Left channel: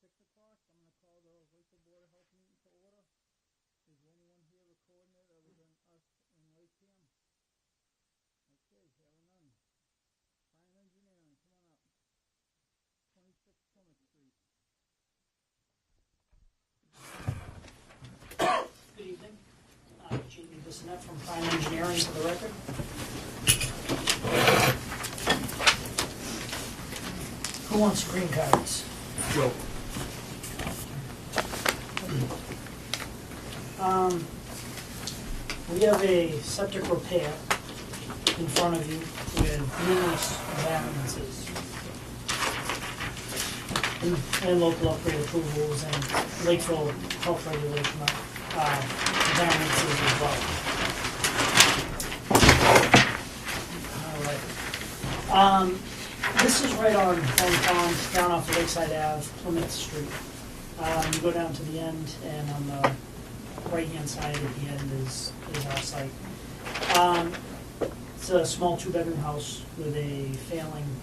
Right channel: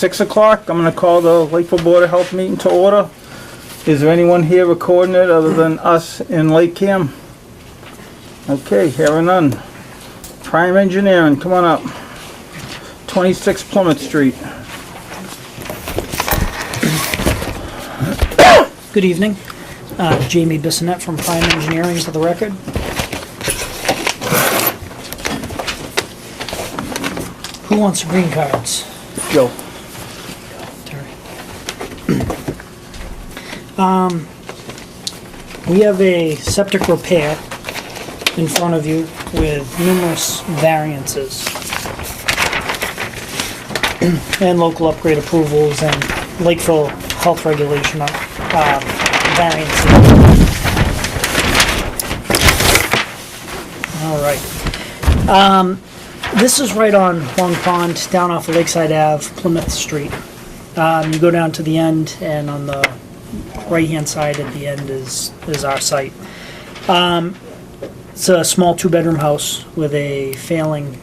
6 o'clock. I'm going to call the Lakeville Board of Health meeting to order. Is there anyone here recording it other than us in Lake Cam? Okay, hearing none. Prime Engineering, come on up. 26 Plymouth Street. Good evening. Jamie Bissonette from Prime Engineering for the record. Who wants green cards? Joe. Terry. We have a septic repair in front of you with numerous variances and local upgrade approvals and Lakeville health regulation variances. All right. This is right on Long Pond, down off of Lakeside Ave, Plymouth Street. You go down to the end, and on the right-hand side at the end is our site. It's a small two-bedroom house with a failing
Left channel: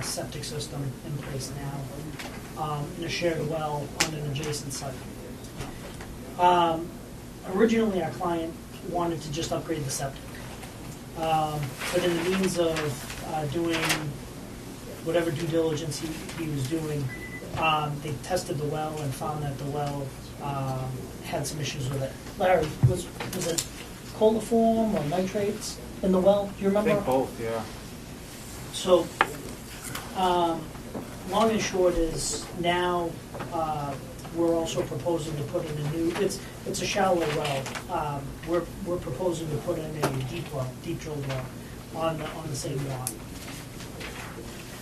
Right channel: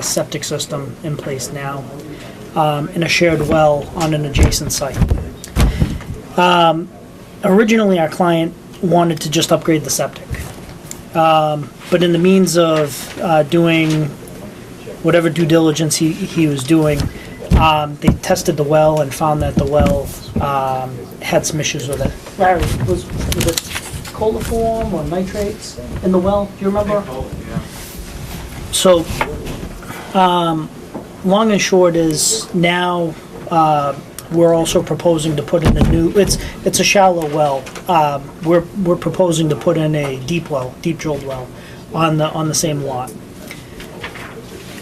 septic system in place now, and a shared well on an adjacent site. Originally, our client wanted to just upgrade the septic, but in the means of doing whatever due diligence he was doing, they tested the well and found that the well had some issues with it. Larry, was it coliform or nitrates in the well? Do you remember? Both, yeah. So, long and short is now we're also proposing to put in a new. It's a shallow well. We're proposing to put in a deep well, deep drilled well, on the same lot.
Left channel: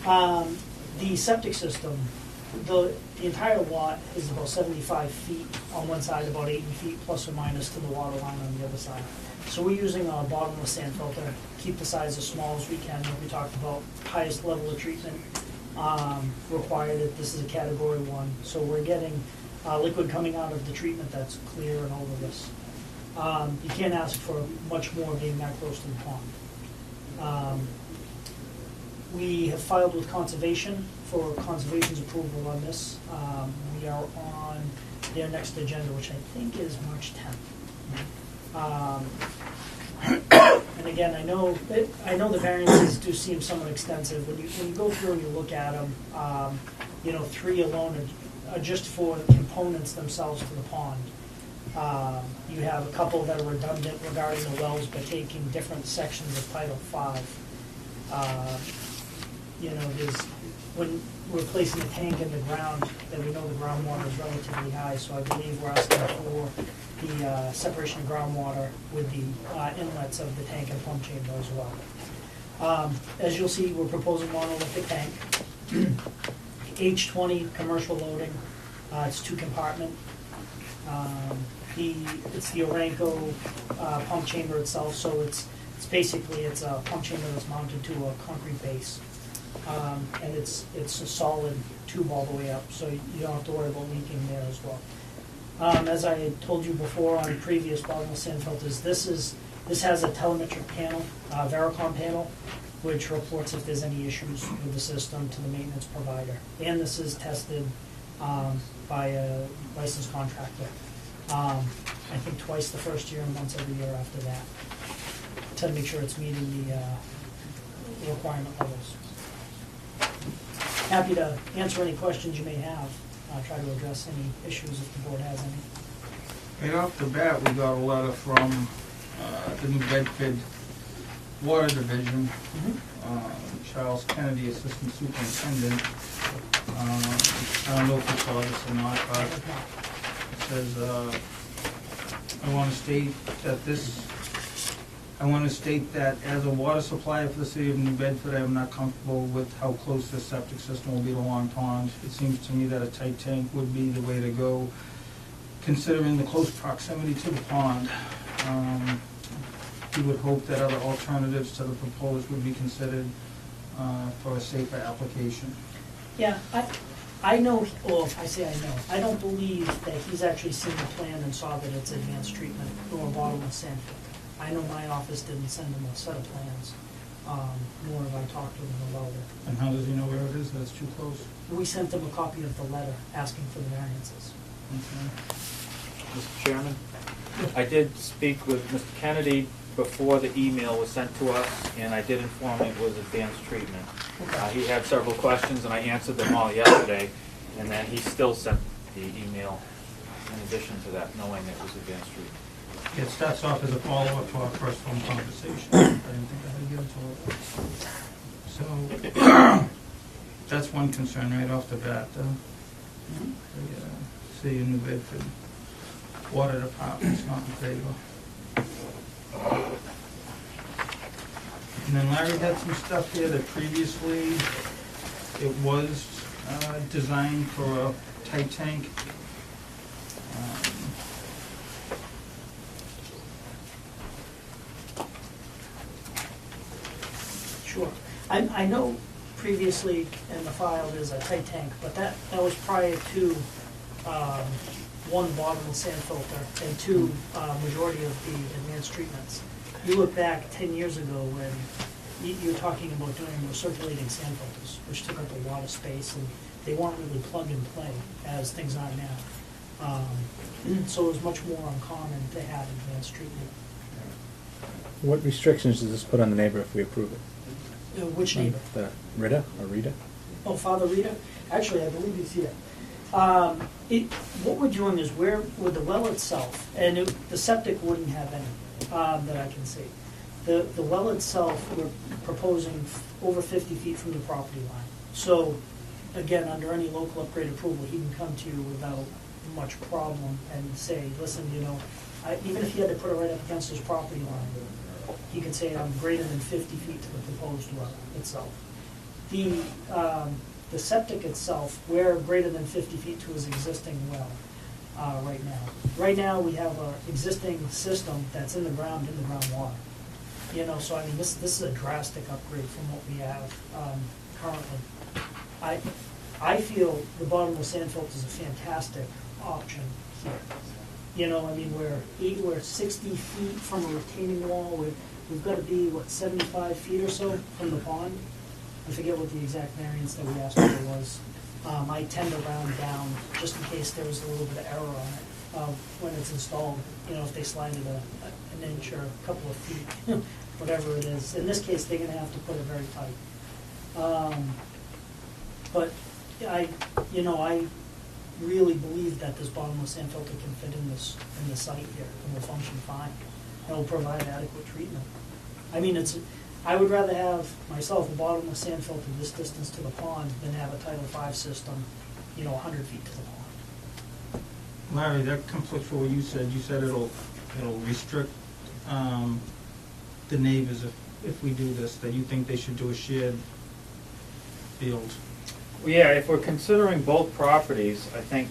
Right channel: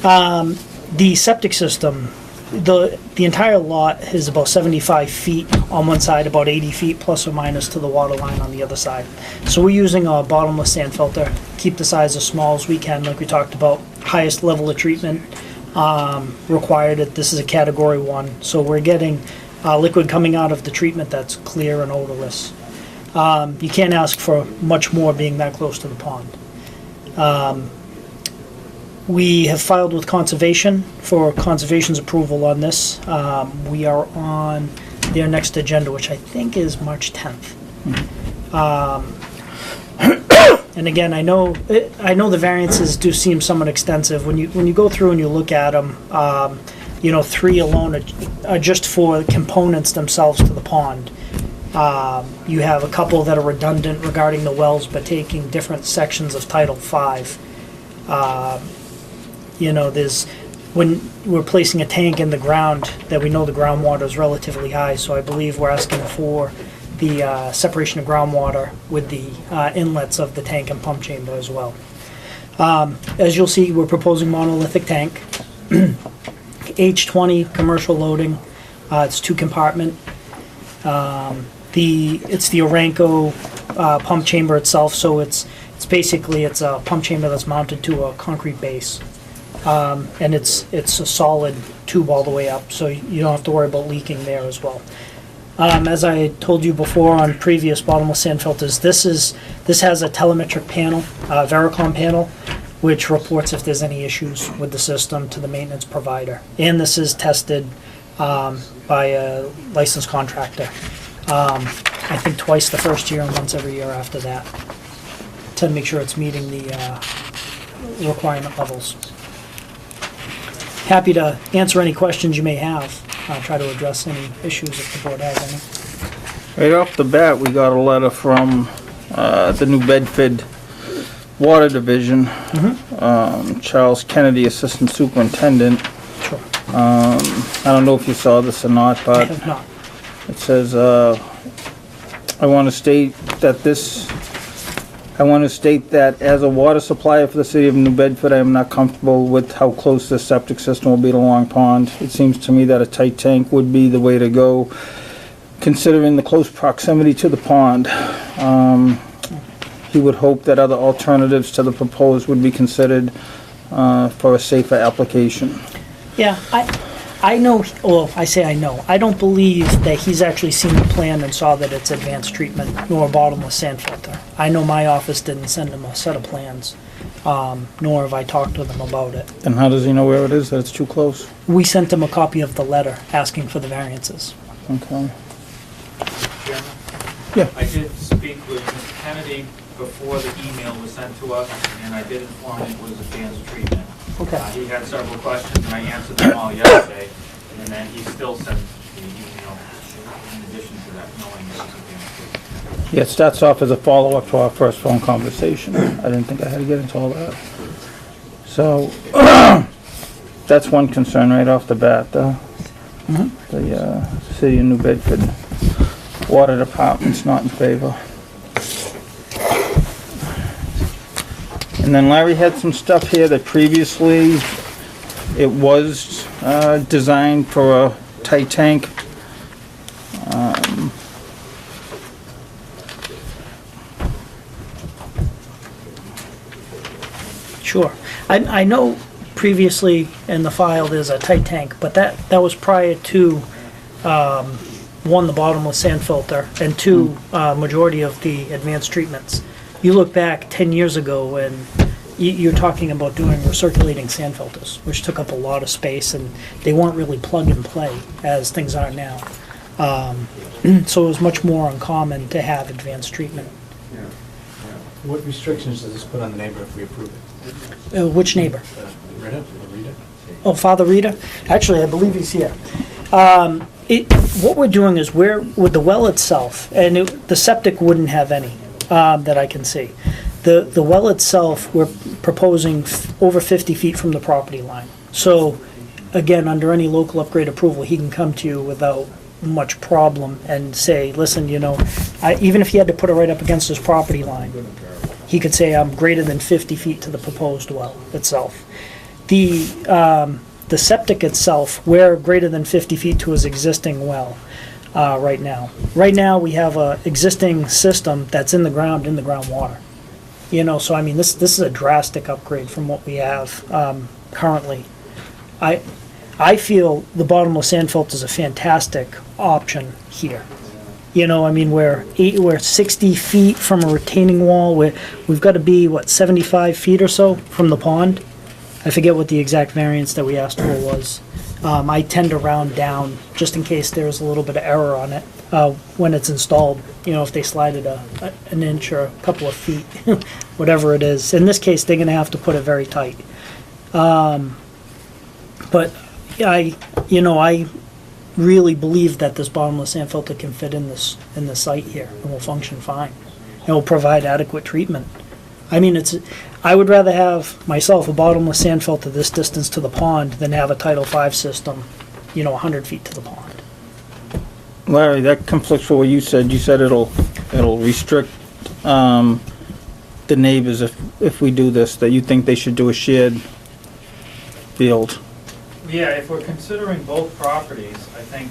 The septic system, the entire lot is about 75 feet on one side, about 80 feet plus or minus to the water line on the other side. So we're using a bottomless sand filter, keep the size as small as we can, like we talked about. Highest level of treatment required. This is a category 1, so we're getting liquid coming out of the treatment that's clear and odorless. You can't ask for much more being that close to the pond. We have filed with Conservation for Conservation's approval on this. We are on their next agenda, which I think is March 10th. And again, I know the variances do seem somewhat extensive. When you go through and you look at them, 3 alone are just for the components themselves to the pond. You have a couple that are redundant regarding the wells, but taking different sections of Title V. There's when we're placing a tank in the ground that we know the groundwater is relatively high, so I believe we're asking for the separation of groundwater with the inlets of the tank and pump chamber as well. As you'll see, we're proposing monolithic tank, H20 commercial loading. It's 2-compartment. It's the Oranco pump chamber itself, so it's basically a pump chamber that's mounted to a concrete base. And it's a solid tube all the way up, so you don't have to worry about leaking there as well. As I told you before on previous bottomless sand filters, this has a telemetric panel, Vericom panel, which reports if there's any issues with the system to the maintenance provider. And this is tested by a licensed contractor. I think twice the first year and once every year after that, to make sure it's meeting the requirement levels. Happy to answer any questions you may have. I'll try to address any issues if the board has any. Right off the bat, we got a letter from the New Bedford Water Division, Charles Kennedy, Assistant Superintendent. Sure. I don't know if you saw this or not, I but have not. it says, I want to state that as a water supplier for the city of New Bedford, I am not comfortable with how close the septic system will be to Long Pond. It seems to me that a tight tank would be the way to go, considering the close proximity to the pond. He would hope that other alternatives to the proposed would be considered for a safer application. Yeah, I know, well, I say I know. I don't believe that he's actually seen the plan and saw that it's advanced treatment nor a bottomless sand filter. I know my office didn't send him a set of plans. nor have I talked to them about it. And how does he know where it is, that it's too close? We sent him a copy of the letter asking for the variances. Okay. Chairman? Yeah. I did speak with Mr. Kennedy before the email was sent to us, and I did inform him it was advanced treatment. Okay. He had several questions, and I answered them all yesterday, and then he still sent an email in addition to that, knowing it was advanced treatment. Yeah, it starts off as a follow-up to our first phone conversation. I didn't think I had to get into all that. So, that's one concern right off the bat, the city of New Bedford water department's not in favor. And then Larry had some stuff here that previously it was designed for a tight tank. Sure. I know previously in the file there's a tight tank, but that was prior to, one, the bottomless sand filter, and two, majority of the advanced treatments. You look back 10 years ago and you're talking about doing recirculating sand filters, which took up a lot of space, and they weren't really plug and play as things are now. So it was much more uncommon to have advanced treatment. What restrictions does this put on the neighbor if we approve it? Which neighbor? Rita? Oh, Father Rita? Actually, I believe he's here. What we're doing is with the well itself, and the septic wouldn't have any that I can see. The well itself, we're proposing over 50 feet from the property line. So, again, under any local upgrade approval, he can come to you without much problem and say, listen, even if he had to put it right up against his property line, he could say, I'm greater than 50 feet to the proposed well itself. The septic itself, we're greater than 50 feet to his existing well right now. Right now, we have a existing system that's in the groundwater. So I mean, this is a drastic upgrade from what we have currently. I feel the bottomless sand filter is a fantastic option here. I mean, we're 60 feet from a retaining wall. We've got to be, 75 feet or so from the pond? I forget what the exact variance that we asked for was. I tend to round down just in case there's a little bit of error on it when it's installed. If they slide it an inch or a couple of feet, whatever it is. In this case, they're going to have to put it very tight. But I really believe that this bottomless sand filter can fit in this site here and will function fine. It will provide adequate treatment. I mean, I would rather have myself a bottomless sand filter this distance to the pond than have a Title V system, 100 feet to the pond. Larry, that conflicts with what you said. You said it'll restrict the neighbors if we do this, that you think they should do a shared field. Yeah, if we're considering both properties, I think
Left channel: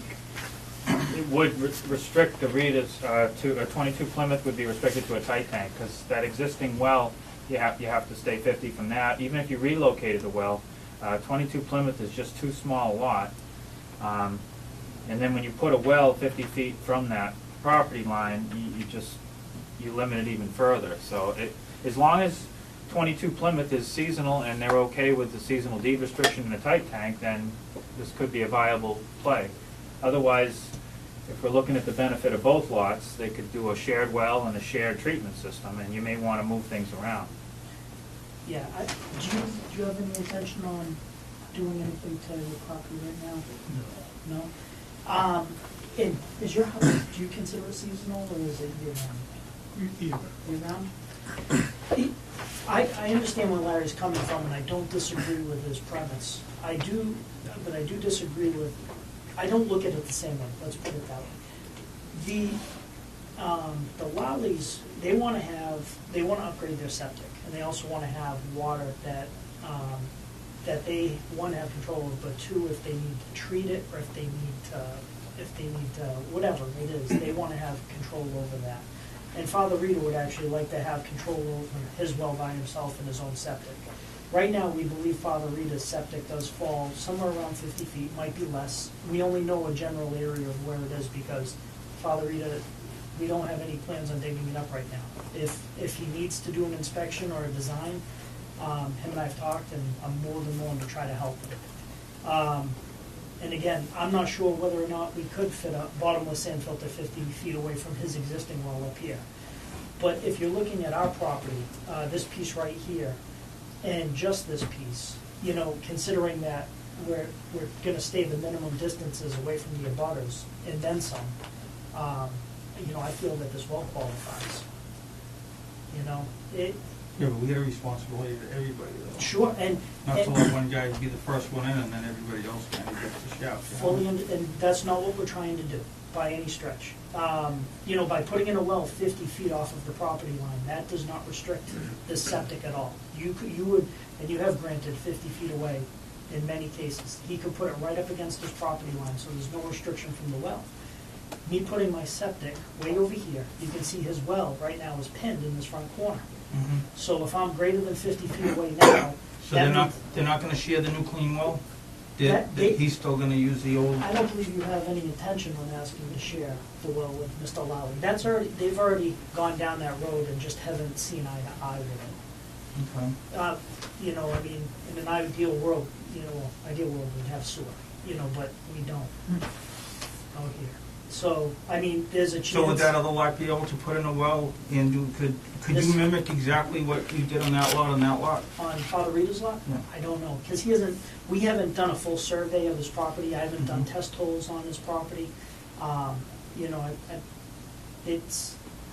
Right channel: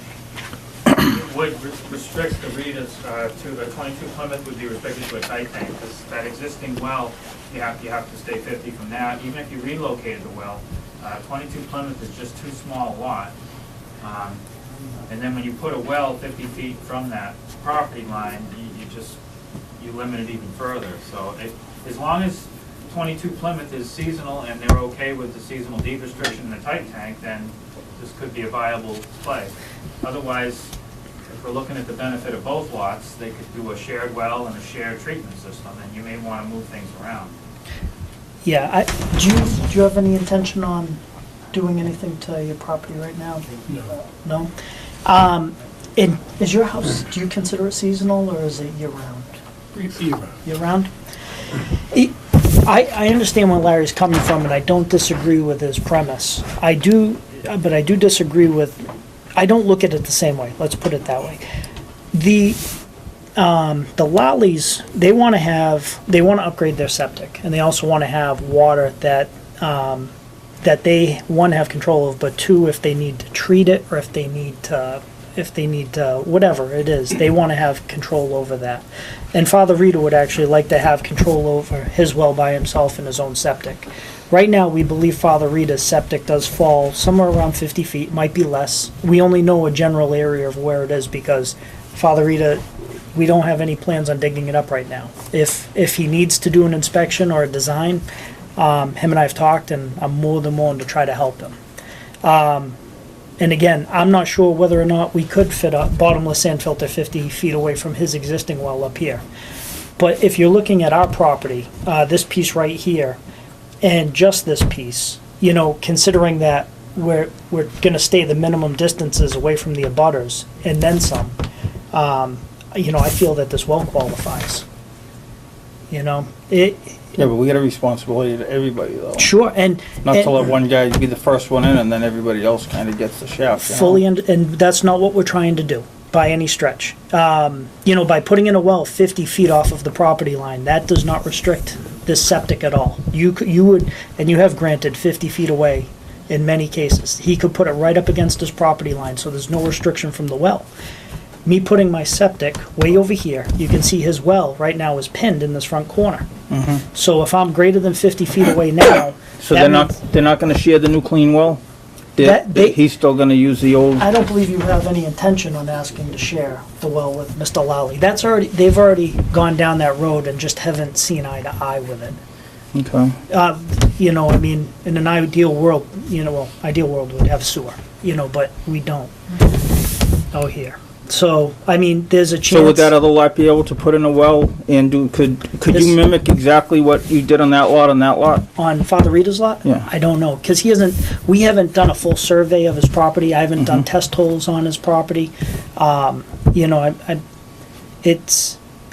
would restrict the readers to a 22 Plymouth would be restricted to a tight tank, because that existing well, you have to stay 50 from that. Even if you relocated the well, 22 Plymouth is just too small a lot. And then when you put a well 50 feet from that property line, you limit it even further. So as long as 22 Plymouth is seasonal and they're okay with the seasonal deed restriction in the tight tank, then this could be a viable play. Otherwise, if we're looking at the benefit of both lots, they could do a shared well and a shared treatment system, and you may want to move things around. Yeah, do you have any intention on doing anything to your property right now? No? And is your house, do you consider it seasonal or is it year-round? Year-round? I understand where Larry's coming from, and I don't disagree with his premise. But I do disagree with, I don't look at it the same way, let's put it that way. The Lollies, they want to upgrade their septic, and they also want to have water that they, one, have control of, but two, if they need to treat it, or if they need to, whatever it is, they want to have control over that. And Father Rita would actually like to have control over his well by himself in his own septic. Right now, we believe Father Rita's septic does fall somewhere around 50 feet, might be less. We only know a general area of where it is because Father Rita, we don't have any plans on digging it up right now. If he needs to do an inspection or a design, Him and I have talked, and I'm more than willing to try to help him. And again, I'm not sure whether or not we could fit a bottomless sand filter 50 feet away from his existing well up here. But if you're looking at our property, this piece right here, and just this piece, you know, considering that we're gonna stay the minimum distances away from the abutters and then some, you know, I feel that this well qualifies. You know, Yeah, but we got a responsibility to everybody though. sure, and. Not and- to let one guy be the first one in and then everybody else kind of gets the shaft. You know? Fully, and that's not what we're trying to do by any stretch. You know, by putting in a well 50 feet off of the property line, that does not restrict this septic at all. You would, and you have granted 50 feet away in many cases. He could put it right up against his property line, so there's no restriction from the well. Me putting my septic way over here, you can see his well right now is pinned in this front corner. Mhm. So if I'm greater than 50 feet away now, So that they're means- not gonna share the new clean well? They- He's still gonna use the old, I don't believe you have any intention on asking to share the well with Mr. Lally. They've already gone down that road and just haven't seen eye to eye with it. okay. You know, I mean, in an ideal world, you know, well, ideal world would have sewer, you know, but we don't out here. So, I mean, there's a chance. So would that other lot be able to put in a well and do, could This- you mimic exactly what you did on that lot, On Father Rita's lot? Yeah. I don't know, because we haven't done a full survey of his property, I haven't done test holes on his property. You know,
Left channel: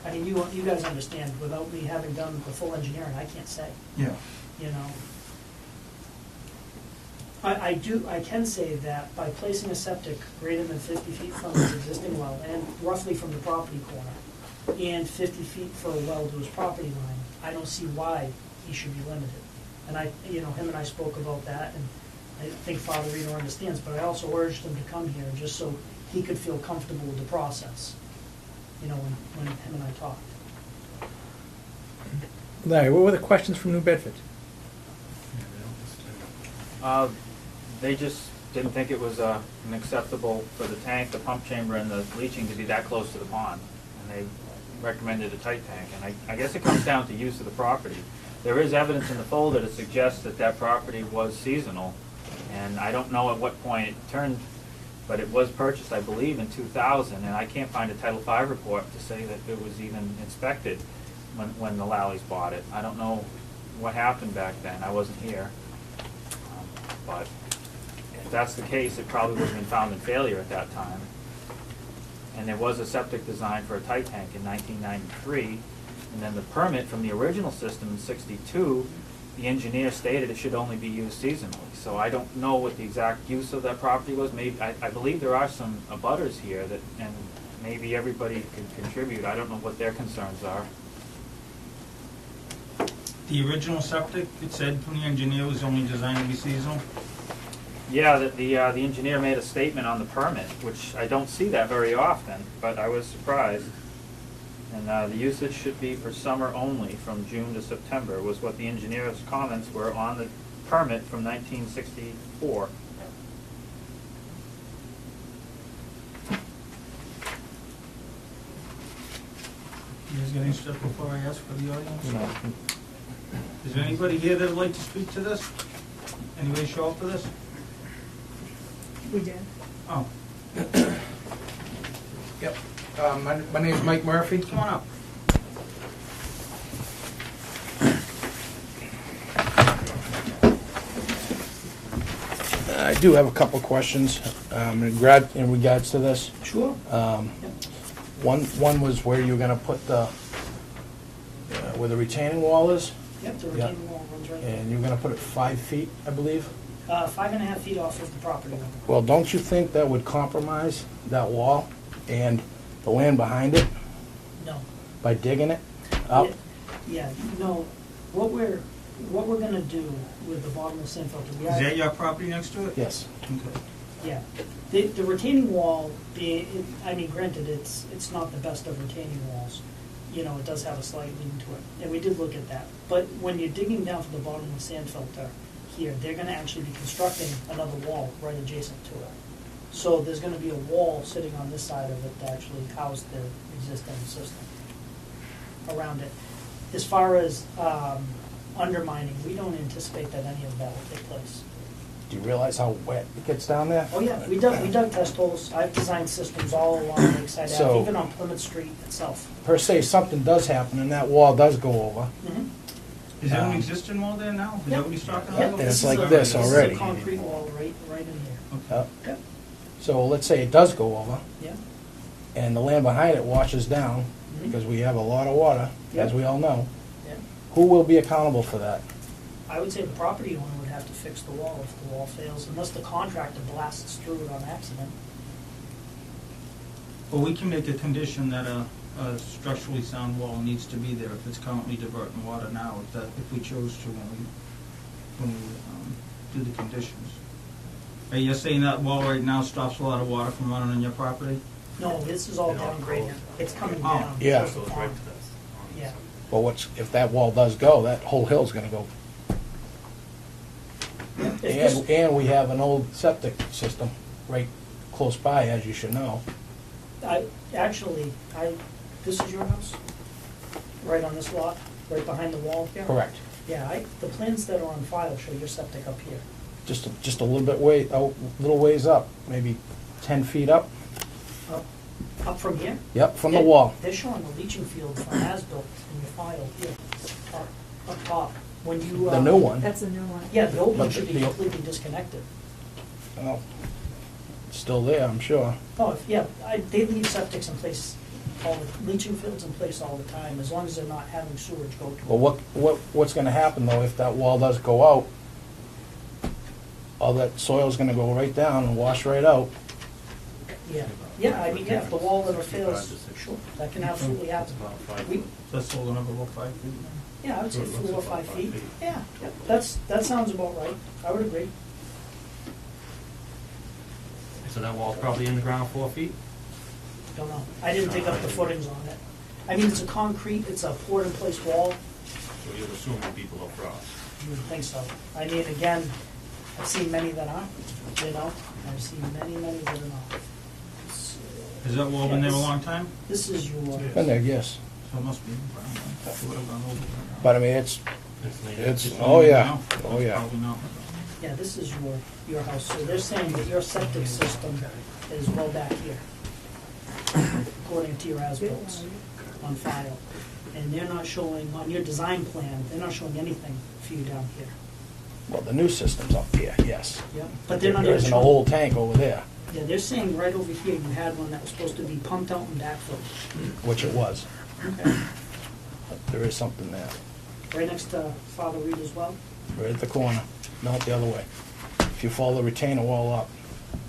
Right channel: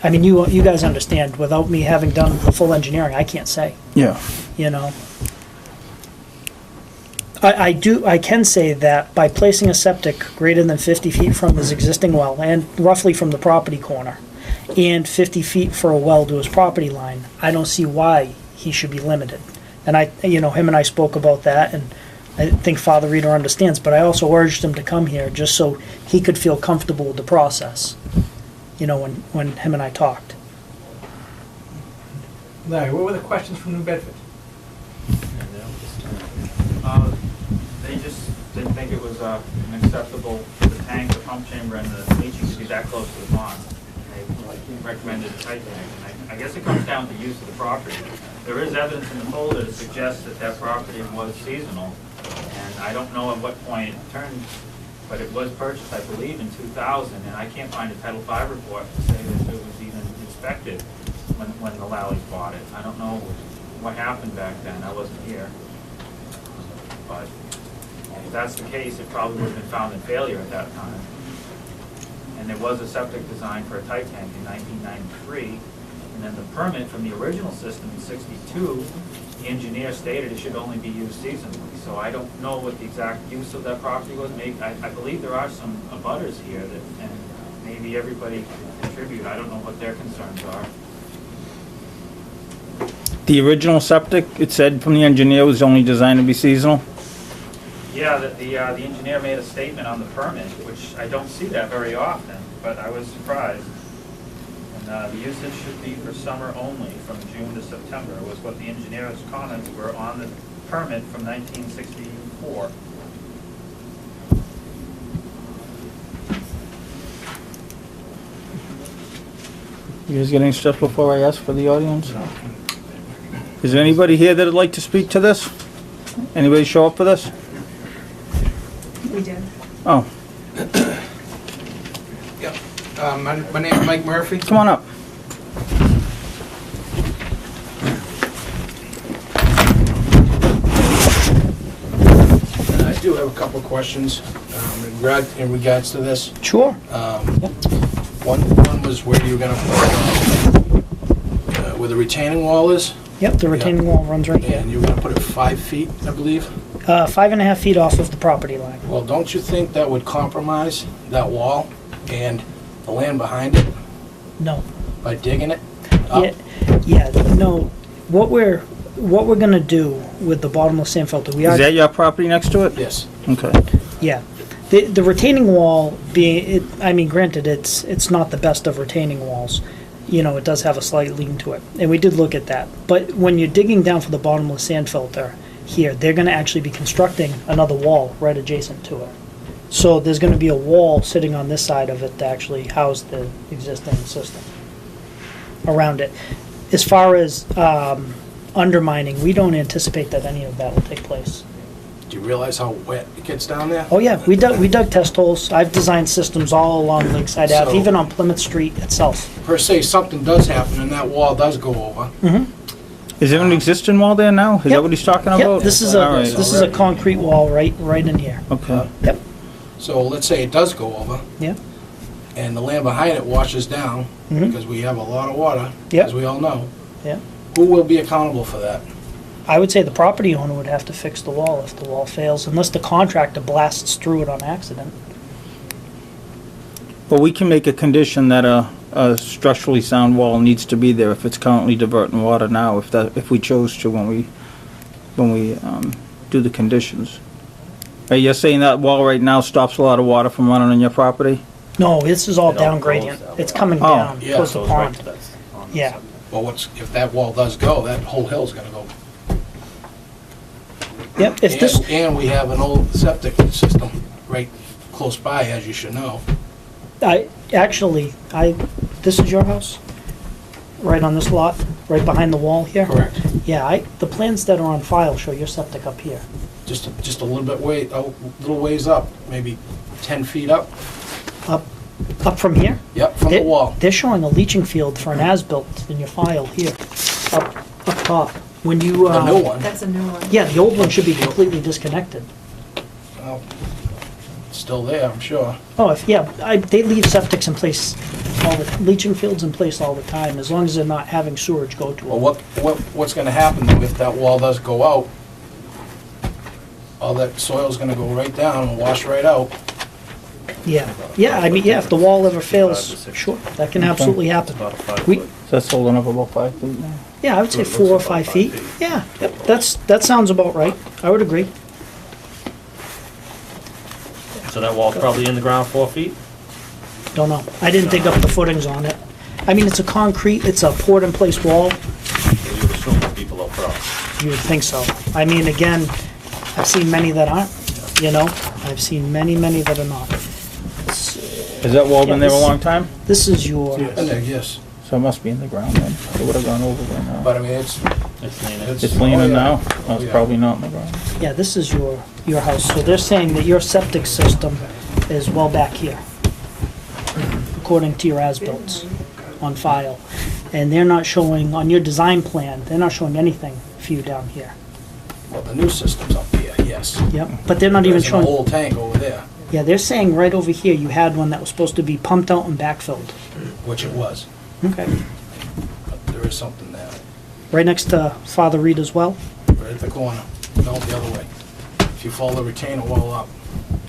I mean, you guys understand, without me having done the full engineering, I can't say, Yeah. you know. I can say that by placing a septic greater than 50 feet from his existing well, and roughly from the property corner, and 50 feet for a well to his property line, I don't see why he should be limited. And you know, him and I spoke about that, and I think Father Reader understands, but I also urged him to come here just so he could feel comfortable with the process, you know, when him and I talked. Larry, what were the questions from New Bedford? They just didn't think it was acceptable for the tank, the pump chamber, and the leaching to be that close to the pond. They recommended a site plan. I guess it comes down to use of the property. There is evidence in the folder to suggest that that property was seasonal, and I don't know at what point it turned, but it was purchased, I believe, in 2000, and I can't find a Title V report to say that it was even inspected when the Lallies bought it. I don't know what happened back then. I wasn't here. But if that's the case, it probably would have been found in failure at that time. And there was a septic design for a tight tank in 1993. And then the permit from the original system in 62, the engineer stated it should only be used seasonally. So I don't know what the exact use of that property was. Maybe, I believe there are some abutters here that, and maybe everybody can contribute. I don't know what their concerns are. The original septic, it said from the engineer, was only designed to be seasonal? Yeah, the engineer made a statement on the permit, which I don't see that very often, but I was surprised. And the usage should be for summer only, from June to September, was what the engineer's comments were on the permit from 1964. You guys got any stuff before I ask for the audience? Is there anybody here that'd like to speak to this? Anybody show up for this? We do. Oh, Yep. My name's Mike Murphy. come on up. I do have a couple of questions in regards to this. Sure. One was where you're gonna put, where the retaining wall is, Yep, the retaining wall runs right here. and you're gonna put it 5 feet, I believe. 5.5 feet off of the property line. Well, don't you think that would compromise that wall and the land behind it No. by digging it up? Yeah, no, what we're gonna do with the bottomless sand filter, we are. Is that your property next to it? Yes. Okay. Yeah. The retaining wall being, I mean, granted, it's not the best of retaining walls. You know, it does have a slight lean to it, and we did look at that. But when you're digging down for the bottomless sand filter here, they're gonna actually be constructing another wall right adjacent to it. So there's gonna be a wall sitting on this side of it to actually house the existing system around it. As far as, undermining, we don't anticipate that any of that will take place. Do you realize how wet it gets down there? Oh yeah, we dug test holes. I've designed systems all along Lakeside Ave, So- even on Plymouth Street itself. Per se, something does happen and that wall does go over. Is there an existing wall there now? Is Yep. that what he's talking about? Yep, this is All right. this is a concrete wall right in here. Okay. Yep, So let's say it does go over yeah, and the land behind it washes down, Mhm. because we have a lot of water, Yep. as we all know. yeah. Who will be accountable for that? I would say the property owner would have to fix the wall if the wall fails, unless the contractor blasts through it on accident. Well, we can make a condition that a structurally sound wall needs to be there if it's currently diverting water now, if we chose to when we do the conditions. Are you saying that wall right now stops a lot of water from running on your property? No, this is all It all down goes gradient. that It's way. coming Oh, down yeah, towards So the it's right pond. to that. on the Yeah. side. Well, if that wall does go, that whole hill's gonna go. Yep, if this, And we have an old septic system right close by, as you should know. this is your house? Right on this lot, right behind the wall here? Correct. Yeah, the plans that are on file show your septic up here. Just a little bit little ways up, maybe 10 feet up. Up from here? Yep, from the wall. They're showing a leaching field for an as-built in your file here, up top. When you, The new one. That's a new one. yeah, the old one should be completely disconnected. Well, still there, I'm sure. Oh, they leave septics in place, leaching fields in place all the time, as long as they're not having sewage go to Well, them. what's gonna happen though if that wall does go out? All that soil's gonna go right down and wash right out. Yeah, I mean, yeah, if the wall ever fails, sure, that can absolutely happen. About a 5 We- foot. So that's holding up about 5 feet now. Yeah, I would say It looks 4 or about 5 5 feet. feet. Yeah, yep, that sounds about right. I would agree. So that wall's probably in the ground 4 feet? Don't know. I didn't dig up the footings on it. I mean, it's a concrete, it's a poured-in-place wall. So you would assume the people up front. You would think so. I mean, again, I've seen many that aren't, you know? I've seen many that are not. Has that wall been there a Yeah, this- long time? This is your, And there, yes. So it must be in the ground then. It would have gone over there now. But I mean, it's, It's leaning. It's oh, leaning yeah. now? Oh, Oh, it's yeah. probably not in the ground. yeah, this is your house. So they're saying that your septic system is well back here, according to your as-bills on file. And they're not showing, on your design plan, they're not showing anything for you down here. well, the new system's up here, yes. Yep, but they're not even There's a showing, whole tank over there, yeah, they're saying right over here, you had one that was supposed to be pumped out and backfilled. which it was. Okay. But there is something there, Right next to Father Reed as well, right at the corner. No, the other way. If you follow the retainer wall up.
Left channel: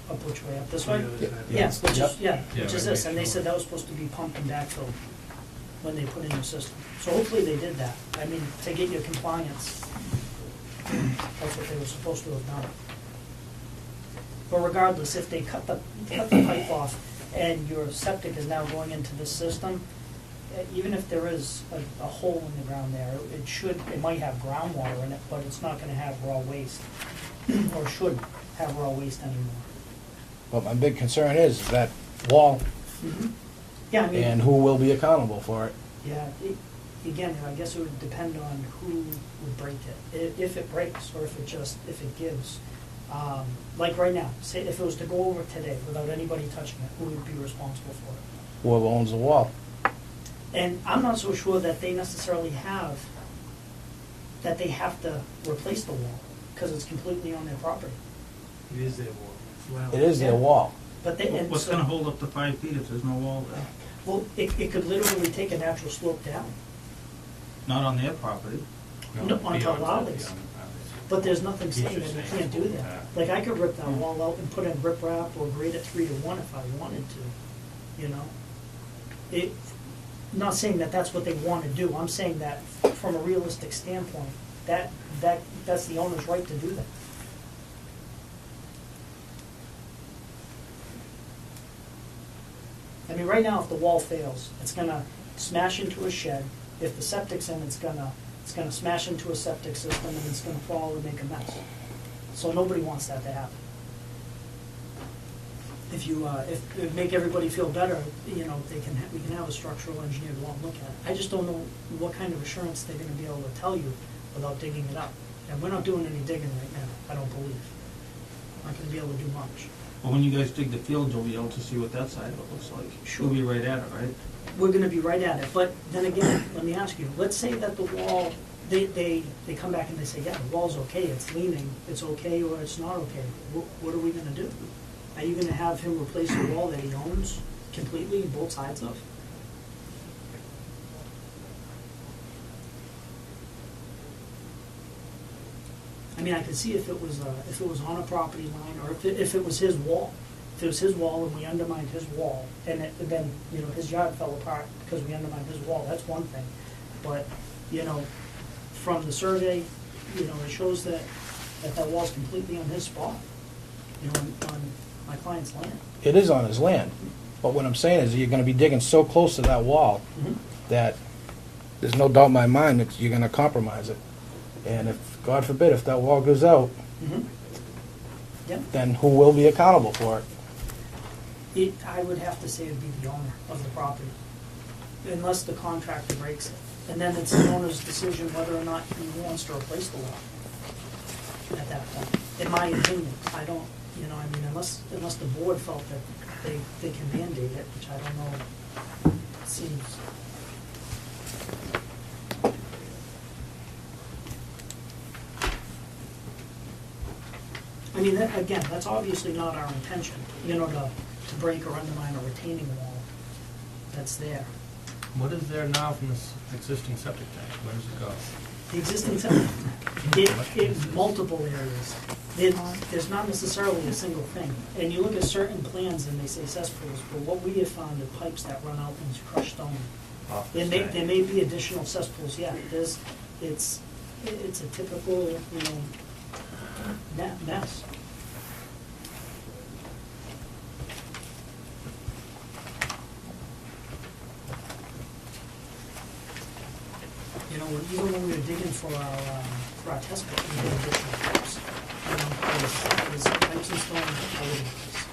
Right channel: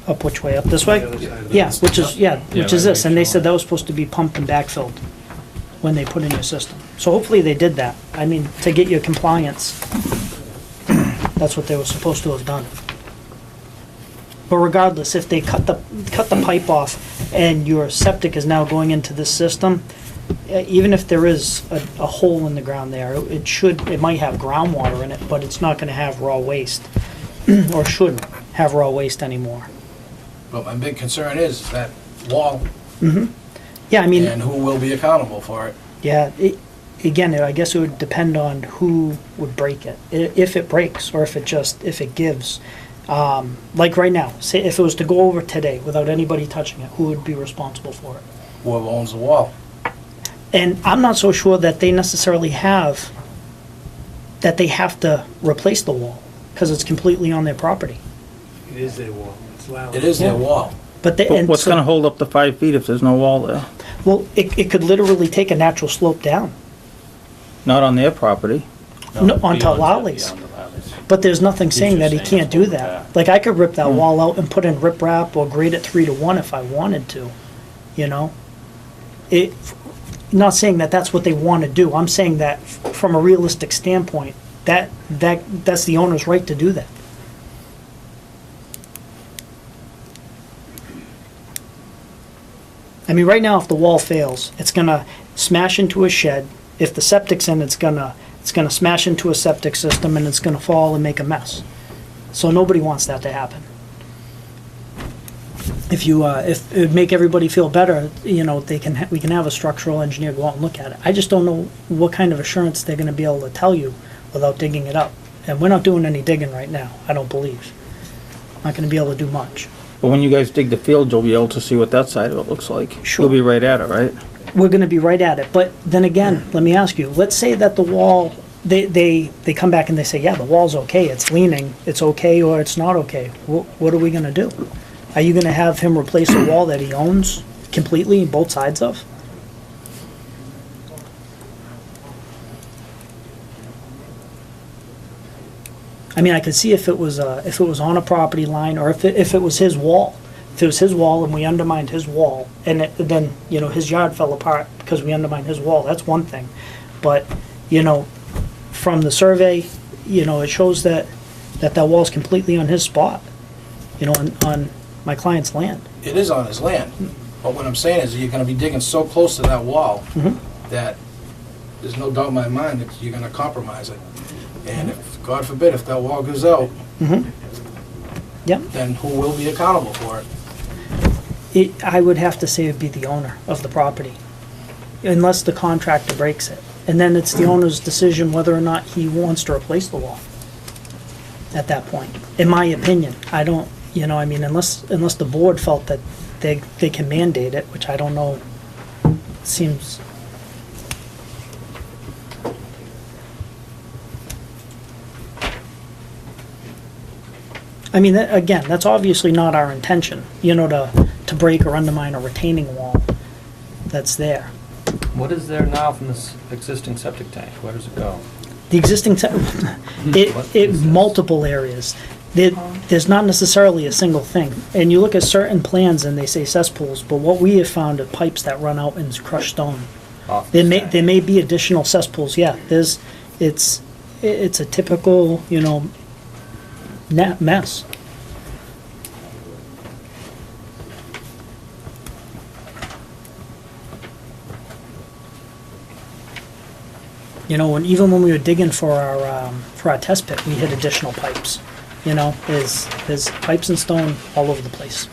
up which way, up this way? Yeah, which is this, and they said that was supposed to be pumped and backfilled when they put in your system. So hopefully they did that. I mean, to get your compliance, that's what they were supposed to have done. But regardless, if they cut the pipe off and your septic is now going into this system, even if there is a hole in the ground there, it might have groundwater in it, but it's not gonna have raw waste, or shouldn't have raw waste anymore. But my big concern is that wall Yeah, I mean, and who will be accountable for it. yeah, again, I guess it would depend on who would break it. If it breaks, or if it gives. Like right now, say if it was to go over today without anybody touching it, who would be responsible for it? Whoever owns the wall. And I'm not so sure that they necessarily have to replace the wall, because it's completely on their property. It is their wall, it's loud. It is their Yeah. wall. But they, But and what's so- gonna hold up the 5 feet if there's no wall there? well, it could literally take a natural slope down. Not on their property. No, onto beyond that, Lolly's. beyond the Lolly's. But there's nothing saying that he just saying can't do it's that. back. Like, I could rip that wall out and put in riprap or grade it 3-to-1 if I wanted to, you know? Not saying that that's what they want to do. I'm saying that from a realistic standpoint, that's the owner's right to do that. I mean, right now, if the wall fails, it's gonna smash into a shed. If the septic's in, it's gonna smash into a septic system and it's gonna fall and make a mess. So nobody wants that to happen. If it would make everybody feel better, you know, we can have a structural engineer go out and look at it. I just don't know what kind of assurance they're gonna be able to tell you without digging it up. And we're not doing any digging right now, I don't believe. Not gonna be able to do much. But when you guys dig the field, you'll be able to see what that side of it looks like. Sure. You'll be right at it, right? We're gonna be right at it, but then again, let me ask you, let's say that the wall, they come back and they say, yeah, the wall's okay, it's leaning, it's okay or it's not okay. What are we gonna do? Are you gonna have him replace a wall that he owns completely, both sides of? I mean, I could see if it was on a property line, or if it was his wall. If it was his wall and we undermined his wall, and then, you know, his yard fell apart because we undermined his wall, that's one thing. But, you know, from the survey, you know, it shows that wall's completely on his spot, you know, on my client's land. It is on his land, but what I'm saying is you're gonna be digging so close to that wall Mhm. that there's no doubt in my mind that you're gonna compromise it. And if, God forbid, if that wall goes out, Mm-hmm. Yep. then who will be accountable for it? I would have to say it'd be the owner of the property, unless the contractor breaks it. And then it's the owner's decision whether or not he wants to replace the wall at that point, in my opinion. I don't, you know, I mean, unless the board felt that they can mandate it, which I don't know, seems... I mean, again, that's obviously not our intention, you know, to break or undermine a retaining wall that's there. What is there now from this existing septic tank? Where does it go? The existing, multiple areas. There's not necessarily a single thing. And you look at certain plans and they say cesspools, but what we have found are pipes that run out in crushed stone. Off There this may, tank? there may be additional cesspools, yeah. It's a typical, you know, mess. You know, and even when we were digging for our test pit, we hit additional pipes. You know, there's pipes and stone all over the place.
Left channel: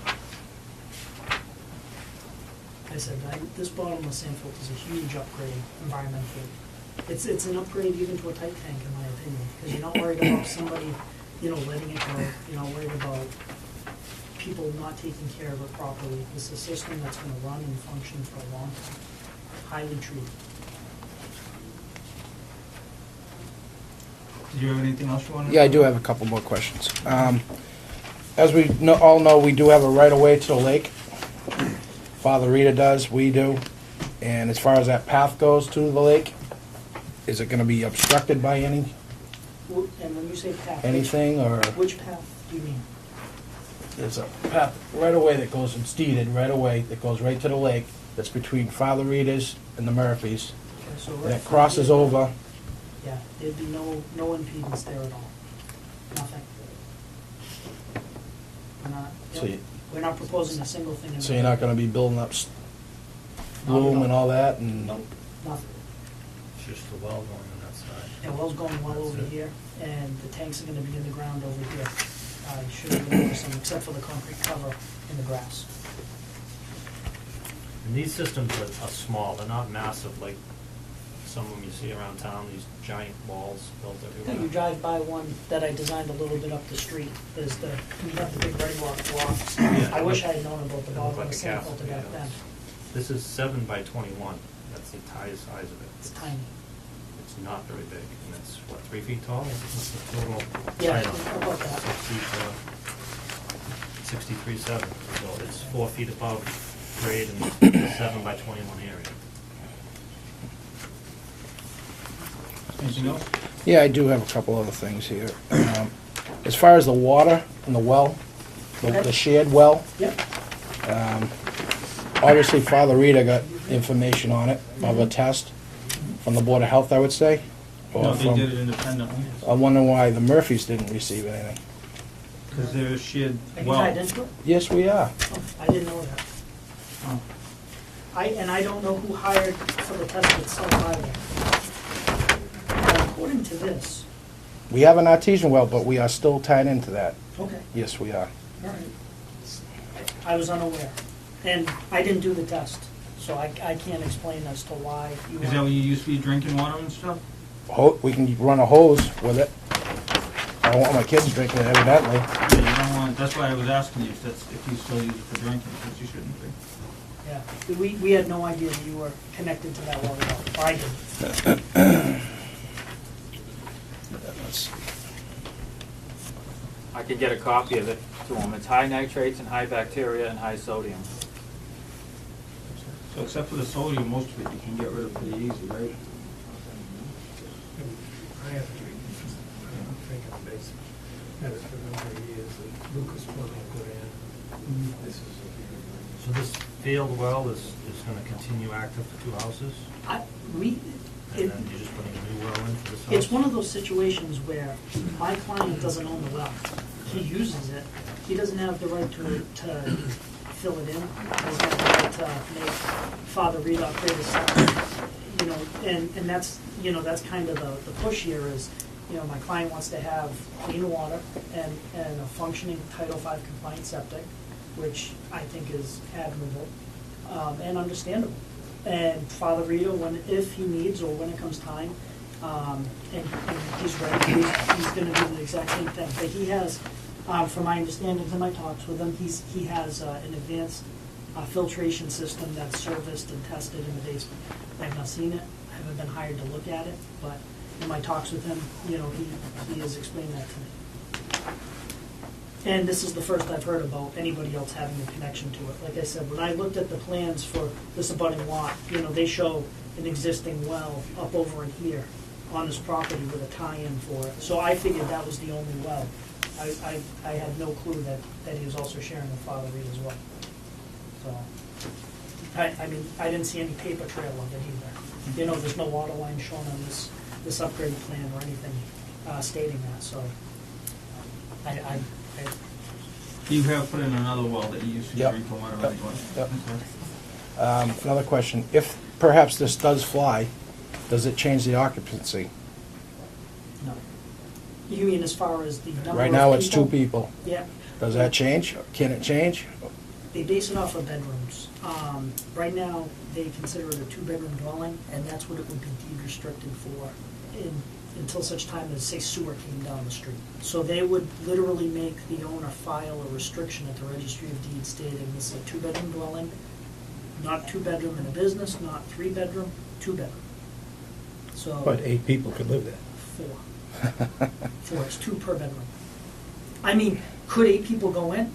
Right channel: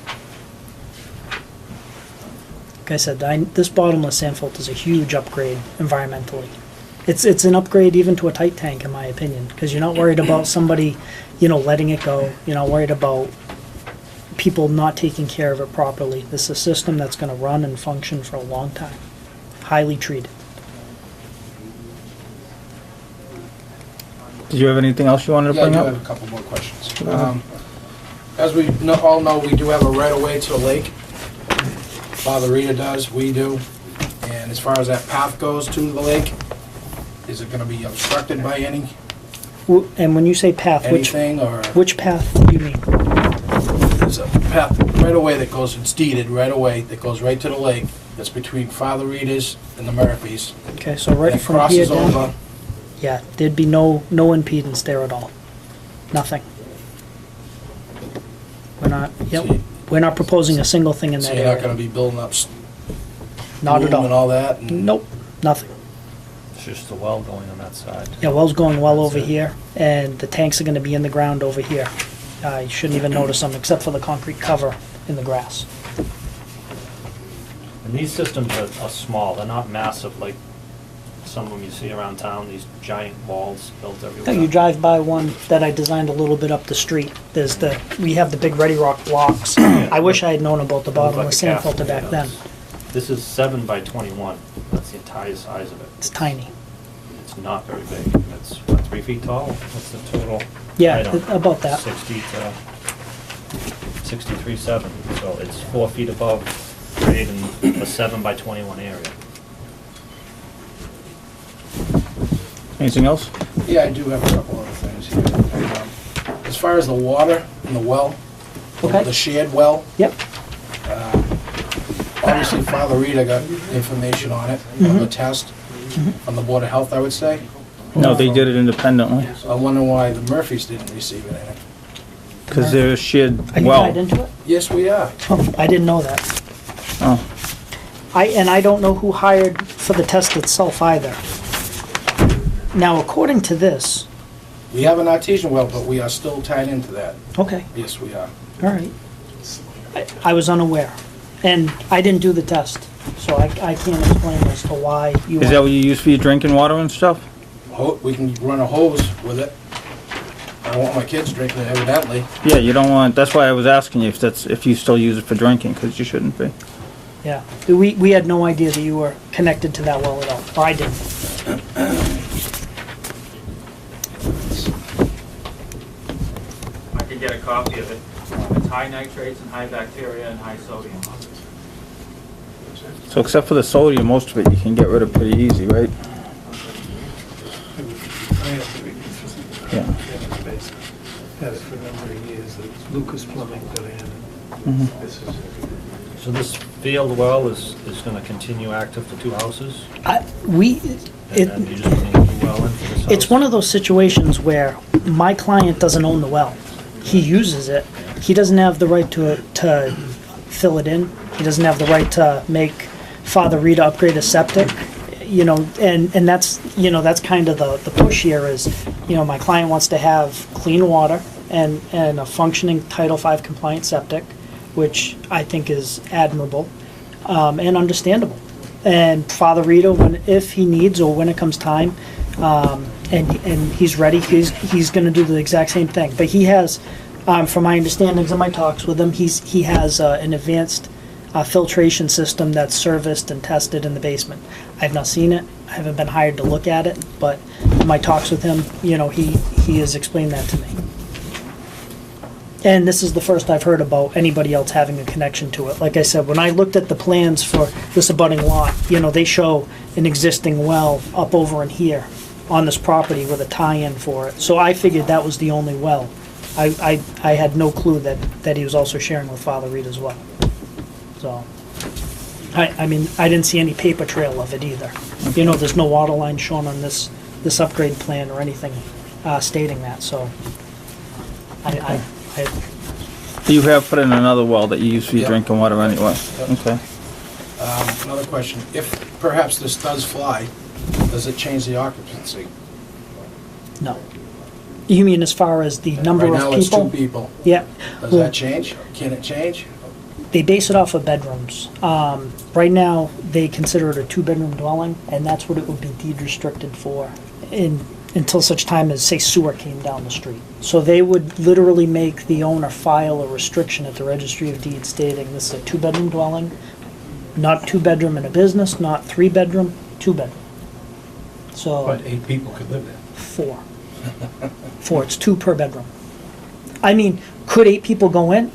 Like I said, this bottomless sand filter is a huge upgrade environmentally. It's an upgrade even to a tight tank, in my opinion, because you're not worried about somebody, you know, letting it go. You're not worried about people not taking care of it properly. This is a system that's going to run and function for a long time. Highly treated. Did you have anything else you wanted to Yeah, I bring do up? have a couple more questions. As we all know, we do have a right-of-way to the lake. Father Rita does, we do. And as far as that path goes to the lake, is it gonna be obstructed by And when you say path, anything, or? which path do you mean? There's a path right away that goes, it's deeded right away, that goes right to the lake, that's between Father Rita's and the Murphys. Okay, so right And it from here crosses down. over, Yeah, there'd be no impedance there at all. Nothing. We're not, So yep, you- we're not proposing a single thing in so that you're not gonna area. be building up Not at room and all. all that? and- Nope, nothing. It's just the well going on that side. Yeah, well's going well over That's it. here, and the tanks are gonna be in the ground over here. You shouldn't even notice them, except for the concrete cover in the grass. And these systems are small, they're not massive like some of them you see around town, these giant walls built everywhere. You drive by one that I designed a little bit up the street. We have the big Ready Rock blocks. I wish I had known about the It looks like bottomless a sand cafe, filter back it then. does. This is 7 by 21, that's the entire size of it. It's tiny. It's not very big, and it's, what, 3 feet tall? What's the total? Yeah, height on it? about that. 63.7, so it's 4 feet above grade in the 7 by 21 area. Anything else? Yeah, I do have a couple other things here. As far as the water in the well, Okay. the shared well, Yep, obviously Father Rita got information on it, on Mm-hmm. the test, from the Board of Health, I would say. No, they did it independently, I wonder why the Murphys didn't receive anything. because they're a shared are you well. tied into it? Yes, we are. Oh, I didn't know that. Oh, I don't know who hired for the test itself either. Now, according to this, We have an artesian well, but we are still tied into that. okay, Yes, we are. all right. I was unaware, and I didn't do the test, so I can't explain as to why you. is that what you use for your drinking water and stuff? we can run a hose with it. I don't want my kids drinking it evidently. Yeah, you don't want, that's why I was asking you if you still use it for drinking, because you shouldn't be. Yeah, we had no idea that you were connected to that well at all, or I didn't. I could get a copy of it. It's high nitrates and high bacteria and high sodium. So except for the sodium, most of it you can get rid of pretty easy, right? I have to be consistent. Yeah. Had it for a number of years, it's Lucas Plumbing that I had. Mhm. This is, So this field well is gonna continue active for two houses? And then you just need a new well in for this house? It's one of those situations where my client doesn't own the well. He uses it. He doesn't have the right to fill it in. He doesn't have the right to make Father Rita upgrade his septic. You know, and that's, you know, that's kind of the push here is, you know, my client wants to have clean water and a functioning Title V compliant septic, which I think is admirable, and understandable. And Father Rita, if he needs or when it comes time, and he's ready, he's gonna do the exact same thing. But he has, from my understandings and my talks with him, he has an advanced filtration system that's serviced and tested in the basement. I've not seen it, I haven't been hired to look at it, but my talks with him, you know, he has explained that to me. And this is the first I've heard about anybody else having a connection to it. Like I said, when I looked at the plans for this abutting lot, you know, they show an existing well up over in here on this property with a tie-in for it. So I figured that was the only well. I had no clue that he was also sharing with Father Reed as well. So, I mean, I didn't see any paper trail of it either. You know, there's no water line shown on this upgrade plan or anything stating that, so I You have put in another well that you use for your Yep. drinking water anyway. Yep. Okay. Another question, if perhaps this does fly, does it change the occupancy? no. You mean as far as the number of Right people? now, it's 2 people. Yeah. Does Well, that change? Can it change? They base it off of bedrooms. Right now, they consider it a 2-bedroom dwelling, and that's what it would be deed restricted for until such time as, say, sewer came down the street. So they would literally make the owner file a restriction at the Registry of Deeds stating this is a 2-bedroom dwelling, not 2-bedroom in a business, not 3-bedroom, 2-bedroom. So. But 8 people could live there. 4. 4, it's 2 per bedroom. I mean, could 8 people go in?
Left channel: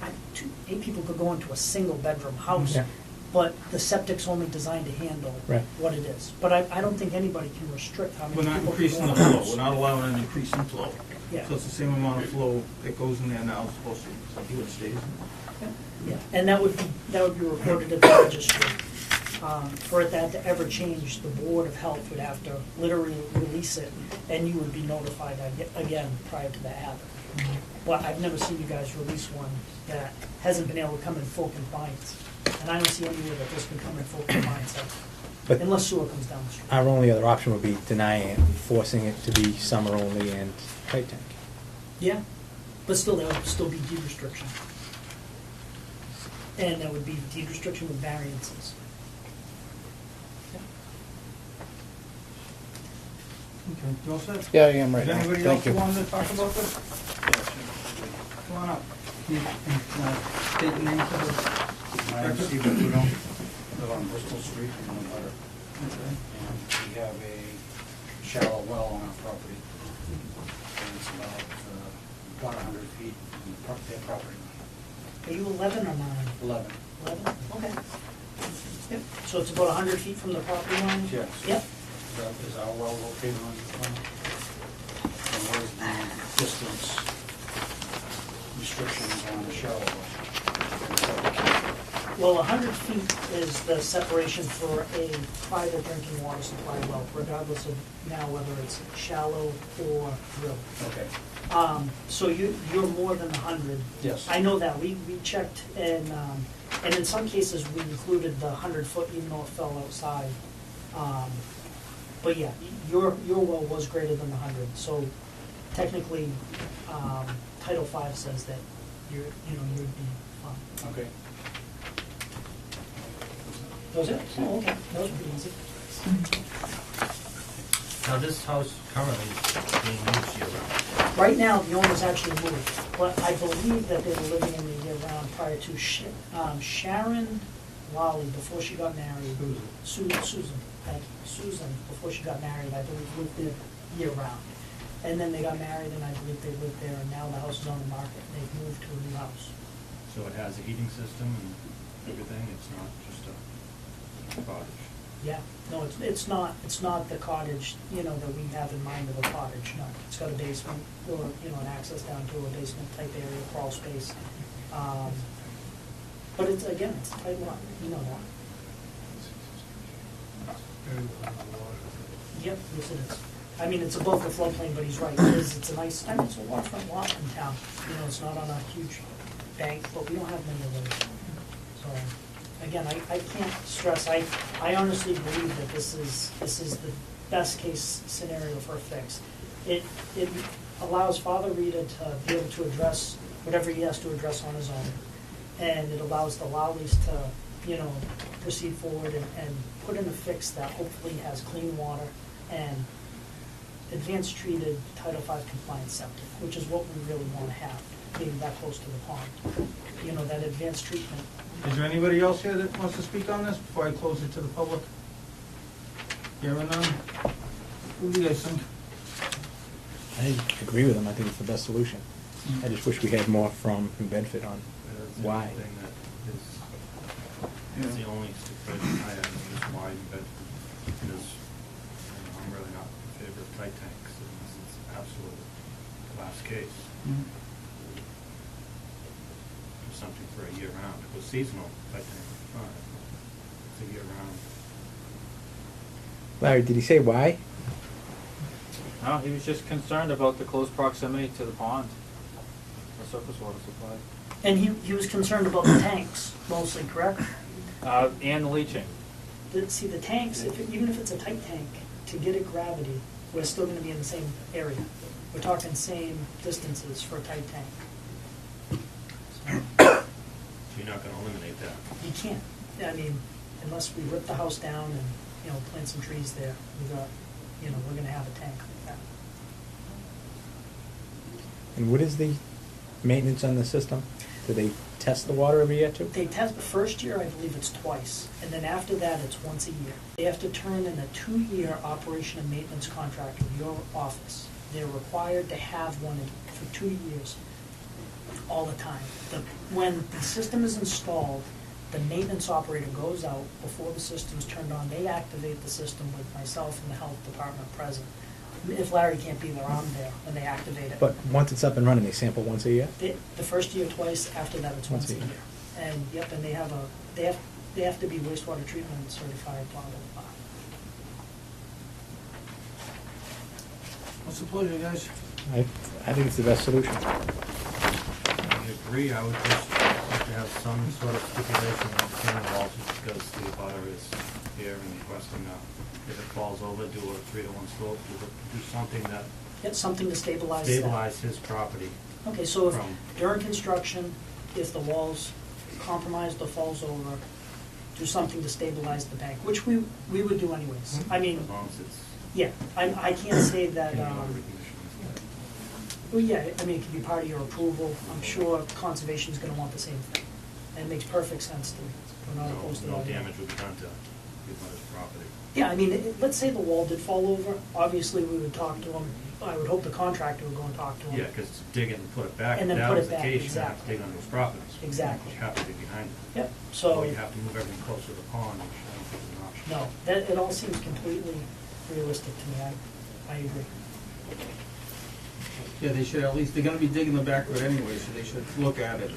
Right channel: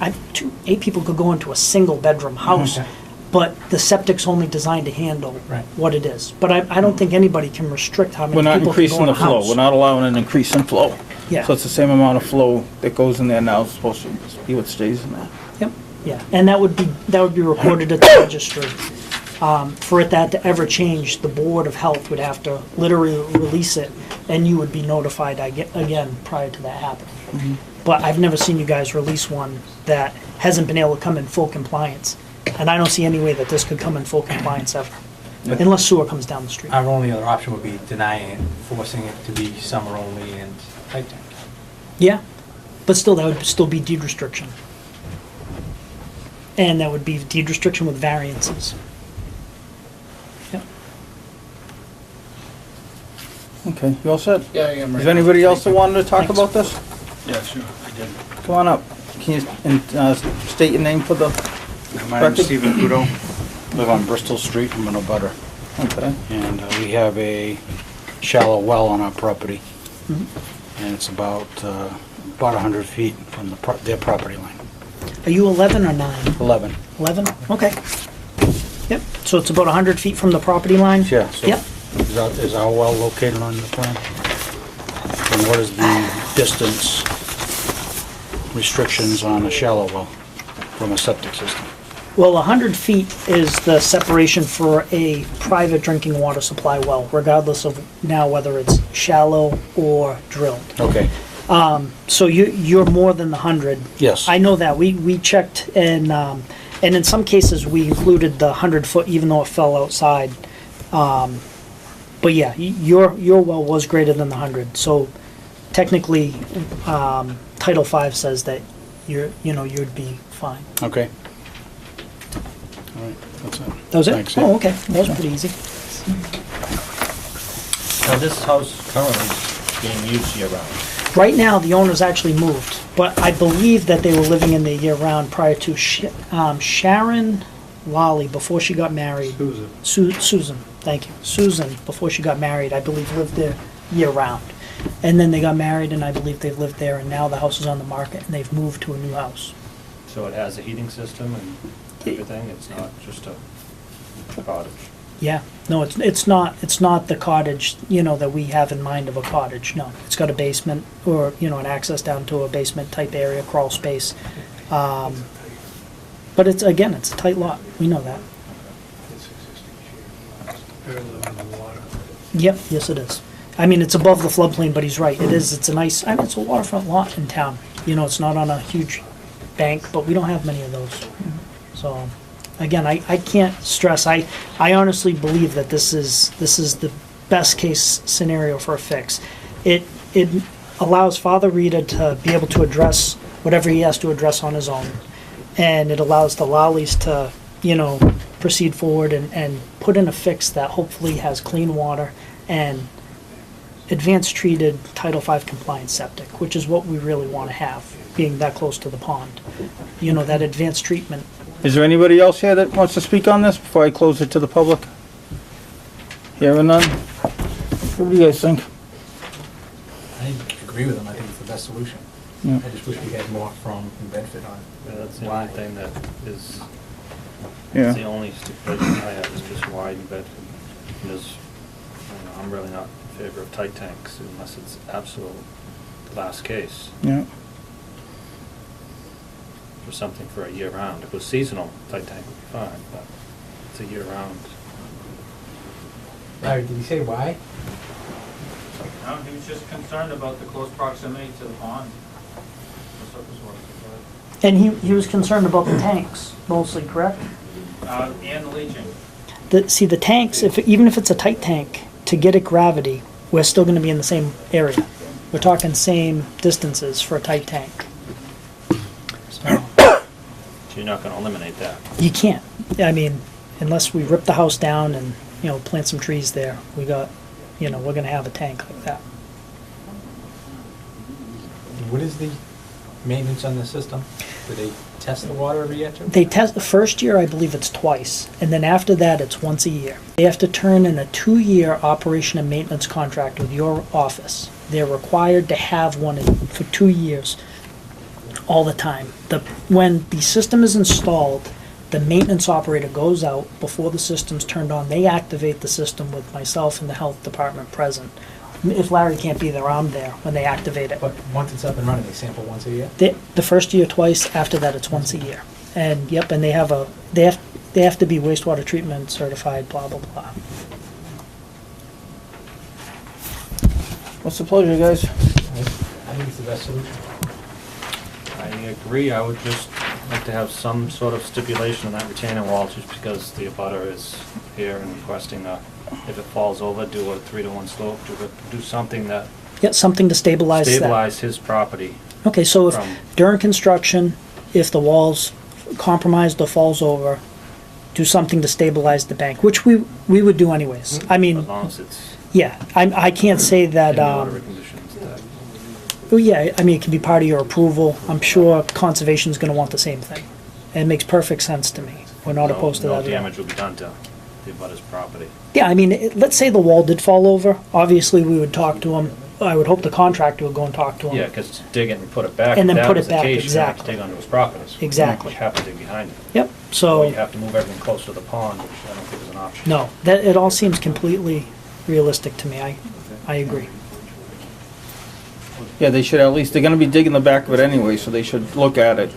8 people could go into a single bedroom house, Okay. but the septic's only designed to handle Right. what it is. But I don't think anybody can restrict how many We're not people can go increasing in the a flow. house. We're not allowing an increase in flow. Yeah. So it's the same amount of flow that goes in there now, it's supposed to be what stays in there. Yep, yeah, and that would be recorded at the registry. For it that to ever change, the Board of Health would have to literally release it, and you would be notified again prior to that happening. But I've never seen you guys release one that hasn't been able to come in full compliance. And I don't see any way that this could come in full compliance ever, unless sewer comes down the street. Our only other option would be denying it, forcing it to be summer only and tight tank. Yeah, but still, that would still be deed restriction. And that would be deed restriction with variances. Yep. Okay, you all set? Yeah, I am. Is there anybody else that wanted to talk Thanks. about this? Yeah, sure. Come on up. Can you state your name for the My name's record? Stephen Kudo, live on Bristol Street, I'm in a butter. Okay. And we have a shallow well on our property. Mhm. And it's about 100 feet from their property line. Are you 11 or 9? 11. 11? Okay. Yep, so it's about 100 feet from the property line? Yeah, so Yep. is our well located on the plan? And what is the distance restrictions on a shallow well from a septic system? Well, 100 feet is the separation for a private drinking water supply well, regardless of now whether it's shallow or drilled. Okay, So you're more than the 100. yes. I know that. We checked, and in some cases, we included the 100-foot, even though it fell outside. But yeah, your well was greater than the 100. So technically, Title V says that you'd be fine. Okay. All right, that's it. That was it? Thanks, yeah. Oh, okay. That was pretty easy. Now, this house currently is being used year-round. Right now, the owner's actually moved, but I believe that they were living in there year-round prior to Sharon Lally, before she got married. Susan, thank you. Susan, before she got married, I believe lived there year-round. And then they got married, and I believe they've lived there, and now the house is on the market, and they've moved to a new house. So it has a heating system and everything? It's not just a cottage? Yeah, no, it's not the cottage, that we have in mind of a cottage, no. It's got a basement, or, an access down to a basement type area, crawl space. But it's a tight lot, we know that. Very low in the water. Yep, yes it is. I mean, it's above the floodplain, but he's right, it's a nice, it's a waterfront lot in town. It's not on a huge bank, but we don't have many of those. So, again, I can't stress, I honestly believe that this is the best case scenario for a fix. It allows Father Rita to be able to address whatever he has to address on his own. And it allows the Lollies to, proceed forward and put in a fix that hopefully has clean water and advanced treated Title V compliant septic, which is what we really want to have, being that close to the pond. That advanced treatment. Is there anybody else here that wants to speak on this before I close it to the public? Hearing none? What do you guys think? I agree with him, I think it's the best solution. Yeah. I just wish we had more from Bedford on. Yeah, that's the why. only thing that is, Yeah. that's the only stipulation I have, is just why in Bedford. Because, I'm really not in favor of tight tanks unless it's absolute last case. Yeah. For something for a year round. If it was seasonal, tight tank would be fine, but it's a year round. Larry, did he say why? No, he was just concerned about the close proximity to the pond, the surface water supply. And he was concerned about the tanks, mostly, correct? And the leaching. The tanks, even if it's a tight tank, to get at gravity, we're still gonna be in the same area. We're talking same distances for a tight tank. So, So you're not gonna eliminate that. you can't, I mean, unless we rip the house down and, plant some trees there, we're gonna have a tank like that. And what is the maintenance on the system? Do they test the water every year too? They test, the first year, I believe it's twice, and then after that, it's once a year. They have to turn in a 2-year operation and maintenance contract with your office. They're required to have one for 2 years, all the time. When the system is installed, the maintenance operator goes out before the system's turned on. They activate the system with myself and the health department present. If Larry can't be there, I'm there when they activate it. But once it's up and running, they sample once a year? The first year twice, after that it's once a year. And yep, and they have to be wastewater treatment certified, blah, blah, blah. What's the pleasure, guys? I think it's the best solution. I agree, I would just like to have some sort of stipulation on that retaining wall, just because the abutter is here and requesting if it falls over, do a 3-to-1 slope, do something that Yeah, something to stabilize that. stabilize his property. Okay, so if from- during construction, if the wall's compromised or falls over, do something to stabilize the bank, which we would do anyways. I mean, As long as it's yeah, I can't say in that, the order of conditions that. well, yeah, I mean, it can be part of your approval. I'm sure conservation's gonna want the same thing. And it makes perfect sense to me. We're not opposed to that No at all. damage will be done to the abutter's property. Yeah, I mean, let's say the wall did fall over, obviously we would talk to him. I would hope the contractor would go and talk to him. Yeah, because to dig it and put it back, And if then that put was it the back, case, you'd have to exactly. dig onto his property. Exactly. You have to dig behind it. Yep, Or so, you have to move everything close to the pond, which I don't think is an option. no, it all seems completely realistic to me. I agree. Yeah, they should at least, they're gonna be digging the back of it anyway, so they should look at it.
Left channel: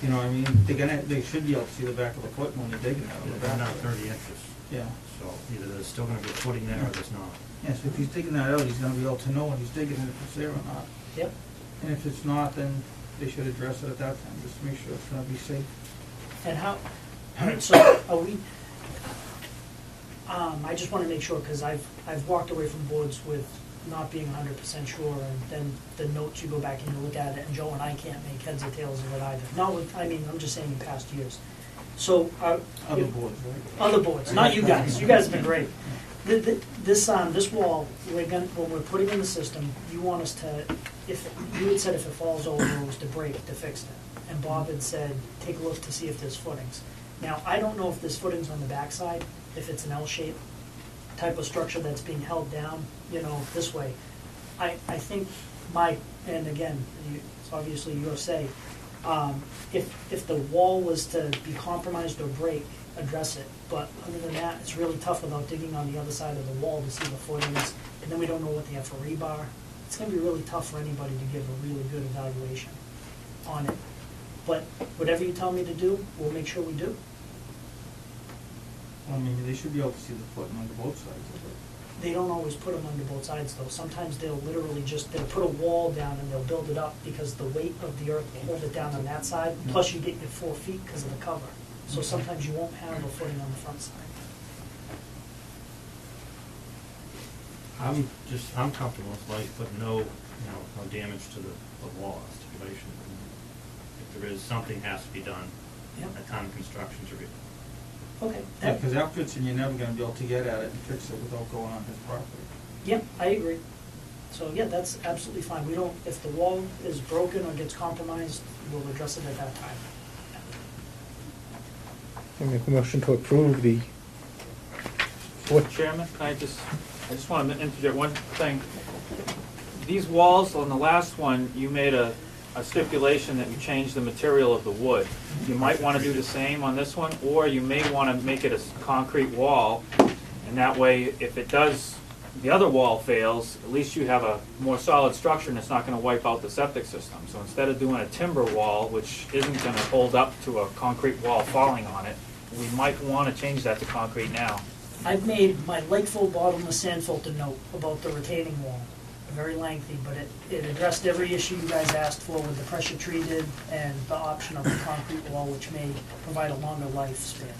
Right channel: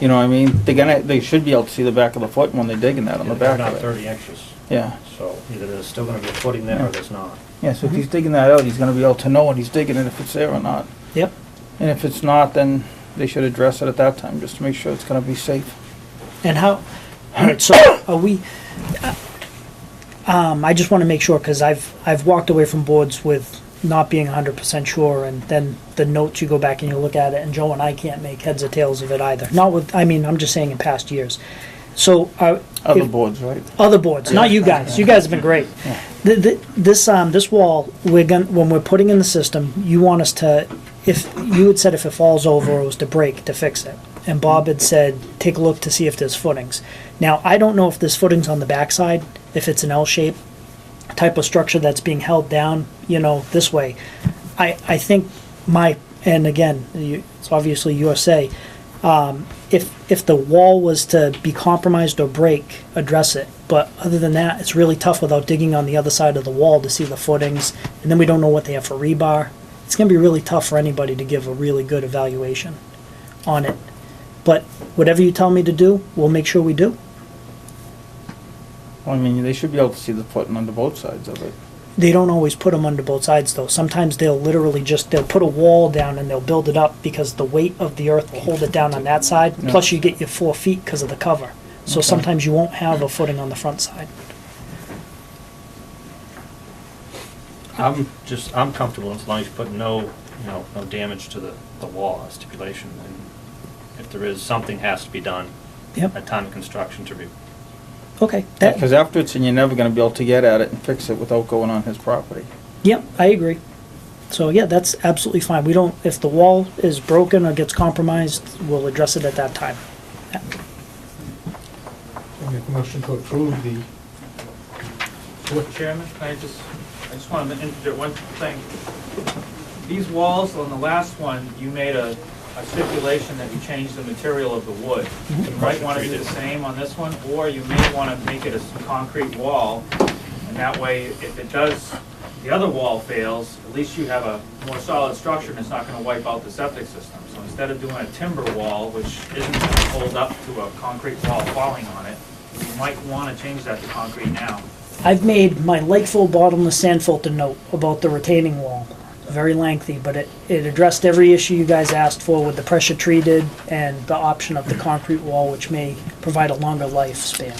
You know what I mean? They should be able to see the back of the foot when they're digging that on the Yeah, they're back not of it. 30 inches, Yeah, so either there's still gonna be a footing there or there's not. yeah, so if he's digging that out, he's gonna be able to know when he's digging it if it's there or not. Yep. And if it's not, then they should address it at that time, just to make sure it's gonna be safe. And how, all right, so are we, I just want to make sure, because I've walked away from boards with not being 100% sure, and then the notes, you go back and you look at it, and Joe and I can't make heads or tails of it either. Not with, I mean, I'm just saying in past years. So, Other if- boards, right? other boards, not you guys. You guys have been great. This wall, when we're putting in the system, you want us to, if you had said if it falls over or was to break, to fix it. And Bob had said, take a look to see if there's footings. Now, I don't know if there's footings on the backside, if it's an L shape type of structure that's being held down, this way. I think and again, it's obviously your say, if the wall was to be compromised or break, address it. But other than that, it's really tough without digging on the other side of the wall to see the footings, and then we don't know what they have for rebar. It's gonna be really tough for anybody to give a really good evaluation on it. But whatever you tell me to do, we'll make sure we do. I mean, they should be able to see the footing under both sides of it. They don't always put them under both sides though. Sometimes they'll literally they'll put a wall down and they'll build it up because the weight of the earth will hold it down on that side. Yeah. Plus you get your 4 feet because of the cover. So Okay. sometimes you won't have a footing on the front side. I'm comfortable as long as you put no damage to the wall stipulation. And if there is, something has to be done Yep. at time of construction to Okay. Because afterwards, and you're never gonna be able to get at it and fix it without going on his property. Yep, I agree. So yeah, that's absolutely fine. If the wall is broken or gets compromised, we'll address it at that time. Yeah. I make a motion to approve the, Chairman, I just want to interject one thing. These walls, on the last one, you made a stipulation that you changed the material of the wood. You might want to do the same on this one, or you may want to make it a concrete wall, and that way, if the other wall fails, at least you have a more solid structure and it's not going to wipe out the septic system. So instead of doing a timber wall, which isn't going to hold up to a concrete wall falling on it, you might want to change that to concrete now. I've made my Lakeville bottomless sand filter note about the retaining wall. Very lengthy, but it addressed every issue you guys asked for with the pressure treated and the option of the concrete wall, which may provide a longer lifespan.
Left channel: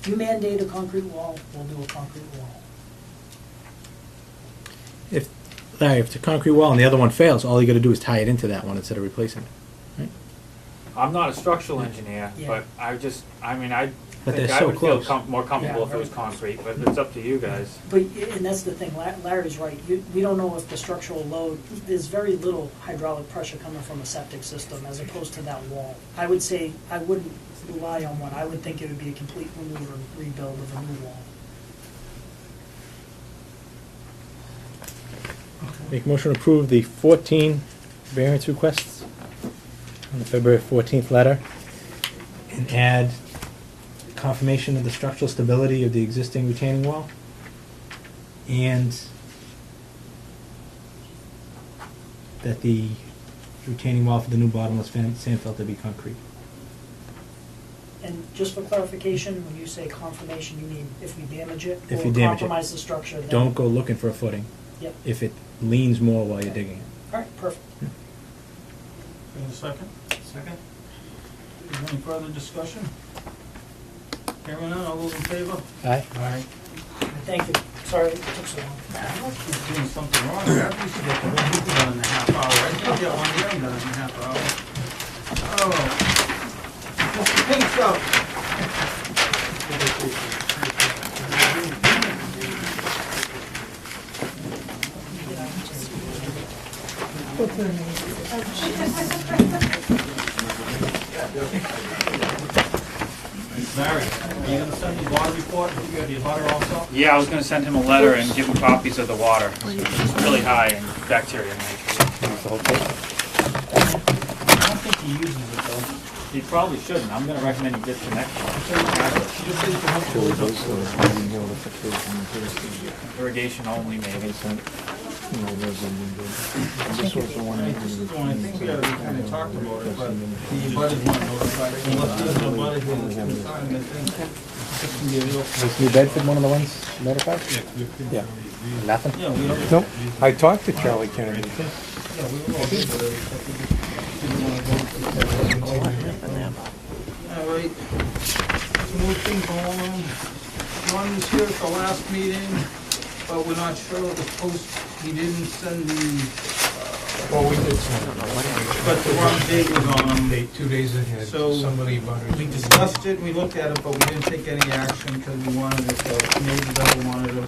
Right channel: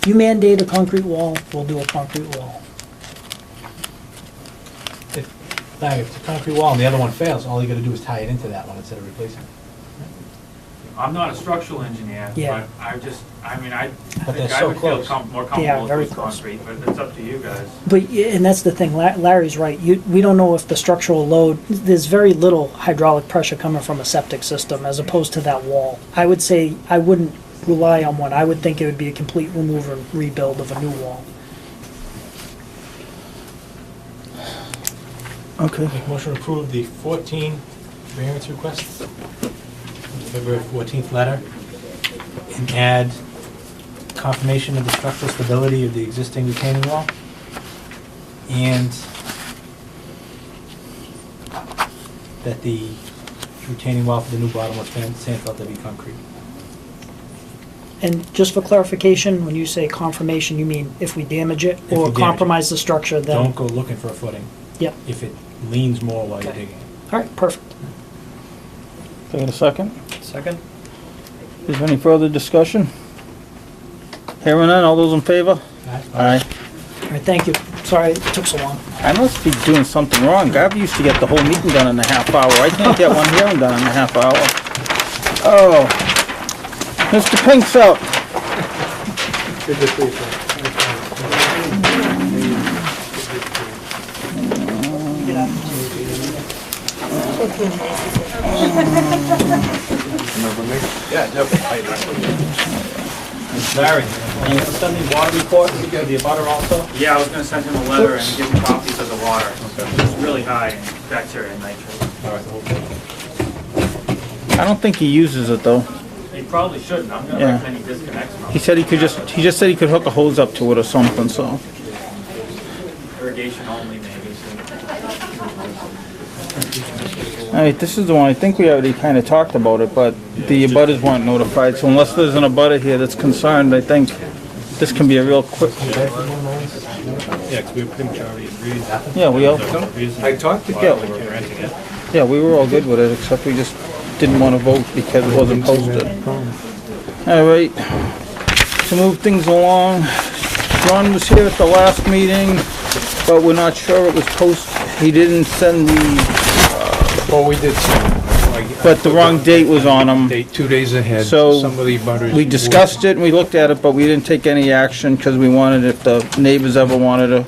If you mandate a concrete wall, we'll do a concrete wall. Larry, if it's a concrete wall and the other one fails, all you gotta do is tie it into that one instead of replacing it. I'm not a structural engineer, Yeah. but I But think they're I so would feel close. more Yeah, comfortable if it very was close. concrete, but it's up to you guys. But, and that's the thing, Larry's right, we don't know if the structural load, there's very little hydraulic pressure coming from a septic system as opposed to that wall. I would say, I wouldn't rely on one, I would think it would be a complete remove and rebuild of a new wall. Okay. Make a motion to approve the 14 variance requests, the February 14th letter, and add confirmation of the structural stability of the existing retaining wall, and that the retaining wall for the new bottomless sand filter be concrete. And just for clarification, when you say confirmation, you mean if we damage it If you or damage it. compromise the structure, then? Don't go looking for a footing Yep, if it leans more while you're Okay. digging it. all right, perfect. Can I get a second? Second? Is there any further discussion? Hearing none, all those in favor? Aye. Aye. All right, thank you. Sorry it took so long. I must be doing something wrong. Gav used to get the whole meeting done in a half hour. I can't get one hearing done in a half hour. Oh. Mr. Pink's up. Larry, are you gonna send the water report to the abutter also? Yeah, I was gonna send him a letter and give him copies of the water. It's really high in bacteria and nitrate. I don't think he uses it though. He probably shouldn't, I'm gonna Yeah. recommend he disconnect He said he just said he could hook a hose up to it or something, so. irrigation only maybe. Alright, this is the one, I think we already kinda talked about it, but the abutters weren't notified, so unless there's an abutter here that's concerned, I think this can be a real quick. You read from one of the ones notified? Yeah, 'cause we pretty much already agreed. Nothing? Yeah, we all, I talked to Kelly. yeah, we were all good with it, except we just didn't wanna vote because it wasn't posted. Alright, to move things along, John was here at the last meeting, but we're not sure it was posted. He didn't send the, Well, we did some, but the wrong date was on them. 2 days ahead. So, Some of the butters. We discussed it and we looked at it, but we didn't take any action because we wanted, if the neighbors ever wanted to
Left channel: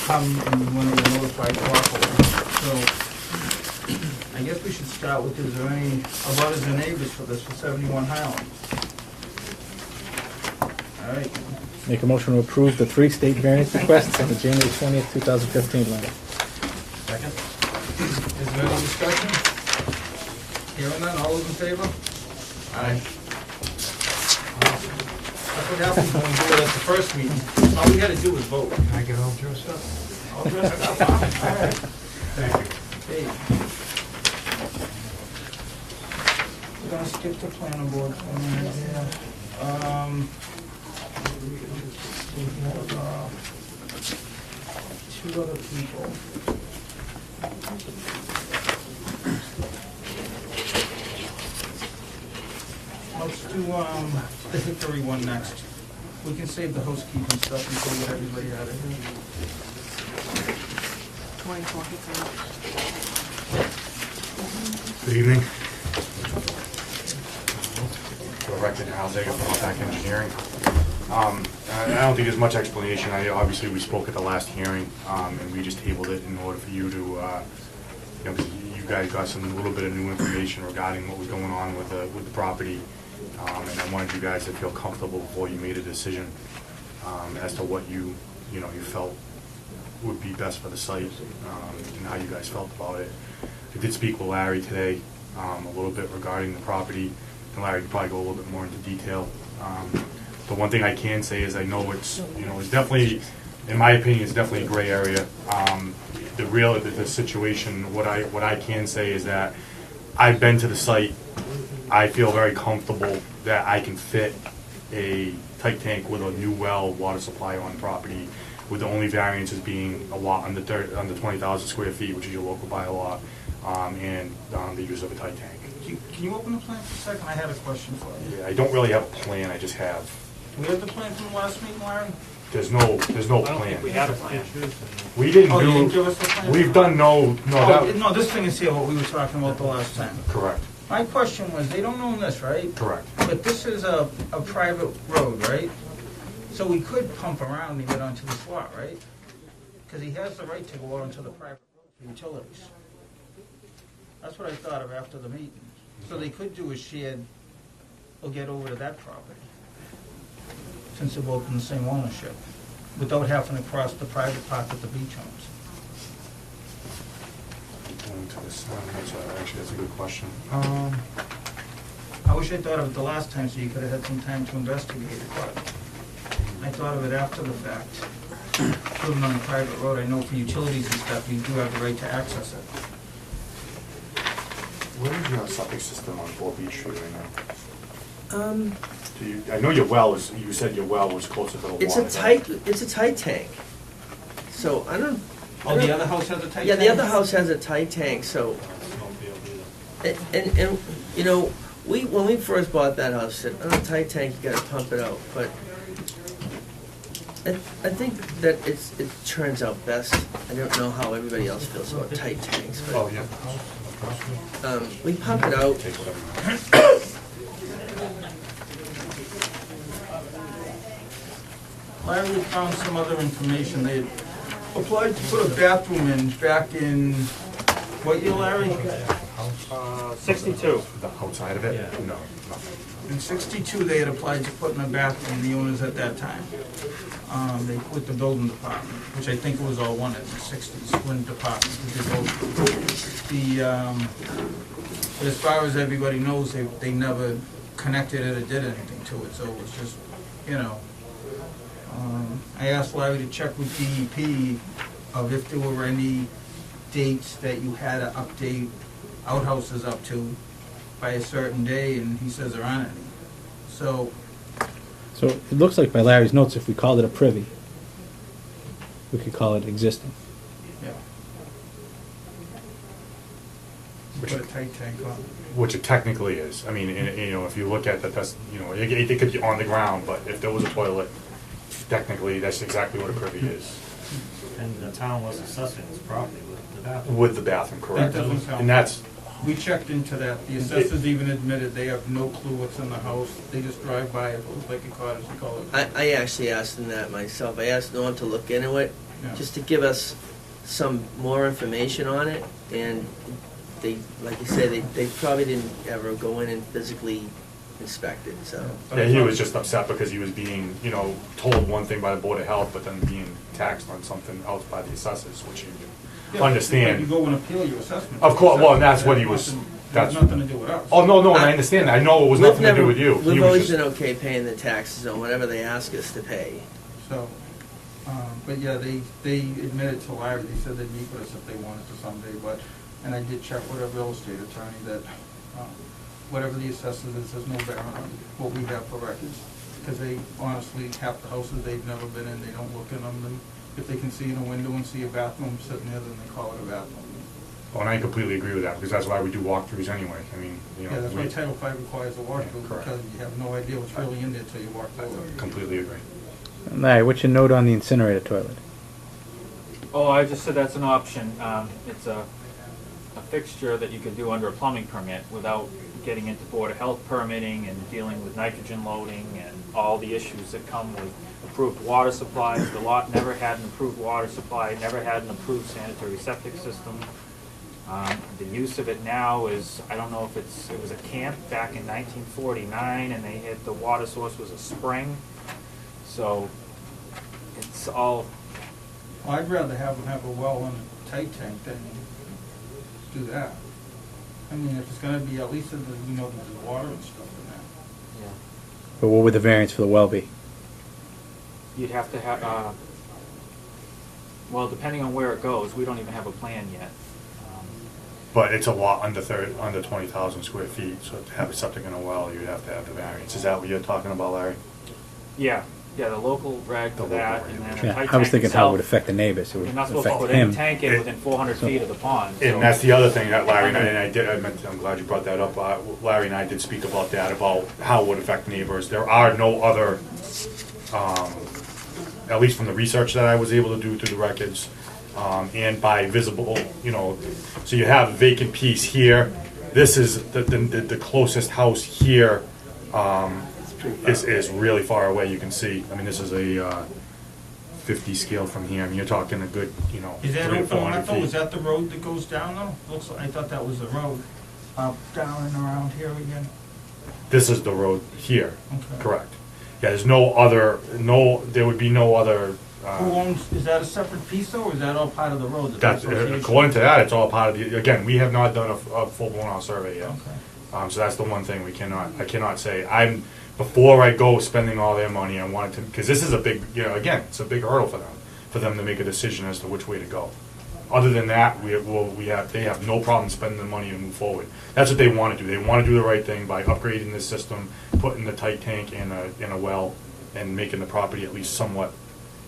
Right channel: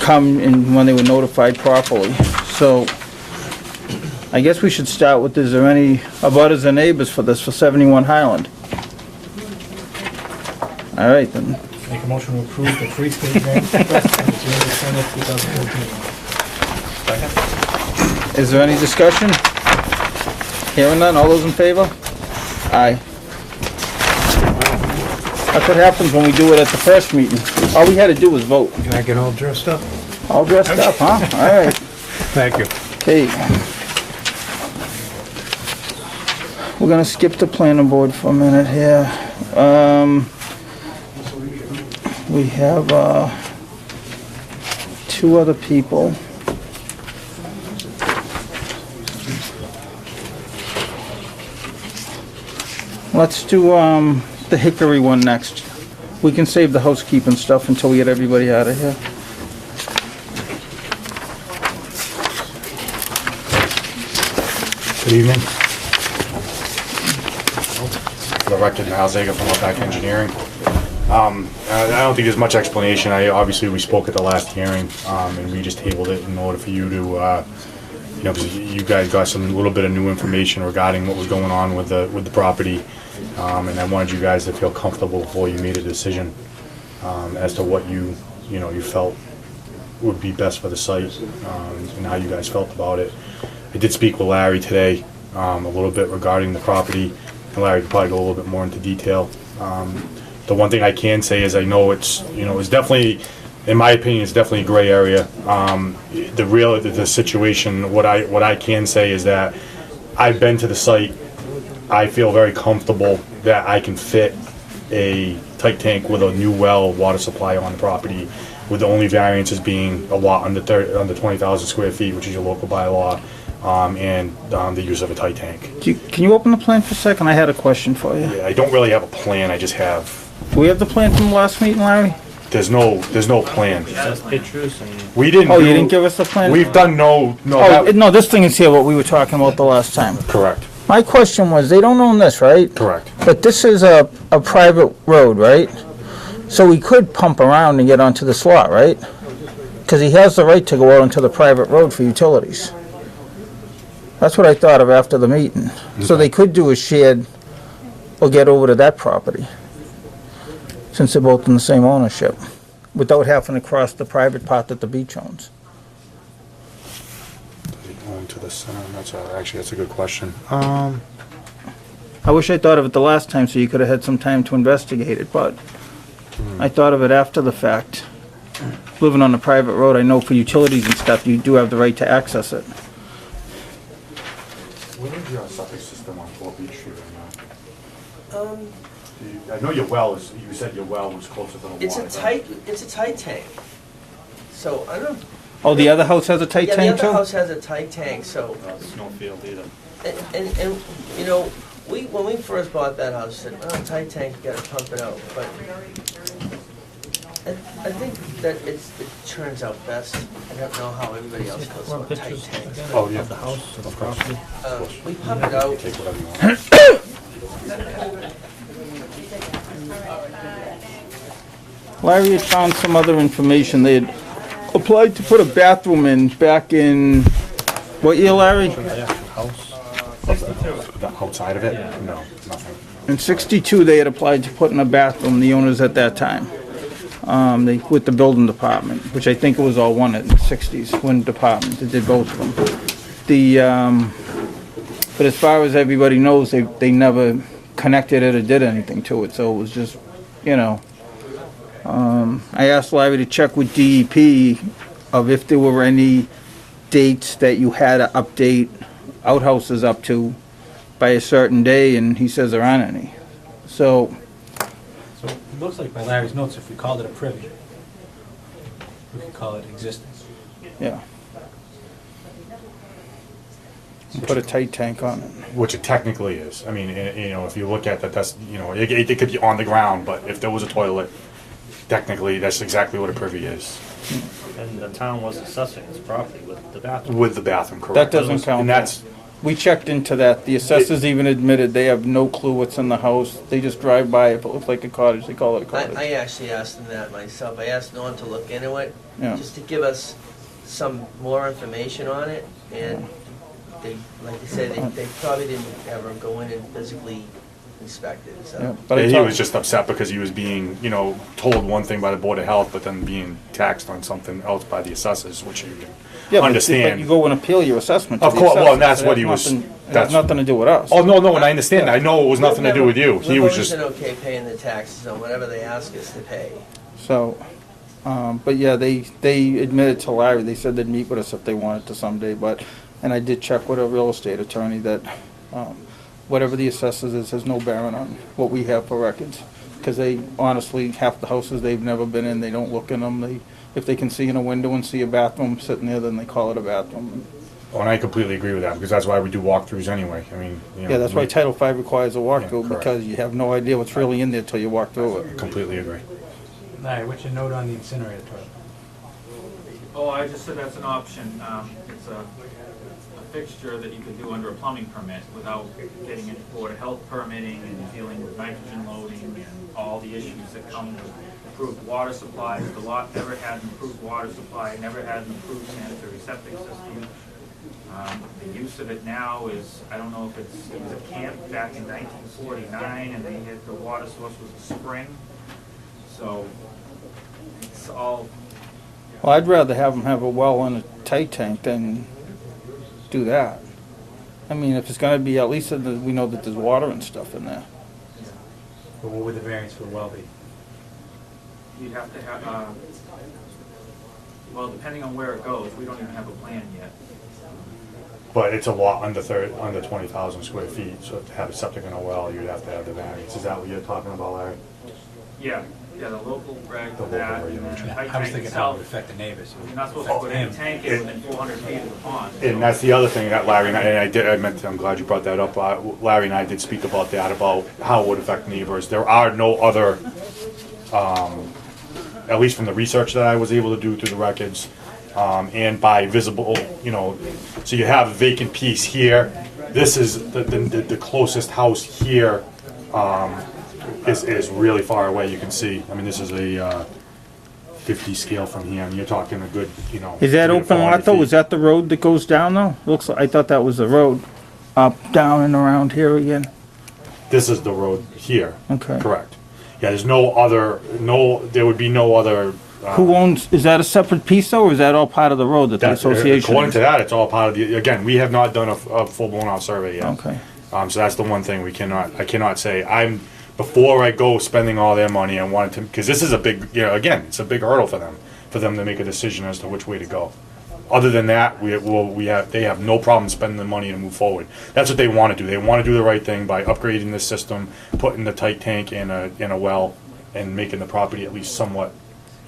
come and when they were notified properly. So, I guess we should start with, is there any abutters or neighbors for this, for 71 Highland? All right, then. Make a motion to approve the three state variance request on the January 20th, 2015 one. Is there any discussion? Hearing none, all those in favor? Aye. That's what happens when we do it at the first meeting. All we had to do was vote. Can I get all dressed up? All dressed up, huh? All right. Thank you. Okay. We're gonna skip the planning board for a minute here. We have, two other people. Let's do, the Hickory one next. We can save the housekeeping stuff until we get everybody out of here. Good evening. For the record, Al Zager from Outback Engineering. I don't think there's much explanation. Obviously, we spoke at the last hearing, and we just tabled it in order for you to, you know, because you guys got some little bit of new information regarding what was going on with the property, and I wanted you guys to feel comfortable before you made a decision as to what you felt would be best for the site, and how you guys felt about it. I did speak with Larry today a little bit regarding the property, and Larry could probably go a little bit more into detail. The one thing I can say is I know it's definitely, in my opinion, it's definitely a gray area. The situation, what I can say is that I've been to the site. I feel very comfortable that I can fit a tight tank with a new well water supply on the property, with the only variances being a lot under 20,000 square feet, which is your local bylaw, and the use of a tight tank. Can you open the plan for a second? I had a question for you. I don't really have a plan. I just have. Do we have the plan from the last meeting, Larry? There's no plan. Just pictures and. We didn't. Oh, you didn't give us the plan? We've done no. Oh, no, this thing is here, what we were talking about the last time. Correct. My question was, they don't own this, right? Correct. But this is a private road, right? So we could pump around and get onto this lot, right? Because he has the right to go out onto the private road for utilities. That's what I thought of after the meeting. So they could do a shared, or get over to that property, since they're both in the same ownership, without having to cross the private part that the beach owns. Going to the sun. Actually, that's a good question. I wish I thought of it the last time, so you could have had some time to investigate it, but I thought of it after the fact. Living on a private road, I know for utilities and stuff, you do have the right to access it. Where is your septic system on 4 Beach Street right now? I know your well is. You said your well was closer to the water. It's a tight tank. So I don't. Oh, the other house has a tight Yeah, tank the too? other house has a tight tank. So Snowfield either. and you know, when we first bought that house, said, oh, tight tank, you gotta pump it out. But I think that it turns out best. I don't know how everybody else feels about tight tanks. But, Oh yeah. The house, the property. we pump it out. Take whatever you want. Larry had found some other information. They had applied to put a bathroom in back in, what year, Larry? Yeah, the house. 62. The outside of it? Yeah. No, nothing. In '62, they had applied to put in a bathroom, the owners at that time. With the building department, which I think it was all one in the '60s, one department that did both of them. But as far as everybody knows, they never connected it or did anything to it, so it was just, you know. I asked Larry to check with DEP of if there were any dates that you had to update outhouses up to by a certain day, and he says there aren't any. So, So it looks like by Larry's notes, if we called it a privy, we could call it existence. yeah. Put a tight tank on it. Which it technically is. I mean, if you look at that, that's it could be on the ground, but if there was a toilet, technically that's exactly what a privy is. And the town was assessing this property with the bathroom. With the bathroom, correct? That doesn't count. And that's We checked into that. The assessors even admitted they have no clue what's in the house. They just drive by. If it looks like a cottage, they call it a cottage. I actually asked them that myself. I asked Norm to look into it, Yeah. just to give us some more information on it, and they, like you said, they probably didn't ever go in and physically inspect it, Yeah, so. but I Yeah, he talked- was just upset because he was being, you know, told one thing by the Board of Health, but then being taxed on something else by the assessors, which you Yeah, can but understand. you go and appeal your assessment to Of the course, well, assessor. and that's It what has he was- nothing- It has that's- nothing to do with us. Oh, no, and I understand. I know it was nothing to do with you. He We've was always just, been okay paying the taxes on whatever they ask us to pay. So, but yeah, they admitted to Larry, they said they'd meet with us if they wanted to someday, but, and I did check with a real estate attorney that, whatever the assessors is, has no bearing on what we have for records. Because they, honestly, half the houses they've never been in, they don't look in them. If they can see in a window and see a bathroom sitting there, then they call it a bathroom. oh, and I completely agree with that, because that's why we do walkthroughs anyway. I mean, you know. Yeah, that's why we Title V requires a walkthrough, Yeah, correct. because you have no idea what's really in there till you walk through it. Completely agree. Larry, what's your note on the incinerator toilet? Oh, I just said that's an option. It's a fixture that you can do under a plumbing permit without getting into Board of Health permitting and dealing with nitrogen loading and all the issues that come with approved water supplies. The lot never had an approved water supply, never had an approved sanitary septic system. The use of it now is, I don't know if it was a camp back in 1949, and the water source was a spring. So it's all, Well, I'd rather have them have a well and a tight tank than do that. I mean, if it's gonna be, at least we know that there's water and stuff in there. But what would the variance for the well be? you'd have to have, well, depending on where it goes, we don't even have a plan yet. But it's a lot under 20,000 square feet, so to have a septic and a well, you'd have to have the variance. Is that what you're talking about, Larry? Yeah, the local reg The for local that, and then regulation. the Yeah, tight I was tank thinking how it would itself, affect the neighbors. It would you're not supposed to affect put any him. tank in within 400 feet of the pond. so- And that's the other thing that Larry and I'm glad you brought that up. Larry and I did speak about that, about how it would affect neighbors. There are no other, at least from the research that I was able to do through the records, and by visible, so you have a vacant piece here. This is the closest house here, is really far away, you can see. I mean, this is a 50 scale from here, and you're talking a good, Is that 3 to open 400 lot though? feet. Is that the road that goes down though? Looks like, I thought that was the road, up, down and around here again. This is the road here. Okay. Correct. Yeah, there's there would be no other. Who owns, is that a separate piece though, or is that all part of the road that the That's, association? according to that, it's all part of the, again, we have not done a full-blown out survey yet. Okay. So that's the one thing I cannot say. Before I go spending all their money, I wanted to, because this is a big, again, it's a big hurdle for them to make a decision as to which way to go. Other than that, they have no problem spending the money and move forward. That's what they want to do. They want to do the right thing by upgrading this system, putting the tight tank in a well, and making the property at least somewhat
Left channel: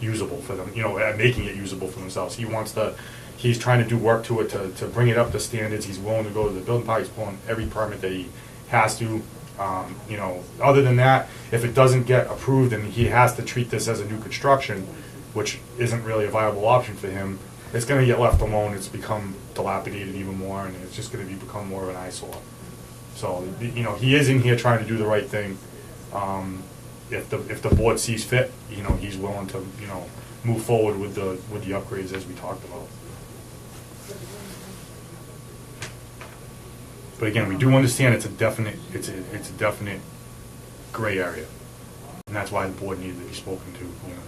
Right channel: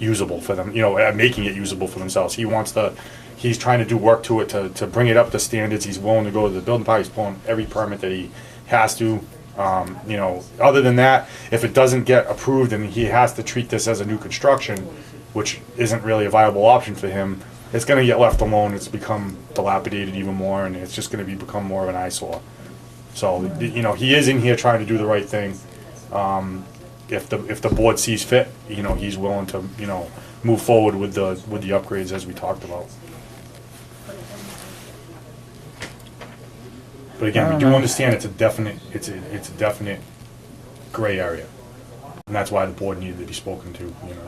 usable for them, making it usable for themselves. He's trying to do work to it to bring it up to standards. He's willing to go to the building department. He's pulling every permit that he has to. Other than that, if it doesn't get approved and he has to treat this as a new construction, which isn't really a viable option for him, it's going to get left alone. It's become dilapidated even more, and it's just going to become more of an eyesore. So, he is in here trying to do the right thing. If the board sees fit, he's willing to, move forward with the upgrades as we talked about. But again, we do understand it's a definite gray area. And that's why the board needed to be spoken to,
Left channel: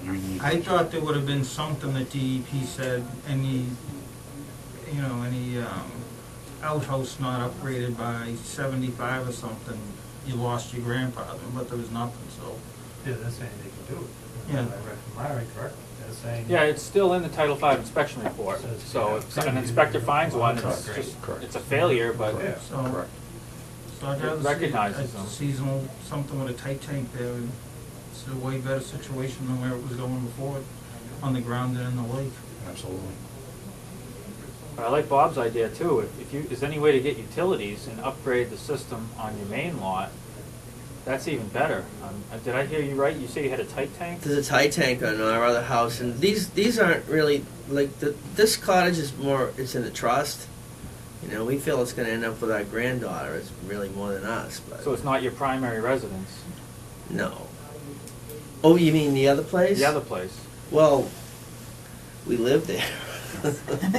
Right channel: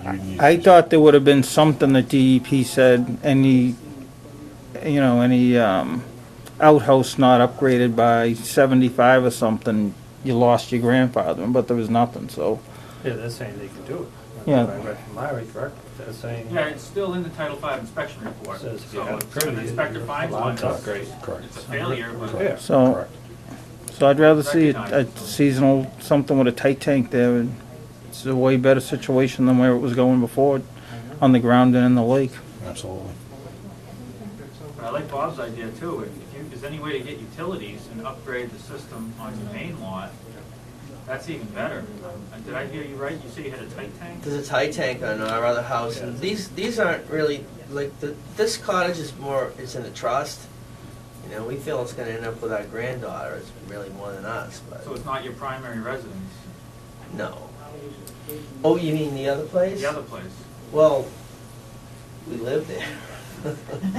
you needed I to- thought there would have been something that DEP said, any outhouse not upgraded by 75 or something, you lost your grandfather, but there was nothing, so. Yeah, they're saying they can do it. Yeah. I read from Larry, correct? They're saying. Yeah, it's still in the Title V inspection report, Says, so yeah, if an great. inspector finds one, it's Upgrade. it's a failure, but Yeah. So, I'd rather see a Recognize it. seasonal, something with a tight tank there, and it's a way better situation than where it was going before, on the ground and in the lake. Absolutely. I like Bob's idea too. If there's any way to get utilities and upgrade the system on your main lot, that's even better. Did I hear you right? You say you had a tight tank? There's a tight tank on our other house, and these aren't really, like, this cottage is more, it's in a trust, You know, we feel it's gonna end up with our granddaughter, it's really more than us, but, So it's not your primary residence, no. Oh, you mean the other place? the other place? Well, we live there.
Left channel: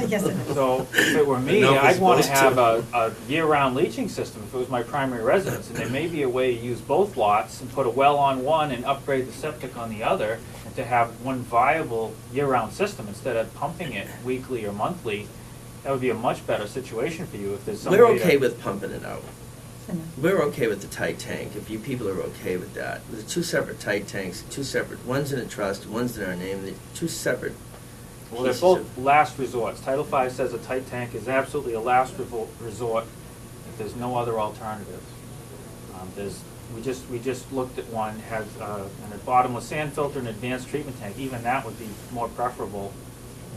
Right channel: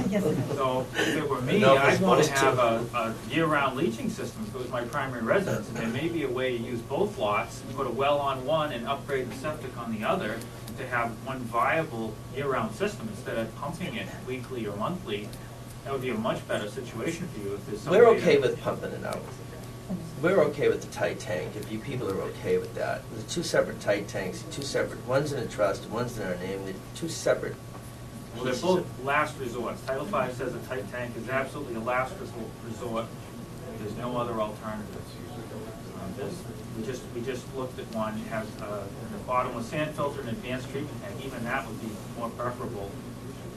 Yes, it is. So if it were me, No, we're I'd want to supposed to. have a year-round leaching system if it was my primary residence. And there may be a way to use both lots and put a well on one and upgrade the septic on the other, and to have one viable year-round system instead of pumping it weekly or monthly. That would be a much better situation for you if there's some way We're to- okay with pumping it out. We're okay with the tight tank, if you people are okay with that. There's two separate tight tanks, two separate, one's in a trust, one's in our name, they're two separate Well, they're pieces both of- last resorts. Title V says a tight tank is absolutely a last resort. There's no other alternatives. We just looked at one, it has a bottomless sand filter and advanced treatment tank. Even that would be more preferable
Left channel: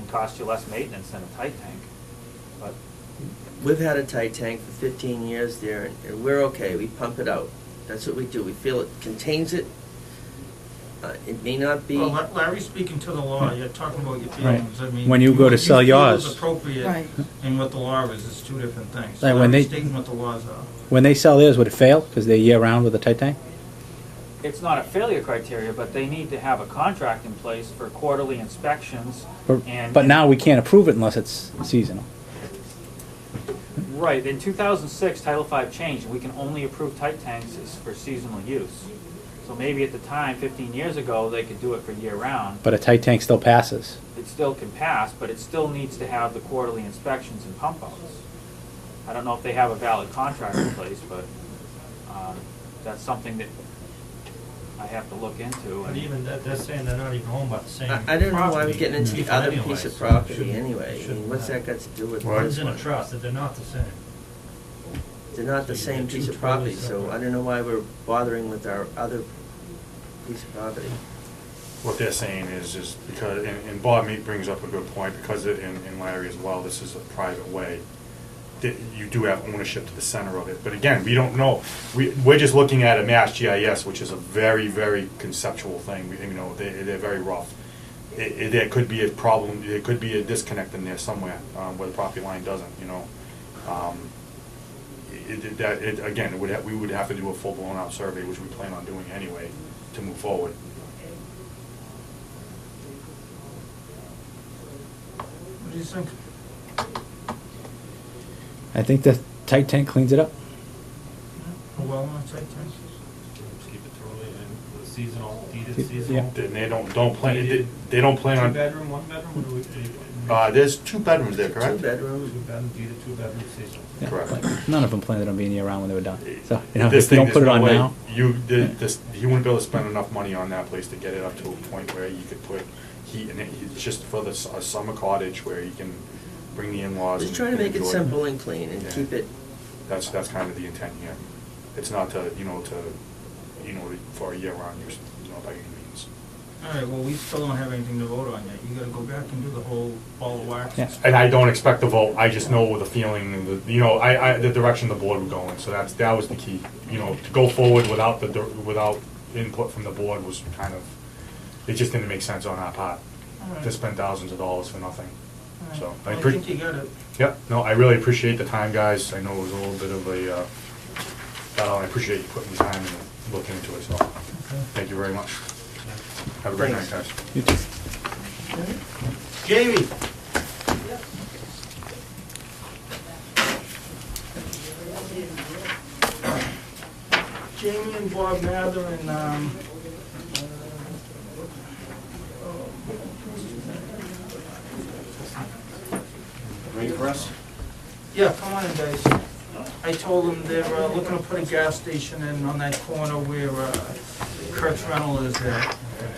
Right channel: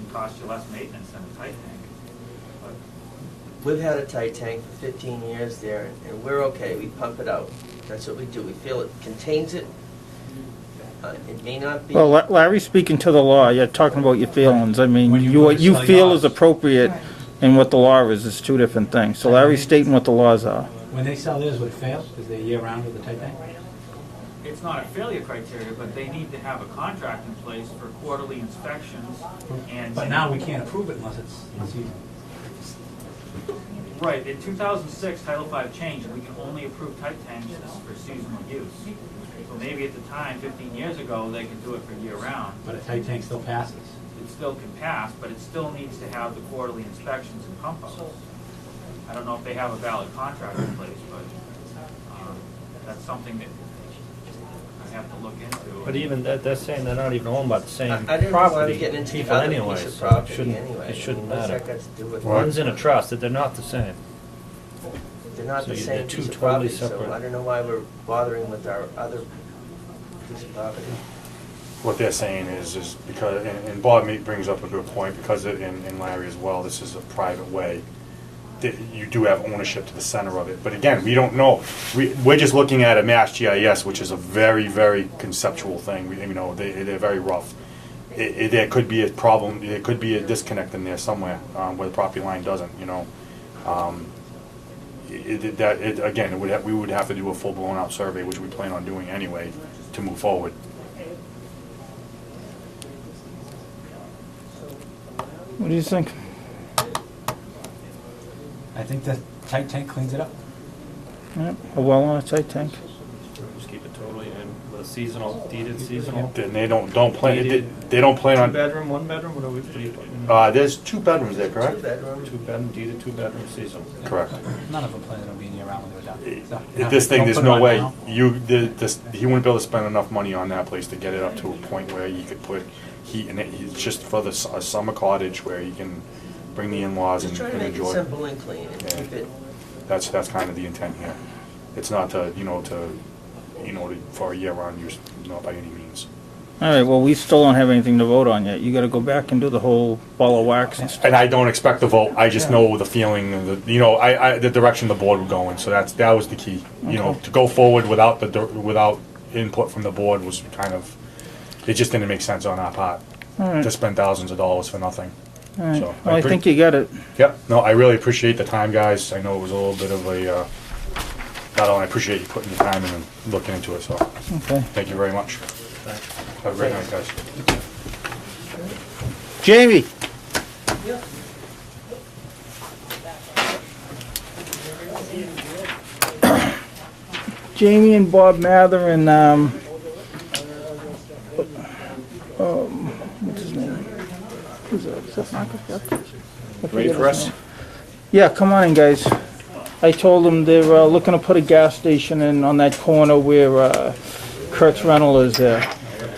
and cost you less maintenance than a tight tank. But We've had a tight tank for 15 years there, and we're okay, we pump it out. That's what we do, we feel it contains it. It may not be. Well, Larry's speaking to the law, you're talking about your feelings, I mean, When you go what to you sell feel yours. is appropriate Right. and what the law is two different things. So And when Larry's they- stating what the laws are. When they sell theirs, would it fail, because they're year-round with a tight tank? it's not a failure criteria, but they need to have a contract in place for quarterly inspections and. But now we can't approve it unless it's seasonal. Right, in 2006, Title V changed, we can only approve tight tanks for seasonal use. So maybe at the time, 15 years ago, they could do it for year-round. But a tight tank still passes. It still can pass, but it still needs to have the quarterly inspections and pump outs. I don't know if they have a valid contract in place, but that's something that I have to look into. But even, they're saying they're not even owned by the same property. I don't know why we're getting into the people other anyway, piece of so it property shouldn't- anyway. It I mean, shouldn't what's matter. that got to do with? One's in a trust, that they're not the same. They're not the So same they're two piece of totally property, so separate. I don't know why we're bothering with our other piece of property. What they're saying is because, and Bob brings up a good point, because and Larry as well, this is a private way, that you do have ownership to the center of it. But again, we don't know. We're just looking at a Mass GIS, which is a very, very conceptual thing. You know, they're very rough. There could be a problem, there could be a disconnect in there somewhere, where the property line doesn't, you know. Again, we would have to do a full-blown out survey, which we plan on doing anyway, to move forward. What do you think? I think the tight tank cleans it up. Yeah, a well on a tight tank. Just keep it totally in the seasonal, deeded seasonal. Then they don't plan, they don't plan Two on, bedroom, one bedroom, what are we putting? there's 2 bedrooms there, Two correct? bedroom. Two bedroom, deeded, two bedroom seasonal. Correct. None of them planned on being year-round when they were done. So, you know, This if you thing, don't there's put it no on way, now- he wouldn't be able to spend enough money on that place to get it up to a point where he could put heat in it. It's just for a summer cottage where he can bring the in-laws and Just trying to make it enjoy simple and clean and Yeah. keep it, That's kind of the intent here. It's not to, for a year-round use, not by any means. All right, well, we still don't have anything to vote on yet. You gotta go back and do the whole ball of wax and stuff. And I don't expect a vote, I just know the feeling and the direction the board would go in, so that was the key. To go forward without without input from the board was kind of, it just didn't make sense on our part, All right, to spend thousands of dollars for nothing. all right. So, Well, I think you got it. Yep, no, I really appreciate the time, guys, I know it was a little bit of a, I appreciate you putting the time in and looking into it, so, Okay. thank you very much. Have a great night, guys. Jamie? Jamie and Bob Mather and, what's his name? Who's that? Is that Michael? Yep. Ready for us? Yeah, come on in, guys. I told them they're looking to put a gas station in on that corner where Kurt's Rental is there.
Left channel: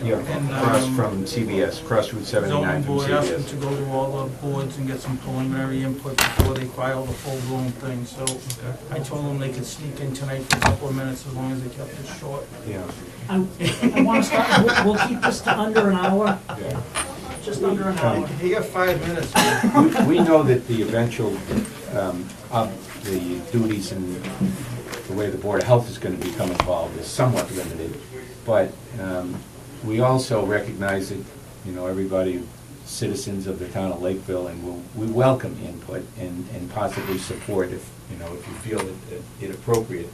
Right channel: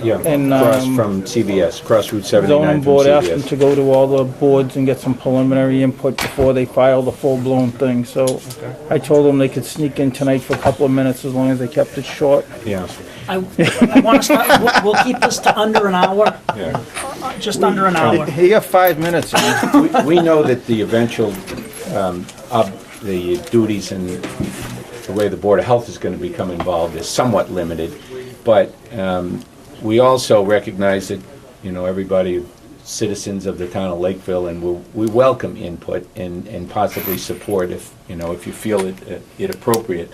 Yeah, And, across from CVS, cross Route 79 Zoning from board asked them CVS. to go to all the boards and get some preliminary input before they file the full-blown thing, so I told them they could sneak in tonight for a couple of minutes as long as they kept it short. Yeah, I want to start, we'll keep this to under an hour, yeah. just under an hour. You got 5 minutes. man. We know that the eventual, the duties and the way the Board of Health is going to become involved is somewhat limited, but we also recognize that, everybody citizens of the town of Lakeville, and we welcome input and possibly support if, you know, if you feel it appropriate.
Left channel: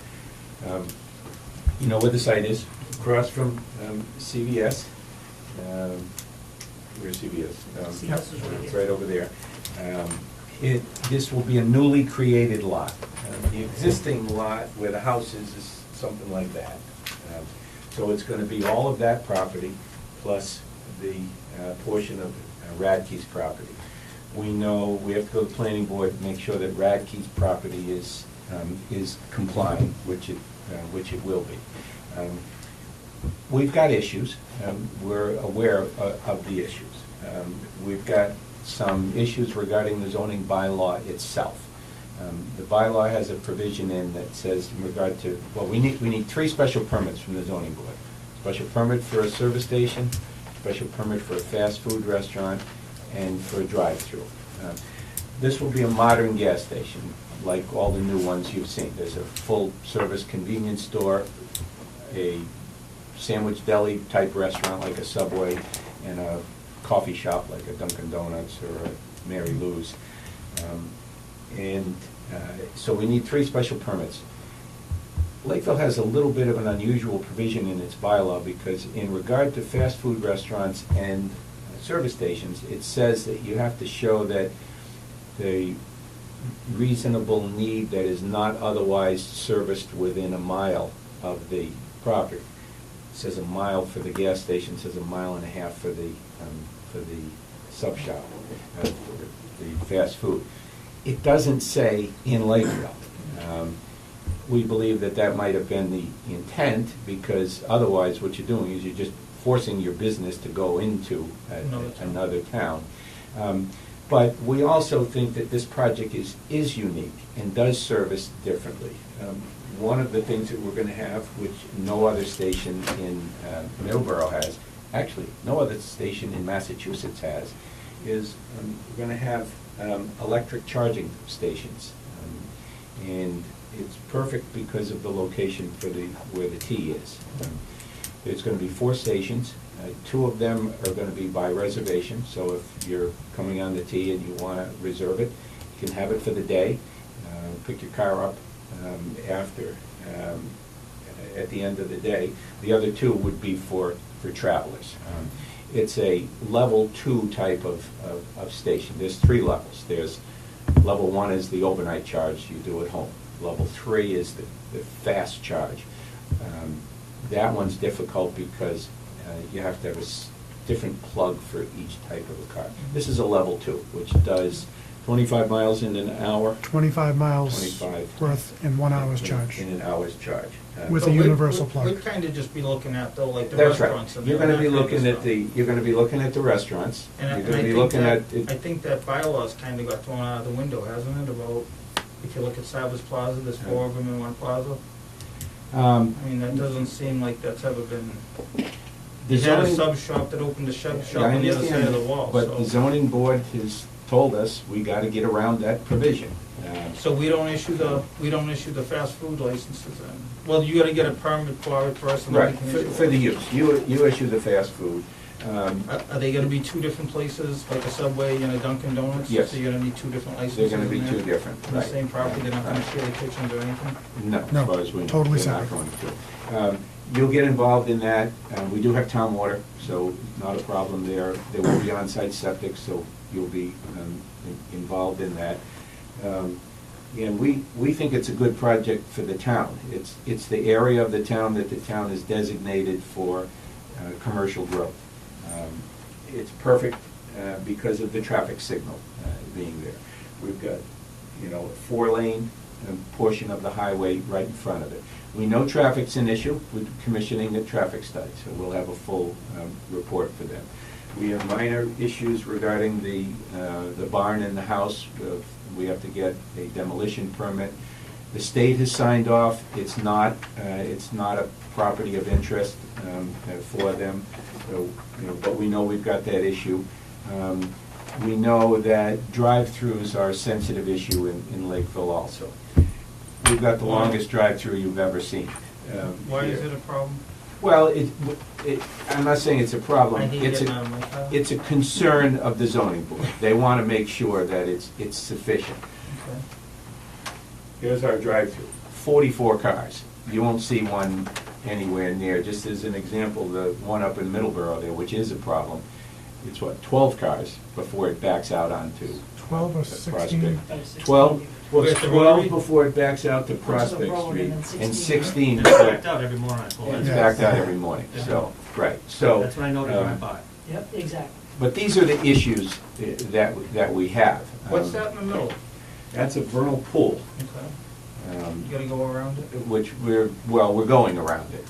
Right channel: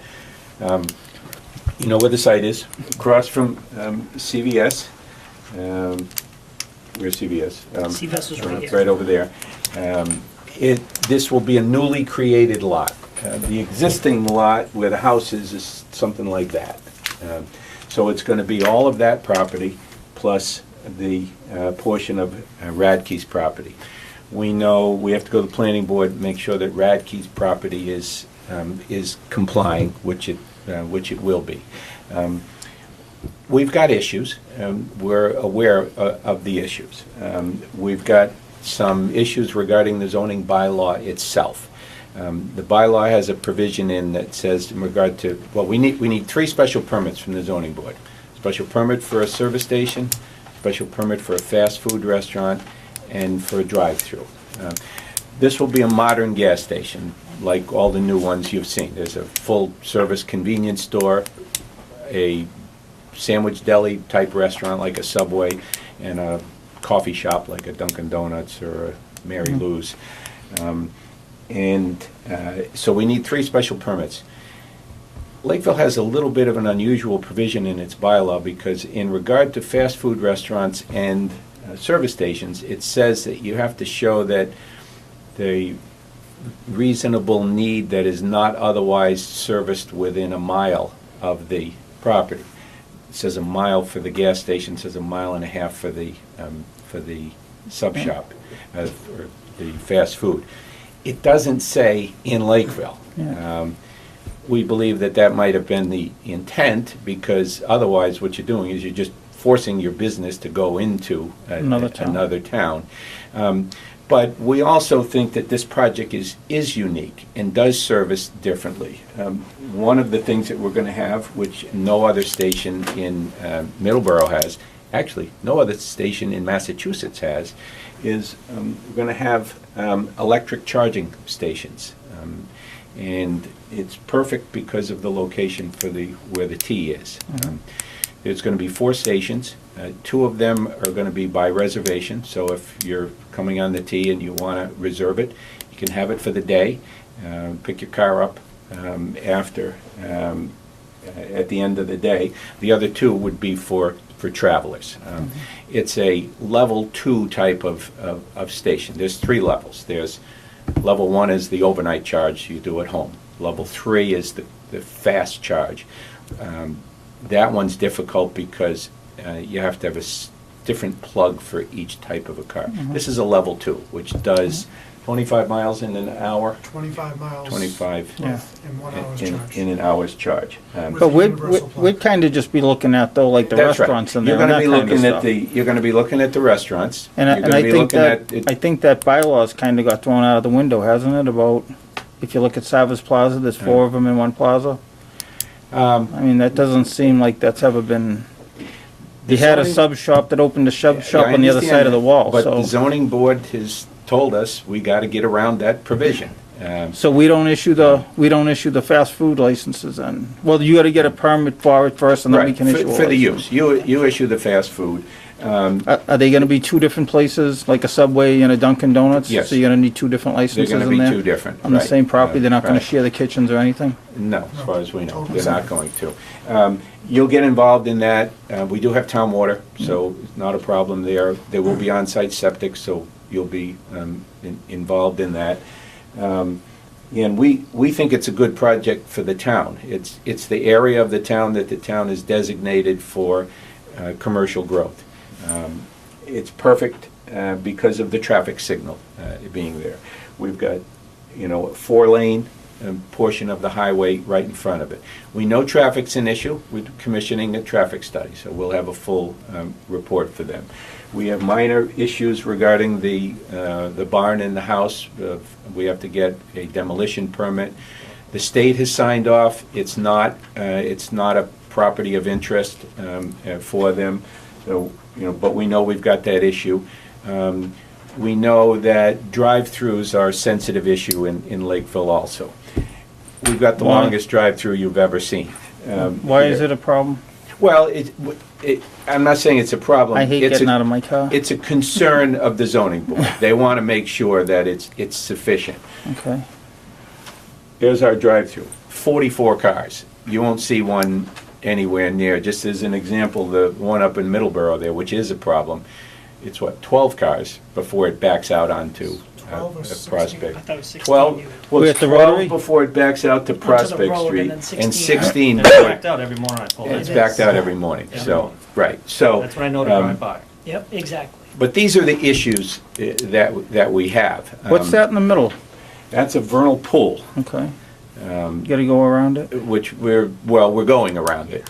You know where the site is? Across from CVS. Where's CVS? CVS is right here. Right over there. This will be a newly created lot. The existing lot where the house is something like that. So it's gonna be all of that property plus the portion of Radke's property. We know we have to go to the planning board and make sure that Radke's property is complying, which it will be. We've got issues. We're aware of the issues. We've got some issues regarding the zoning bylaw itself. The bylaw has a provision in that says in regard to, well, we need 3 special permits from the zoning board. Special permit for a service station, special permit for a fast food restaurant, and for a drive-through. This will be a modern gas station, like all the new ones you've seen. There's a full-service convenience store, a sandwich deli type restaurant like a Subway, and a coffee shop like a Dunkin' Donuts or a Mary Lou's. So we need 3 special permits. Lakeville has a little bit of an unusual provision in its bylaw because in regard to fast food restaurants and service stations, it says that you have to show that the reasonable need that is not otherwise serviced within a mile of the property. It says a mile for the gas station, it says a mile and a half for the sub shop, or the fast food. It doesn't say in Lakeville. We believe that that might have been the intent, because otherwise what you're doing is you're just forcing your business to go into another town. But we also think that this project is unique and does service differently. One of the things that we're going to have, which no other station in Middleborough has, actually no other station in Massachusetts has, is we're going to have electric charging stations. And it's perfect because of the location for where the T is. There's going to be 4 stations. 2 of them are going to be by reservation, so if you're coming on the T and you want to reserve it, you can have it for the day. Pick your car up after, at the end of the day. The other 2 would be for travelers. It's a level 2 type of station. There's 3 levels. There's level 1 is the overnight charge you do at home. Level 3 is the fast charge. That one's difficult because you have to have a different plug for each type of a car. This is a level 2, which does 25 miles in an hour. 25 miles 25 worth in 1 hour's charge. In an hour's charge. With But a universal plug. we'd kind of just be looking at though, like the That's right. restaurants and You're that going to be kind of looking at stuff. you're going to be looking at the restaurants. And You're gonna be looking at it- I think that bylaw's kind of got thrown out of the window, hasn't it? About, if you look at Savas Plaza, there's 4 of them in one plaza. I mean, that doesn't seem like that's ever been, The you had a zoning- sub shop that opened a shop Yeah, I on the other understand side of the that, wall, But the so. zoning board has told us we got to get around that provision. So we don't issue the fast food licenses then? Well, you gotta get a permit for it first and then we Right, can issue a for the license. use. You issue the fast food. Are they gonna be 2 different places, like a Subway and a Dunkin' Donuts? Yes. So you're gonna need 2 different They're licenses going to in be there? 2 different. On the right. same property, they're not gonna Right. share the kitchens or anything? No, as No, far as we know, totally they're not separate. going to. You'll get involved in that. We do have town water, so it's not a problem there. There will be on-site septic, so you'll be involved in that. And we think it's a good project for the town. It's the area of the town that the town is designated for commercial growth. It's perfect because of the traffic signal being there. We've got, a 4-lane portion of the highway right in front of it. We know traffic's an issue. We're commissioning a traffic study, so we'll have a full report for them. We have minor issues regarding the barn in the house. We have to get a demolition permit. The state has signed off. It's not a property of interest for them. So, but we know we've got that issue. We know that drive-throughs are a sensitive issue in Lakeville also. We've got the Why? longest drive-through you've ever seen. Why here. is it a problem? Well, I'm not saying it's a problem. I hate It's getting a- out of my car. It's a concern of the zoning board. They want to make sure that it's sufficient. Okay. Here's our drive-through, 44 cars. You won't see one anywhere near, just as an example, the one up in Middleborough there, which is a problem, it's what, 12 cars before it backs out onto 12 or a 16? Prospect. I thought it was 16 12, unit. well, We're it's at the 12 Rotary? before it backs out to the Prospect road, Street, and then and 16 It's before backed out every morning I pull in. it's backed out every morning, Yeah. so, right, so. That's when I know to drive by. Yep, exactly. But these are the issues that we have. What's that in the middle? That's a vernal pool, Okay. You gotta go around it? which we're going around it.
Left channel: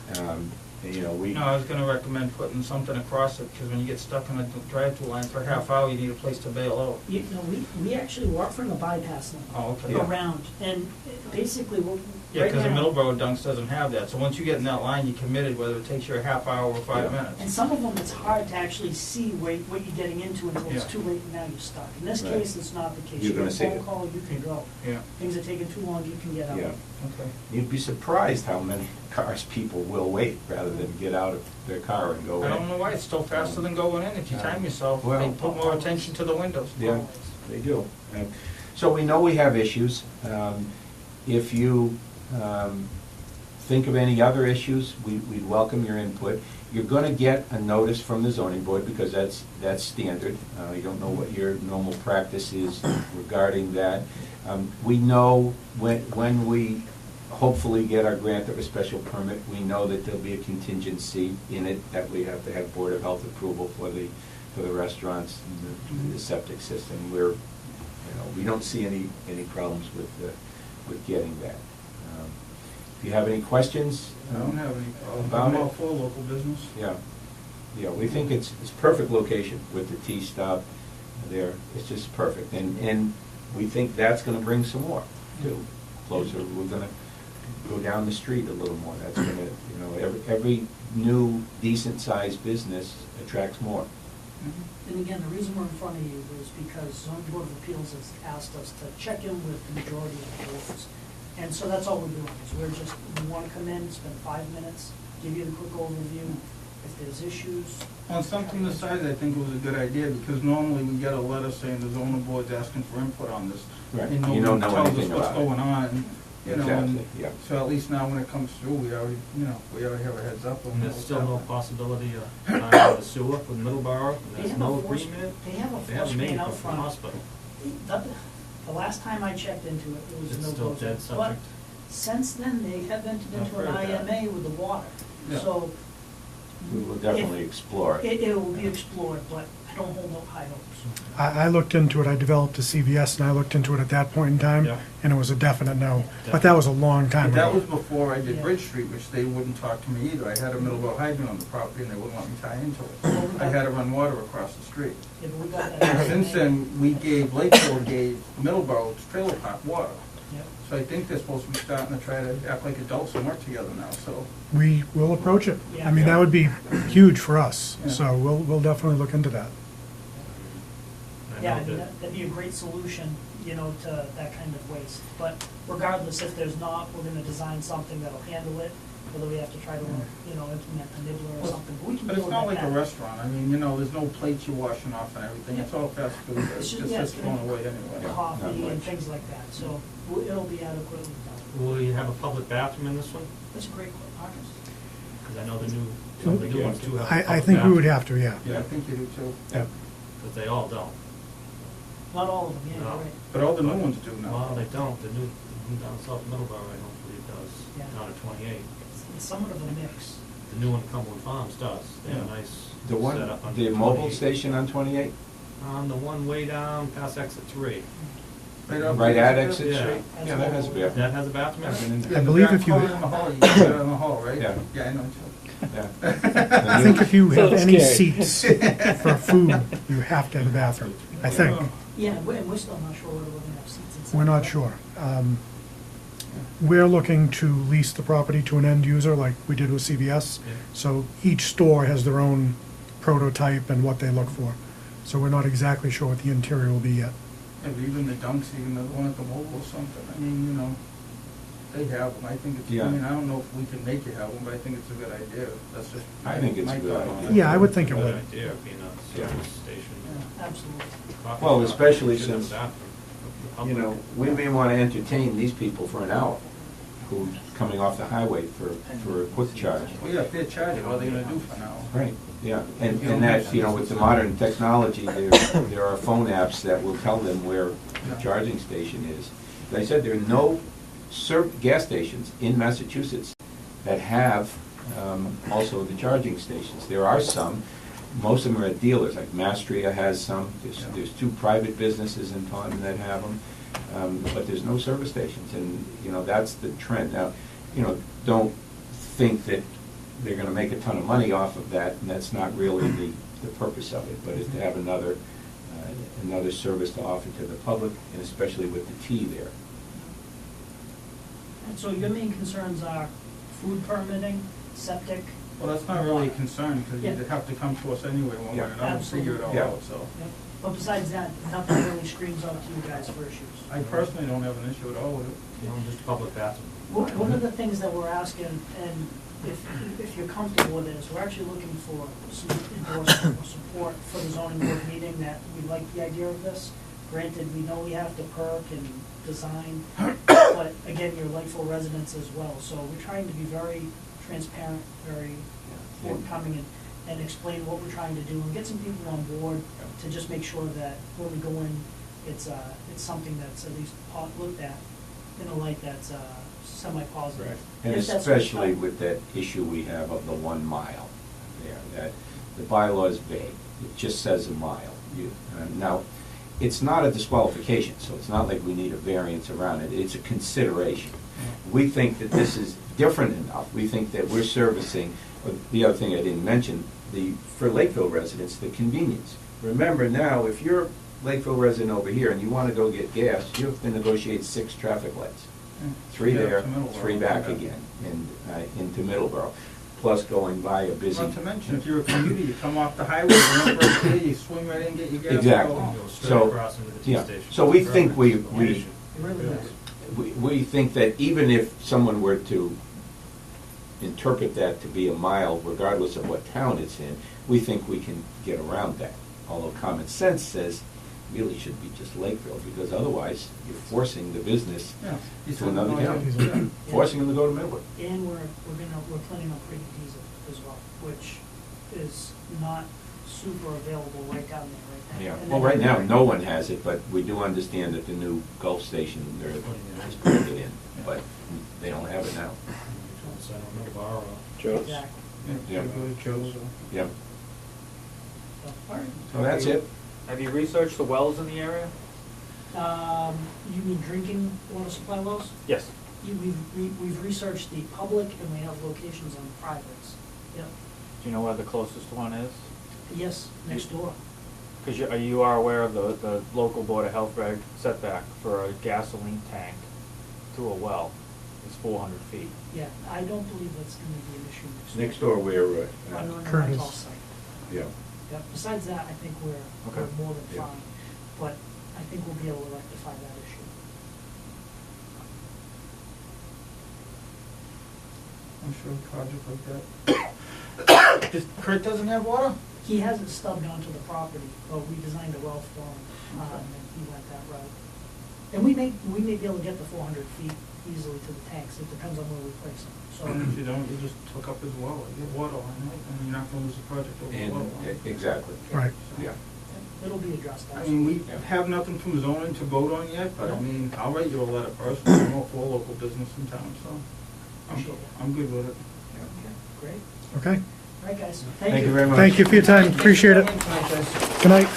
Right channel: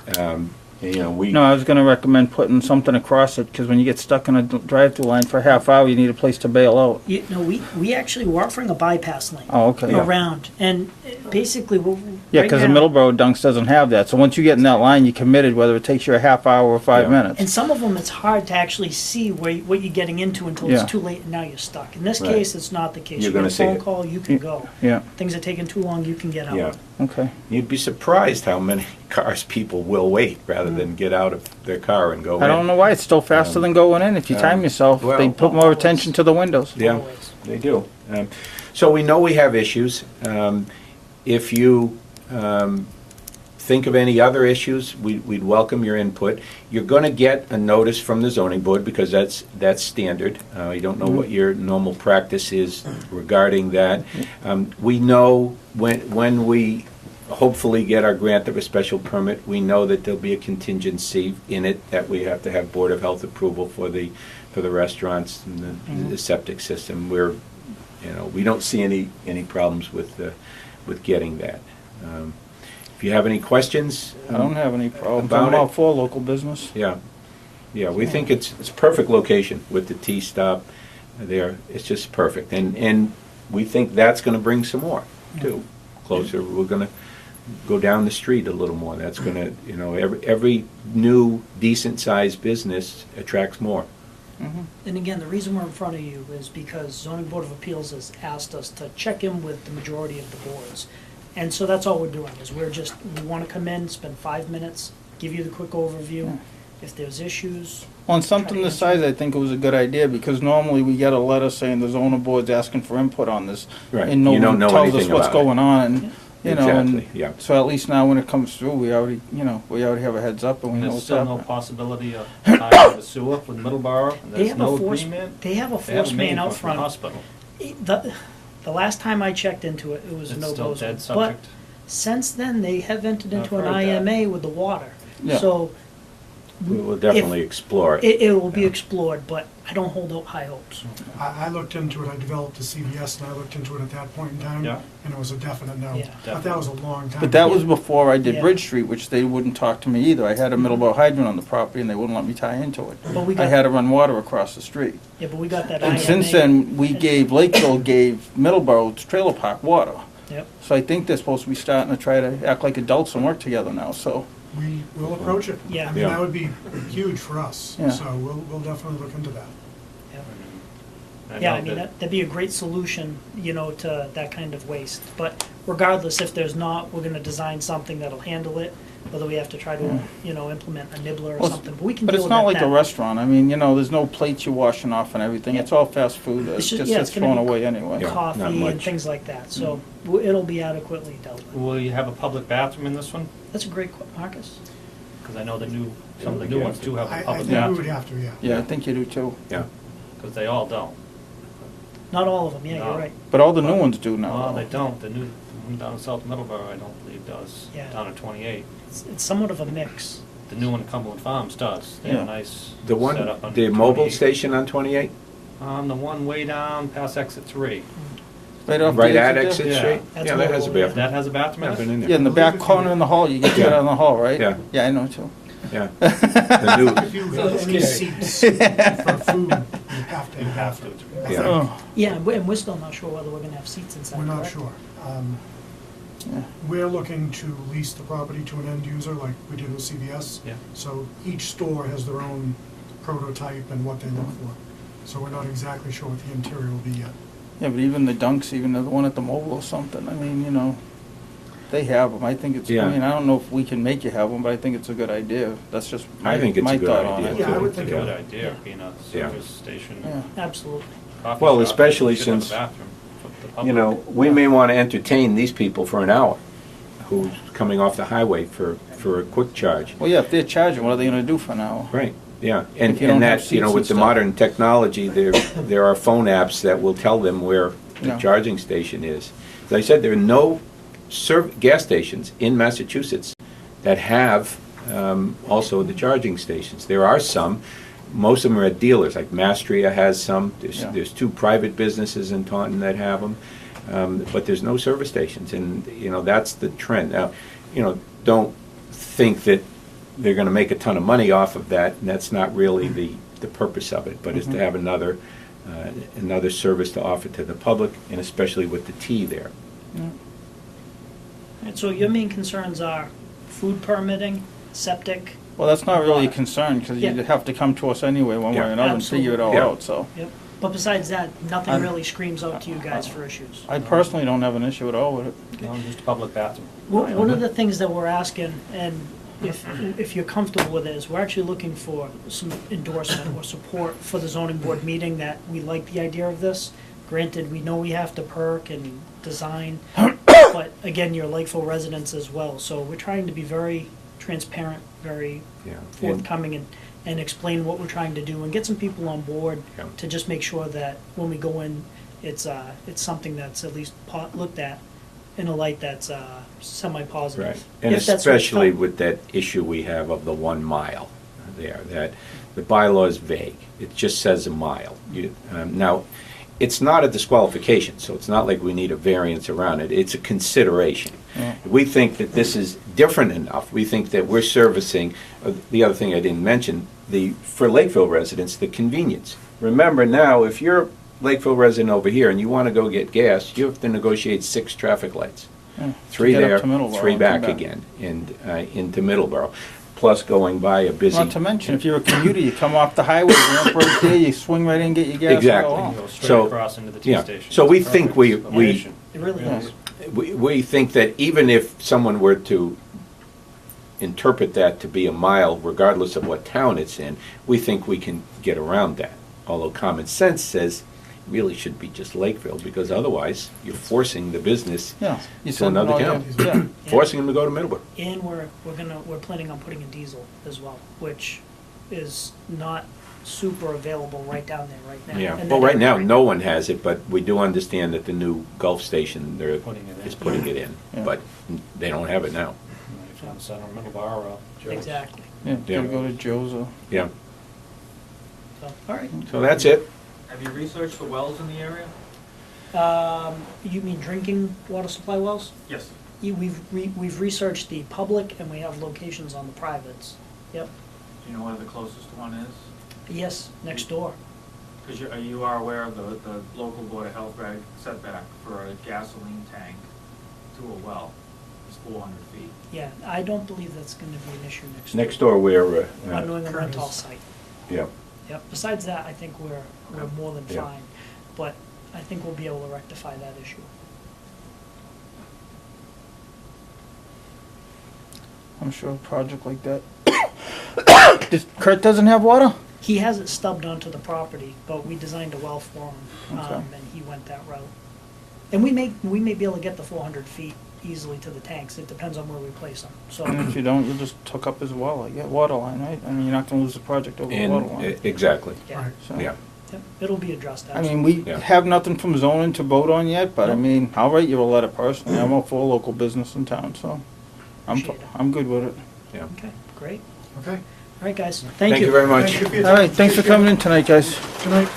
You know, we. No, I was gonna recommend putting something across it, because when you get stuck in a drive-through line for a half hour, you need a place to bail out. We actually, we're offering a bypass lane Oh, okay. around, and basically, Yeah, right because the now- Middleborough Dunks doesn't have that, so once you get in that line, you're committed, whether it takes you a half hour or 5 Yeah. minutes. And some of them, it's hard to actually see what you're getting into until Yeah. it's too late and now you're stuck. In this Right. case, it's not the case. You're You get gonna a see phone it. call, you can go. Yeah, Things are taking too long, you can get out. Yeah, okay. you'd be surprised how many cars people will wait rather than get out of their car and go in. I don't know why, it's still faster than going in. If you time yourself, Well- they put more attention to the windows. Yeah, Always. they do. So we know we have issues. If you think of any other issues, we'd welcome your input. You're going to get a notice from the zoning board because that's standard. You don't know what your normal practice is regarding that. We know when we hopefully get our grant of a special permit, we know that there'll be a contingency in it that we have to have Board of Health approval for the restaurants and the septic system. We don't see any problems with getting that. If you have any questions? I don't have any problems. About I'm all it? for local business. Yeah, we think it's perfect location with the T-stop there. It's just perfect. And we think that's gonna bring some more, too. Closer, we're gonna go down the street a little more. That's gonna, every new decent-sized business attracts more. And again, the reason we're in front of you is because zoning board of appeals has asked us to check in with the majority of the boards. And so that's all we're doing, is we wanna come in, spend 5 minutes, give you the quick overview. If there's issues, On something this size, I think it was a good idea, because normally we get a letter saying the zoning board's asking for input on this. Right. And no You don't one know tells us anything what's about it. going on, and, Exactly, yeah. so at least now when it comes through, we already have a heads up and we know There's what's still no happening. possibility of tying the sewer with Middleborough, and they there's have no a force, agreement. they have a They have force a main out from the front. hospital. The last time I checked into it, it was It's no still goes. dead But subject. since then, they have entered I've into an heard that. IMA with the water. Yeah. So We will definitely explore it. it will be explored, but I don't hold out high hopes. I looked into it, I developed a CVS, and I looked into it at that point in time, Yeah. and it was a definite no. Yeah. But that was a long time But that ago. was before I did Yeah. Bridge Street, which they wouldn't talk to me either. I had a Middleborough hydrant on the property and they wouldn't let me tie into it. But we I got, had to run water across the street. yeah, but we got that And IMA. since then, Lakeville gave Middleborough's trailer park water. Yep. So I think they're supposed to be starting to try to act like adults and work together now, so. We will approach it. Yeah. I mean, Yeah. that would be huge for us, Yeah. so we'll definitely look into that. Yeah, I know mean, that- that'd be a great solution, to that kind of waste. But regardless, if there's not, we're gonna design something that'll handle it, whether we have to try to, implement a nibbler or Well, something, but we can But deal it's with not that like a now. restaurant. I mean, there's no plates you're washing off and everything. It's all fast food. It It's just just- yeah, gets it's gonna thrown be away anyway. Yeah. Coffee not and much. things like that, so it'll be adequately dealt with. Will you have a public bathroom in this one? That's a great, Marcus. Because I know some of the new ones do have a I public think we would bathroom. have to, yeah. Yeah, I think you do too. Yeah. Because they all don't. Not all of them, yeah, No. you're right. But all the new ones do now. Well, they don't. The one down in South Middleborough, I don't believe does. Yeah. Down at 28. It's somewhat of a mix. The new one, Cumberland Farms, does. They have a Yeah. nice The one, setup on the mobile 28. station on 28? The one way down past exit 3. Right off Right the at exit Exit Yeah. Street? That's Yeah, that has a mobile, yeah. bathroom. That has a bathroom in I've it? been in there. Yeah, in the I believe back if you- corner in the hall. You can get out in the hall, right? Yeah. Yeah, I know too. Yeah. I think if you have That's any scary. seats for food, you have to have a bathroom. I Yeah. think. Oh, Yeah, and we're still not sure whether we're gonna have seats inside. We're not correct? sure. yeah. We're looking to lease the property to an end user like we did with CVS. Yeah. So each store has their own prototype and what they look for. So we're not exactly sure what the interior will be yet. Yeah, but even the Dunks, even the one at the mobile or something, I mean, they have them. I think it's, Yeah. I mean, I don't know if we can make you have them, but I think it's a good idea. That's just I think it's my a good thought on idea. it. Yeah, I would think it Good would. idea, being a service station. Yeah. Absolutely. Coffee Well, shop, especially you should have a since, bathroom for the You public. know, we may want to entertain these people for an hour who's coming off the highway for a quick charge. Well, yeah, if they're charging, what are they gonna do for an hour? Right, yeah, and If you don't and have that, you know, seats with the and stuff. modern technology, there are phone apps that will tell them where the Yeah. charging station is. As I said, there are no gas stations in Massachusetts that have also the charging stations. There are some, most of them are at dealers, like Mastria has some, Yeah. there's 2 private businesses in Taunton that have them, but there's no service stations, and, you know, that's the trend. Now, you know, don't think that they're gonna make a ton of money off of that, and that's not really the purpose of it, but is to have another service to offer to the public, and especially with the tea there. And so your main concerns are food permitting, septic. Well, that's not really a concern, because you'd Yeah. have to come to us anyway, one way or Yeah. another, and figure it all Yeah. out, so. Yep. But besides that, nothing really screams out to you guys for issues. I personally don't have an issue at all with it. No, just a public bathroom. One of the things that we're asking, and if you're comfortable with it, is we're actually looking for some endorsement or support for the zoning board meeting that we like the idea of this. Granted, we know we have to perk and design, but again, you're Lakeville residents as well, so we're trying to be very transparent, very Yeah. forthcoming and explain what we're trying to do and get some people on board Yeah. to just make sure that when we go in, it's something that's at least looked at in a light that's semi-positive. Right, and If that's what's especially done. with that issue we have of the 1 mile there, that the bylaw is vague. It just says a mile. Now, it's not a disqualification, so it's not like we need a variance around it. It's a consideration. Yeah. We think that this is different enough. We think that we're servicing, the other thing I didn't mention, for Lakeville residents, the convenience. Remember now, if you're a Lakeville resident over here and you want to go get gas, you have to negotiate 6 traffic lights. Yeah. 3 Get up there, to Middleborough 3 and back come again, and into Middleborough, plus going by a busy. Not to mention, if you're a commuter, you come off the highway, you're up right there, you swing right in and get your gas. Exactly. Oh, Go straight So, across into the tea yeah, station. so we think we It really Yes. is. we think that even if someone were to interpret that to be a mile, regardless of what town it's in, we think we can get around that. Although common sense says really should be just Lakeville, because otherwise you're forcing the business Yeah. You to said another all town. that, yeah. Forcing them to go to Middleborough. And we're planning on putting a diesel as well, which is not super available right down there right now. Yeah, And well, then right now, every- no one has it, but we do understand that the new Gulf station, they're Putting it in. is putting it in, Yeah. but they don't have it now. Trying to send them Middleborough, Joe's. Exactly. Yeah, gotta go to Joe's or. Yeah, So, all right. so that's it. Have you researched the wells in the area? You mean drinking water supply wells? Yes. We've researched the public and we have locations on the privates. Yep. Do you know where the closest one is? Yes, next door. Because you are aware of the local Board of Health reg setback for a gasoline tank to a well is 400 feet. Yeah, I don't believe that's gonna be an issue next. Next door, we're, On New England rental Curtis. site. yeah. Yep, besides that, I think we're Okay. more than Yeah. fine, but I think we'll be able to rectify that issue. I'm sure a project like that. Kurt doesn't have water? He has it stubbed onto the property, but we designed a well for him, Okay. and he went that route. And we may be able to get the 400 feet easily to the tanks, it depends on where we place them, so. If you don't, you'll just hook up his well, like, get water line, right? I mean, you're not gonna lose the project over the water And, line. exactly, Right. So, yeah. Yep, it'll be addressed, I mean, absolutely. we Yeah. have nothing from zoning to vote on yet, but I mean, I'll write you a letter personally. I'm all for local business in town, so Appreciate it. I'm good with it. Yeah. Okay, great. Okay? All right, guys, Thank you very much. Thank you for your All right, time. thanks for Appreciate coming it. in tonight, guys. Good night.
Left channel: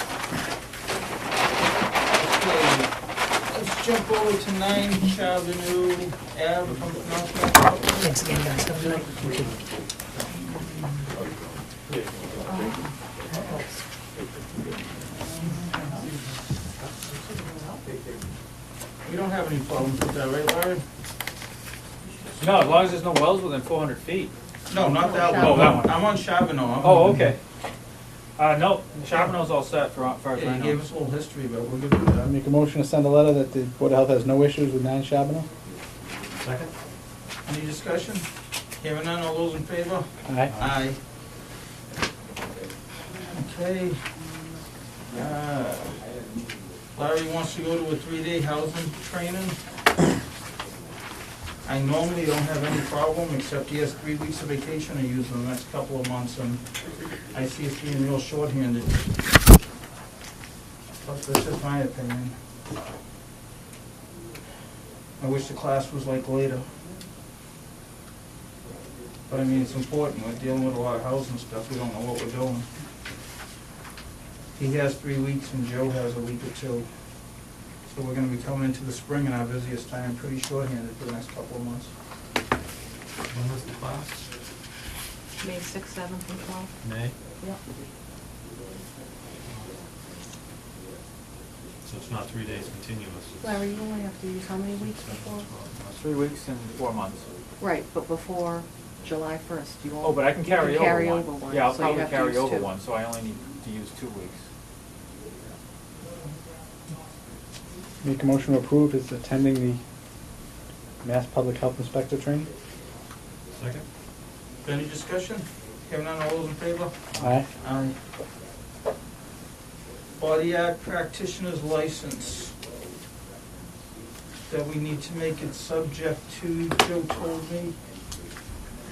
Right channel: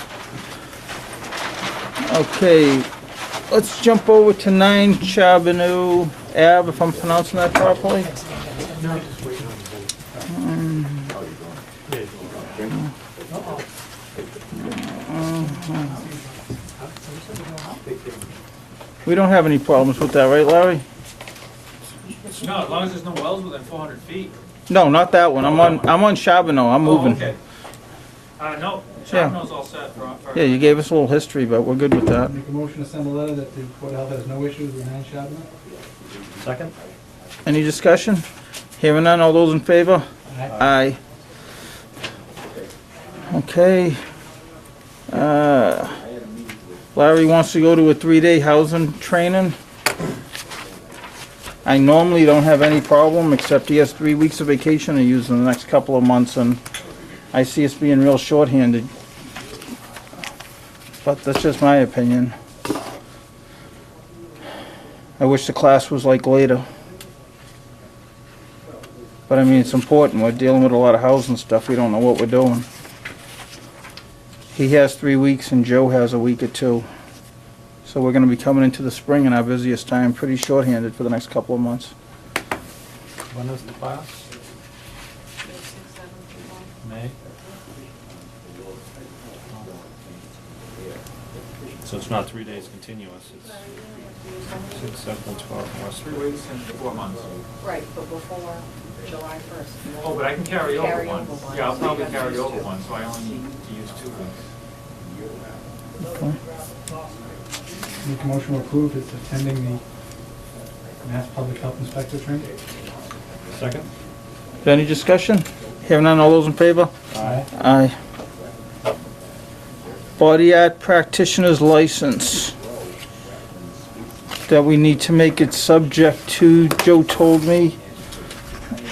Okay, let's jump over to 9 Charbonneau Ave, if I'm pronouncing that properly. Thanks again, guys. Have a good night. We don't have any problems with that, right, Larry? No, as long as there's no wells within 400 feet. No, not that one. I'm on Charbonneau. I'm Oh, moving. okay. No, Charbonneau's all set for. Yeah, you gave us a little history, but we're good with that. Make a motion to send a letter that the Board of Health has no issues with 9 Charbonneau? Second? Any discussion? Hearing none, all those in favor? Aye. Aye. Okay. Larry wants to go to a 3-day housing training. I normally don't have any problem, except he has 3 weeks of vacation to use in the next couple of months, and I see us being real shorthanded. But that's just my opinion. I wish the class was like later. But I mean, it's important. We're dealing with a lot of housing stuff. We don't know what we're doing. He has 3 weeks and Joe has a week or 2. So we're gonna be coming into the spring in our busiest time, pretty shorthanded for the next couple of months. When is the class? May 6th, 7th, and 12th. May? So it's not 3 days continuous, Larry, you only have to use how many it's weeks? 6, 7, 12, 3 weeks and 4 months. Right, but before July 1st. Oh, but I can carry over Carry one. over one, Yeah, I'll so you probably have to carry use over 2. one, so I only need to use 2 weeks. Make a motion to approve is attending the Mass Public Health Inspector training. Second? Any discussion? Hearing none, all those in favor? Aye. Aye. Body art practitioner's license. That we need to make it subject to, Joe told me.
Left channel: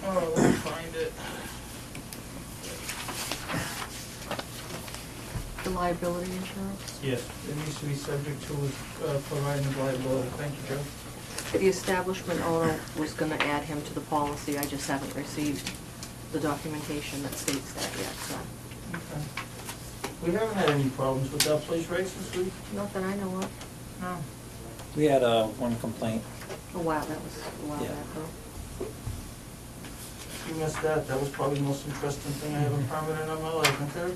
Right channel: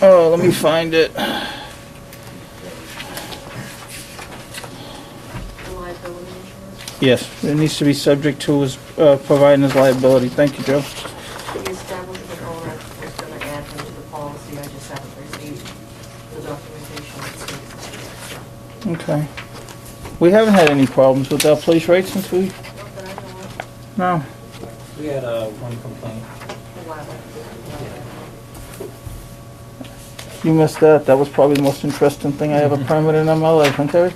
Oh, let me find it. The liability insurance. Yes, it needs to be subject to his, providing his liability. Thank you, Joe. The establishment owner was gonna add him to the policy, I just haven't received the documentation that states that yet, so. Okay. We haven't had any problems with that place, right, since we, Not that I know of, no. We had one complaint. a while back. You missed that. That was probably the most interesting thing I ever permitted in my life, huh, Terry?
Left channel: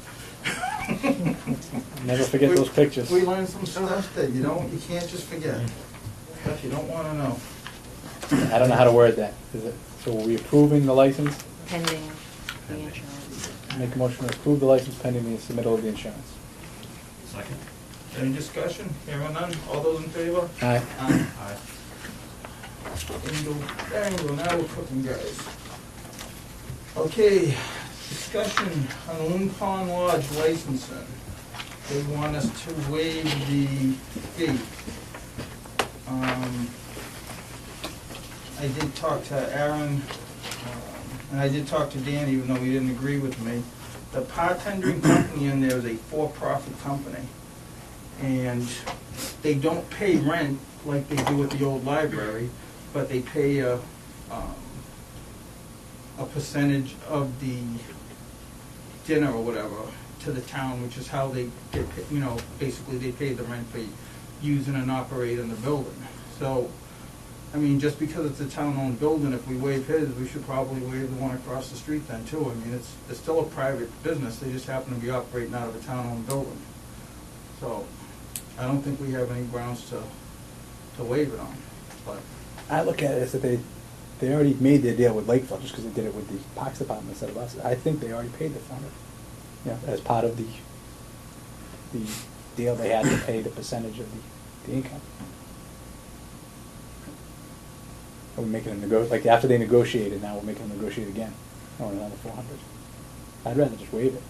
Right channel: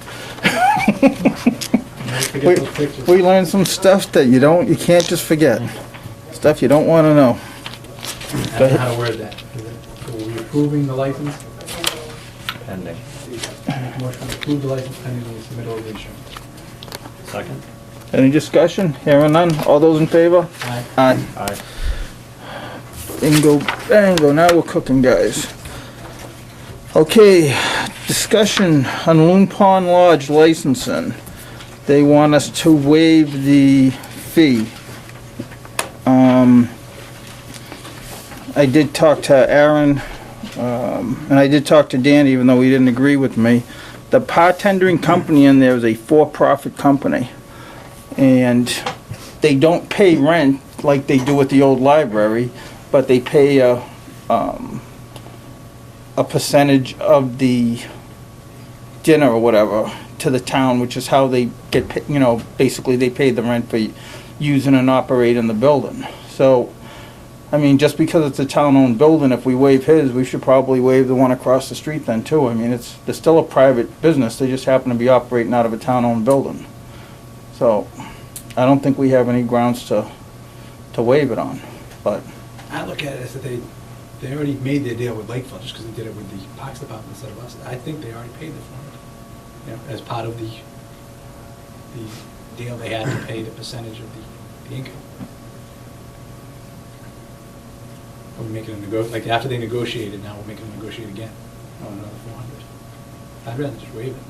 Never forget those pictures. We learned some stuff that you can't just forget. Stuff you don't wanna know. I don't know how to word that. So we're we approving the license? Pending. Make a motion to approve the license pending the submittal of the insurance. Second? Any discussion? Hearing none. All those in favor? Aye. Aye. Aye. Bingo, bango. Now we're cooking, guys. Okay, discussion on Loon Pond Lodge licensing. They want us to waive the fee. I did talk to Aaron, and I did talk to Dan, even though he didn't agree with me. The bartending company in there is a for-profit company, and they don't pay rent like they do at the old library, but they pay a percentage of the dinner or whatever to the town, which is how they get, basically they pay the rent for using and operating the building. So, I mean, just because it's a town-owned building, if we waive his, we should probably waive the one across the street then too. I mean, they're still a private business, they just happen to be operating out of a town-owned building. So, I don't think we have any grounds to waive it on, but. I look at it as that they already made their deal with Lakeville, just because they did it with the Parks Department instead of us. I think they already paid the $400, as part of the deal they had to pay the percentage of the income. We're making them like after they negotiated, now we're making them negotiate again on another $400. I'd rather just waive it.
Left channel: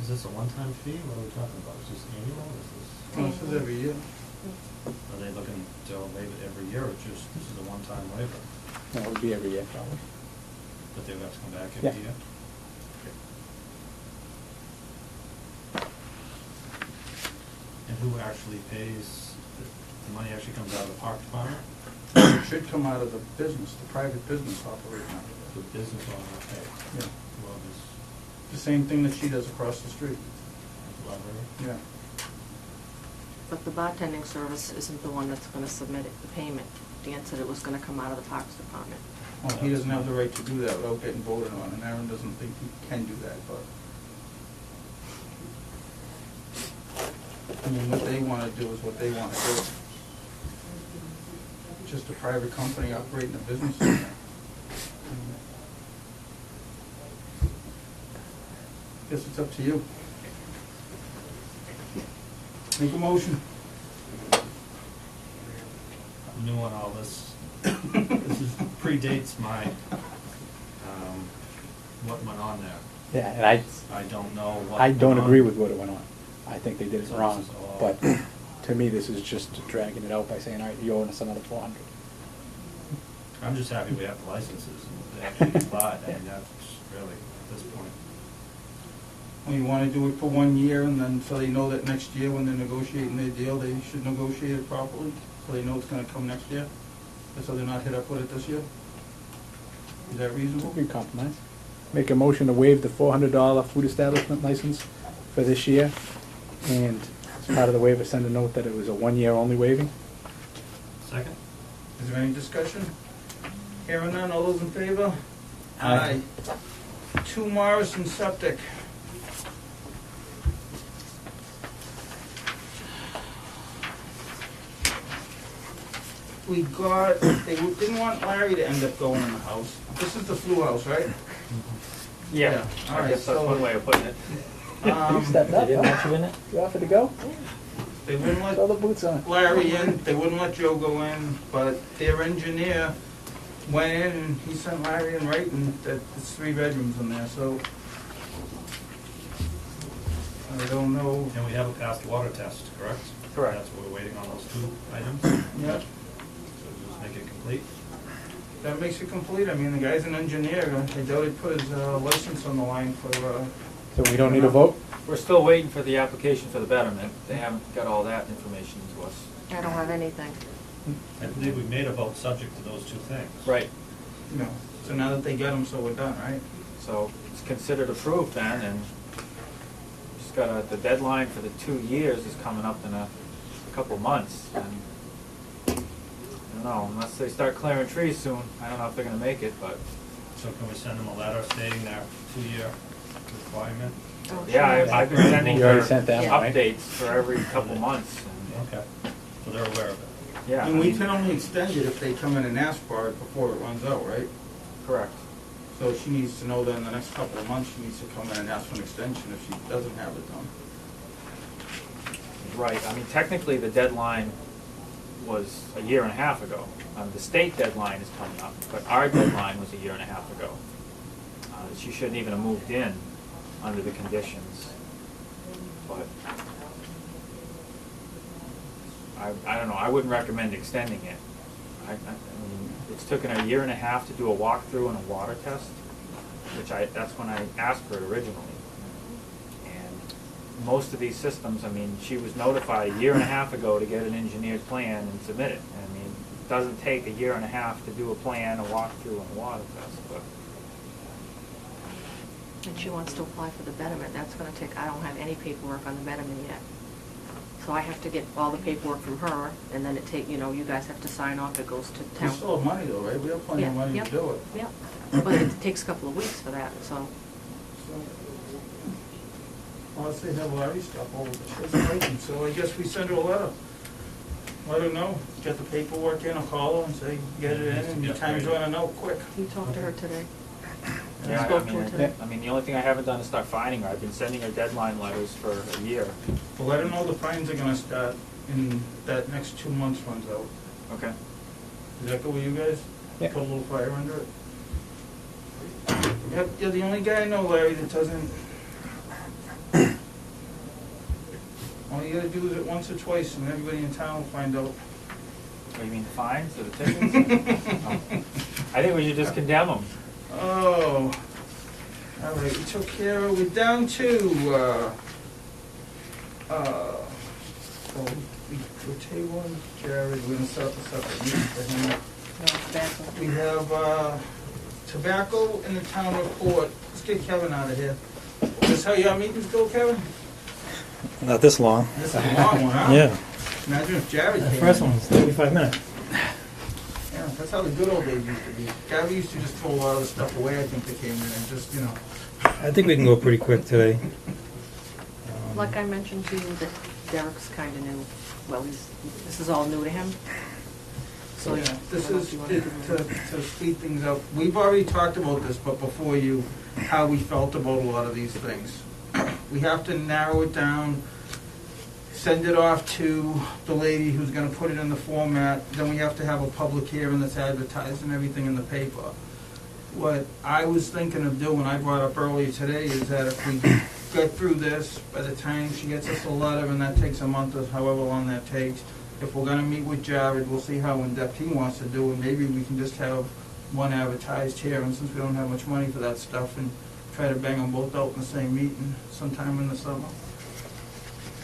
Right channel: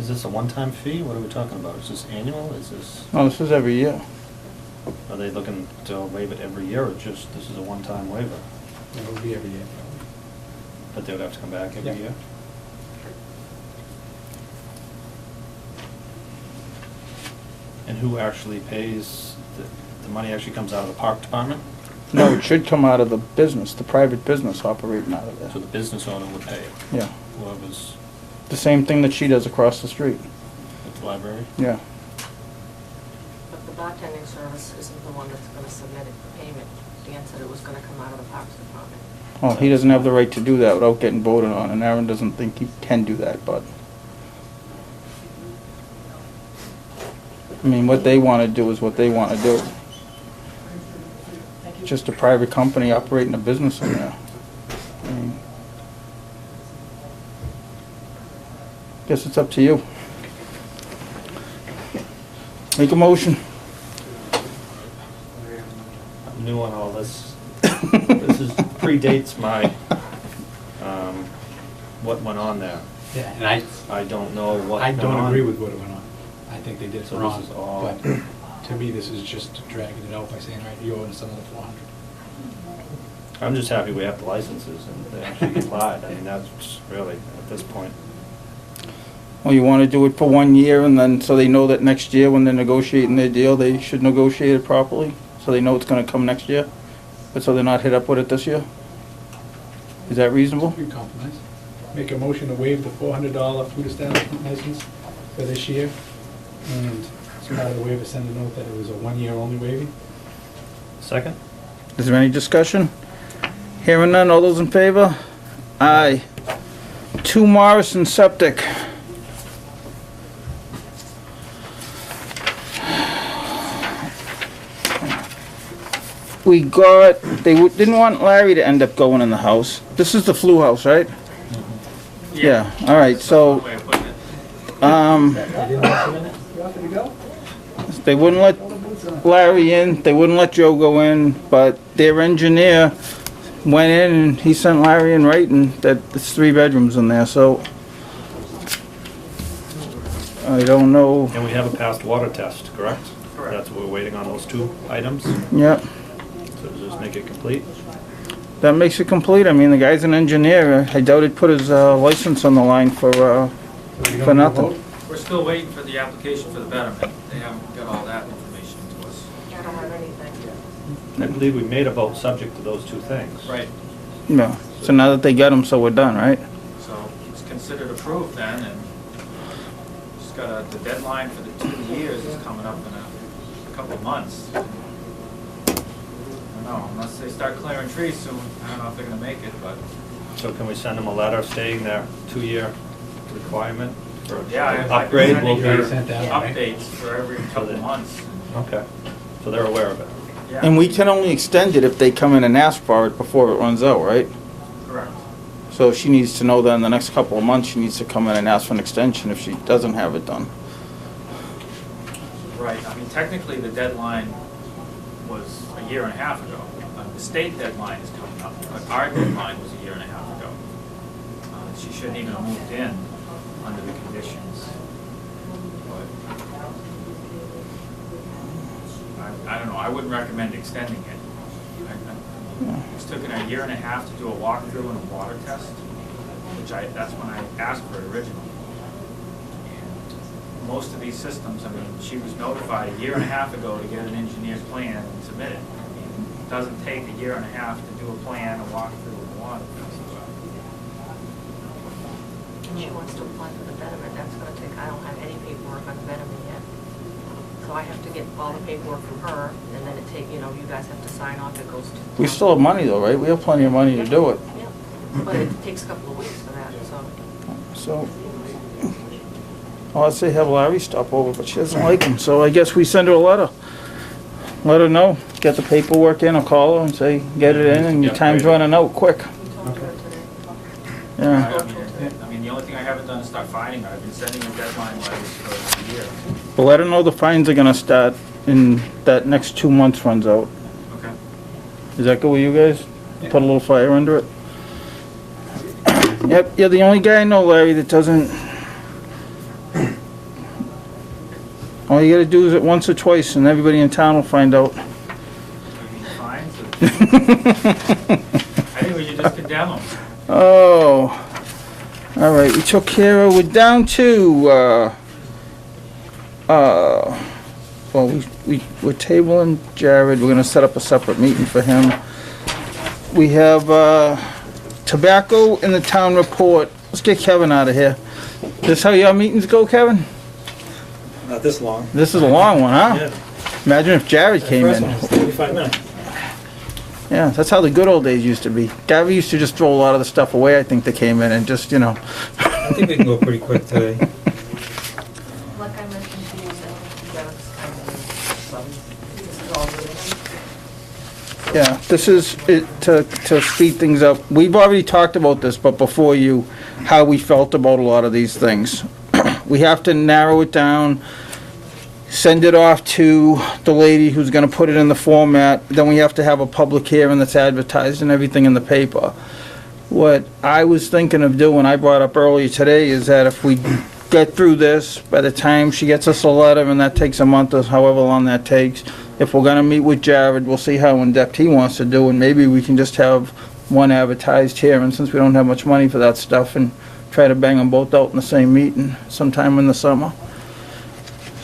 Is this a one-time fee? What are we talking about? Is this annual? Is this, No, this is every year. are they looking to waive it every year or just, this is a one-time waiver? No, it would be every year probably. But they would have to come back every Yeah. year? And who actually pays, the money actually comes out of the park department? No, it should come out of the business, the private business operating out of So there. the business owner would pay it, Yeah, whoever's the same thing that she does across the street. at the library? Yeah. But the bartending service isn't the one that's gonna submit it, the payment. Dan said it was gonna come out of the Parks Department. Oh, he doesn't have the right to do that without getting voted on, and Aaron doesn't think he can do that, but. I mean, what they wanna do is what they wanna do. Just a private company operating a business in there. I mean, guess it's up to you. Make a motion. I'm new on all this predates my, what went on there. Yeah, and I don't know what I went don't on. agree with what went on. I think they did it So this wrong, is all- but to me, this is just dragging it out by saying, all right, you're owing us another 400. I'm just happy we have the licenses and they actually applied. I mean, that's really, at this point. Well, you wanna do it for 1 year, and then, so they know that next year, when they're negotiating their deal, they should negotiate it properly, so they know it's gonna come next year, but so they're not hit up with it this year? Is that reasonable? We can compromise. Make a motion to waive the $400 food establishment license for this year, and as part of the waiver, send a note that it was a 1-year only waiving. Second? Is there any discussion? Hearing none, all those in favor? Aye. 2 Morrison Septic. We got, didn't want Larry to end up going in the house. This is the flu house, right? Yeah, all right, That's one so, way of putting it. You offered to go? they wouldn't let Throw the boots on. Larry in, they wouldn't let Joe go in, but their engineer went in and he sent Larry in writing that it's 3 bedrooms in there, so I don't know. And we have a passed water test, correct? Correct. That's what we're waiting on, those 2 items. Yep, So does this make it complete? that makes it complete. I mean, the guy's an engineer. I doubt he'd put his license on the line for So we For don't need a nothing. vote? We're still waiting for the application for the betterment. They haven't got all that information to us. I don't have anything. I believe we made a vote subject to those 2 things. Right. no. So now that they got him, so we're done, right? So it's considered approved then, and just got the deadline for the 2 years is coming up in a couple of months. I don't know, unless they start clearing trees soon, I don't know if they're gonna make it, but, So can we send them a letter stating their 2-year requirement? for yeah, I've been Upgrade will sending be. You already her sent that, right? updates for every couple of months. Okay, so they're aware of it. Yeah, And we can only extend it if they come in and ask for it before it runs out, right? correct. So she needs to know that in the next couple of months, she needs to come in and ask for an extension if she doesn't have it done. Right, I mean, technically, the deadline was a year and a half ago. The state deadline is coming up, but our deadline was a year and a half ago. She shouldn't even have moved in under the conditions. But I don't know, I wouldn't recommend extending it. It's taken a year and a half to do a walkthrough and a water test, that's when I asked for it originally. And most of these systems, I mean, she was notified a year and a half ago to get an engineer's plan and submit it. I mean, it doesn't take a year and a half to do a plan, a walkthrough, and a water test, but. And she wants to apply for the betterment, that's gonna take, I don't have any paperwork on the betterment yet. So I have to get all the paperwork from her, and then you guys have to sign off, it goes to. We still have money though, right? We have plenty of money to do it. Yeah, but it takes a couple of weeks for that, so. So, well, I'd say have Larry stop over, but she doesn't like him, so I guess we send her a letter. Let her know, get the paperwork in, or call her and say, get it in, and your time's running out, quick. We talked to her today. Yeah. Spoke to her today. I mean, the only thing I haven't done is start finding her. I've been sending her deadline letters for a year. But let her know the fines are gonna start in that next 2 months runs out. Okay. Is that good with you guys? Put a little fire under it? Yep, you're the only guy I know, Larry, that doesn't... All you gotta do is it once or twice, and everybody in town will find out. You mean fines or tickets? I think we should just condemn them. Oh, all right, we took care of, we're down to, well, we're tabling Jared, we're gonna set up a separate meeting for him. We have, tobacco in the town report. Let's get Kevin out of here. This how your meetings go, Kevin? Not this long. This is a long one, huh? Yeah. Imagine if Jared came First one in. was 35 minutes. Yeah, that's how the good old days used to be. Gary used to just throw a lot of the stuff away, I think, that came in, and just, I think we can go pretty quick today. Like I mentioned to you, that Derek's kind of, well, this is all new to him. So- Yeah, this is, to speed things up, we've already talked about this, but before you, how we felt about a lot of these things. We have to narrow it down. send it off to the lady who's gonna put it in the format, then we have to have a public hearing that's advertised and everything in the paper. What I was thinking of doing, I brought up earlier today, is that if we get through this, by the time she gets us a letter, and that takes a month or however long that takes, if we're gonna meet with Jared, we'll see how in-depth he wants to do, and maybe we can just have one advertised hearing, since we don't have much money for that stuff, and try to bang them both out in the same meeting sometime in the summer.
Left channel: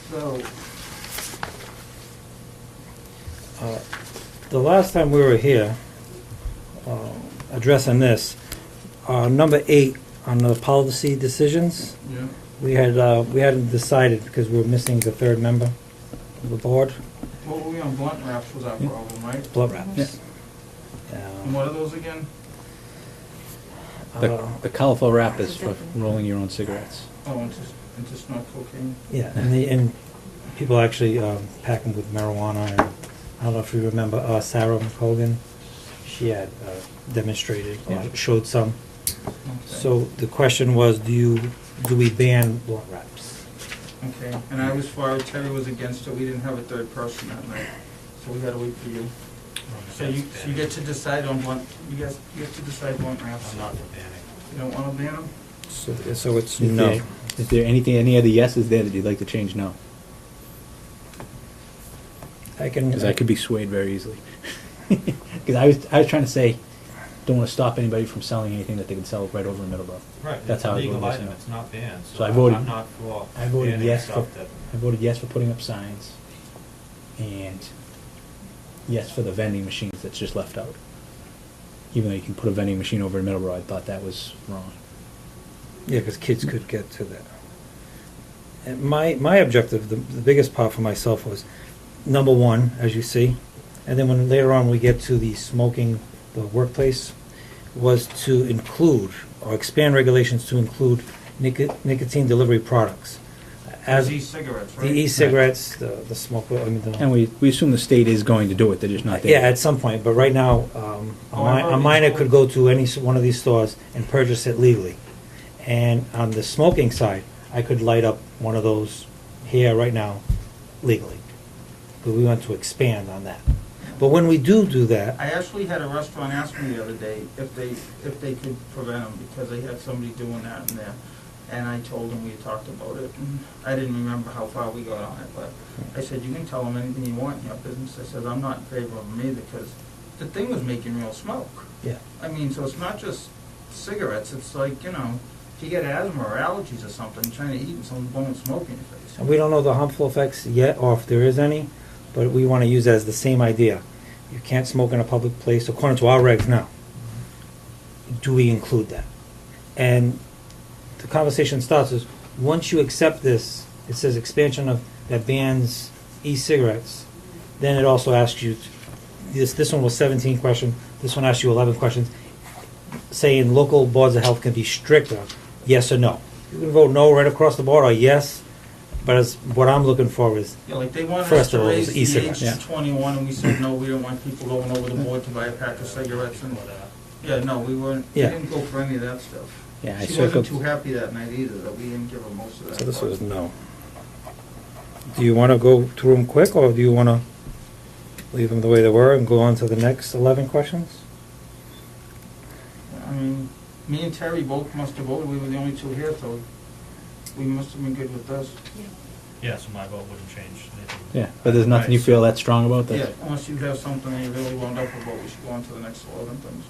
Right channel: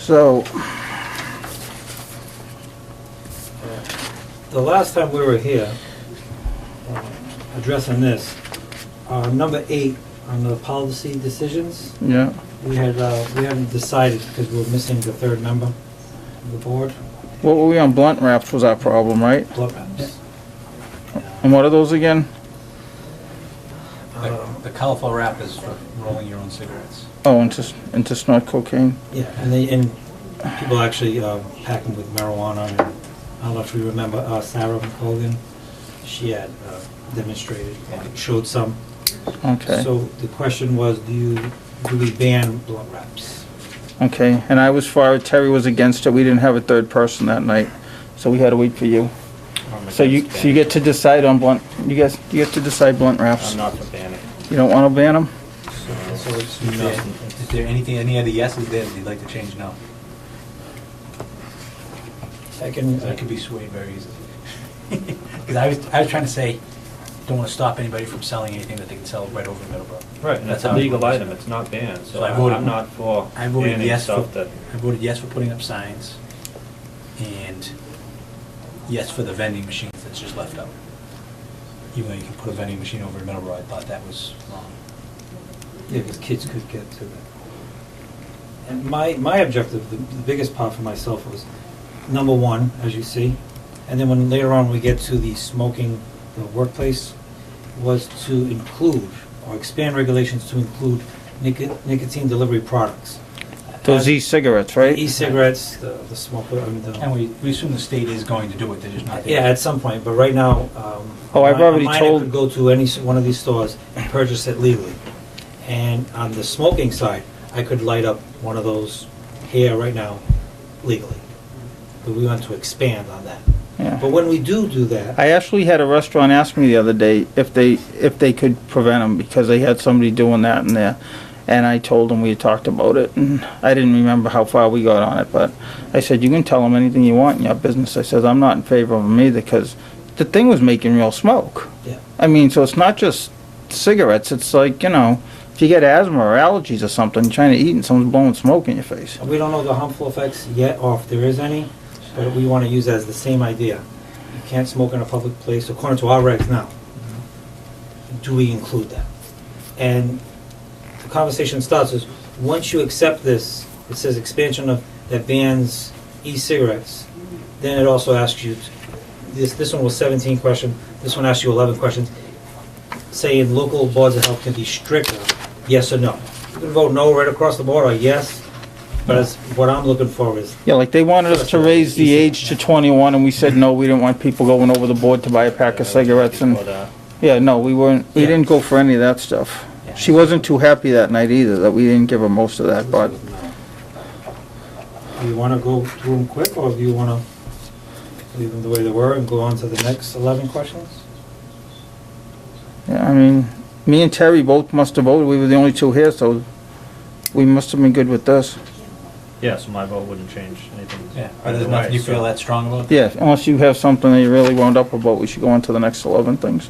So, The last time we were here, addressing this, number 8 on the policy decisions, yeah, we hadn't decided because we were missing the third member of the board, what were we on, blunt wraps was our problem, right? blood wraps. And what are those again? The colorful wrap is for rolling your own cigarettes. Oh, and to snort cocaine? Yeah, and people actually pack them with marijuana. And I don't know if you remember Sarah Hogan. She had demonstrated, showed some. Okay. So the question was, do we ban blunt wraps? Okay, and I was for it, Terry was against it, we didn't have a third person that night, so we had to wait for you. So you get to decide on blunt, you get to decide blunt wraps. I'm not for banning. You don't wanna ban them? So it's No. Is there any other yeses there that you'd like to change now? Because I could be swayed very easily. Because I was trying to say, don't want to stop anybody from selling anything that they can sell right over in Middleborough. Right, and That's it's a how I legal voted. item, it's not banned, so So I voted- I'm not for I voted banning yes stuff for, that, I voted yes for putting up signs, and yes for the vending machines that's just left out. Even though you can put a vending machine over in Middleborough, I thought that was wrong. Yeah, because kids could get to that. And my objective, the biggest part for myself was, number 1, as you see, and then when later on we get to the smoking, the workplace, was to include, or expand regulations to include nicotine delivery products. Those e-cigarettes, right? E-cigarettes, the smoke, I mean, And we assume the state is going to do it, they're just not there. yeah, at some point, but right now, Oh, I've a already minor told- could go to one of these stores and purchase it legally. And on the smoking side, I could light up one of those here right now legally. But we want to expand on that. Yeah. But when we do that, I actually had a restaurant ask me the other day if they could prevent them, because they had somebody doing that in there. And I told them we had talked about it, and I didn't remember how far we got on it, but I said, you can tell them anything you want in your business. I said, I'm not in favor of them either, because the thing was making real smoke. yeah, I mean, so it's not just cigarettes, it's like, if you get asthma or allergies or something, you're trying to eat and someone's blowing smoke in your face. we don't know the harmful effects yet, or if there is any, but we want to use that as the same idea. You can't smoke in a public place, according to our regs now. Do we include that? And the conversation starts is, once you accept this, it says expansion of, that bans e-cigarettes, then it also asks you, this one was 17 questions, this one asks you 11 questions, saying local boards of health can be stricter, yes or no. You can vote no right across the board, or yes, but what I'm looking for is, Yeah, like they wanted us First to of all, raise it's the e-cigarette, age to yeah. 21, and we said no, we didn't want people going over the board to buy a pack of cigarettes, and, for that. yeah, no, we Yeah. didn't go for any of that stuff. Yeah, I She see wasn't what- too happy that night either, that we didn't give her most of that, this but is no. Do you want to go through them quick, or do you want to leave them the way they were and go on to the next 11 questions? yeah, I mean, me and Terry both must have voted, we were the only two here, so we must have been good with this. Yeah, so my vote wouldn't change anything. Yeah, but there's either nothing way, you feel so- that strong about? Yeah, unless you have something that you really wound up about, we should go on to the next 11 things.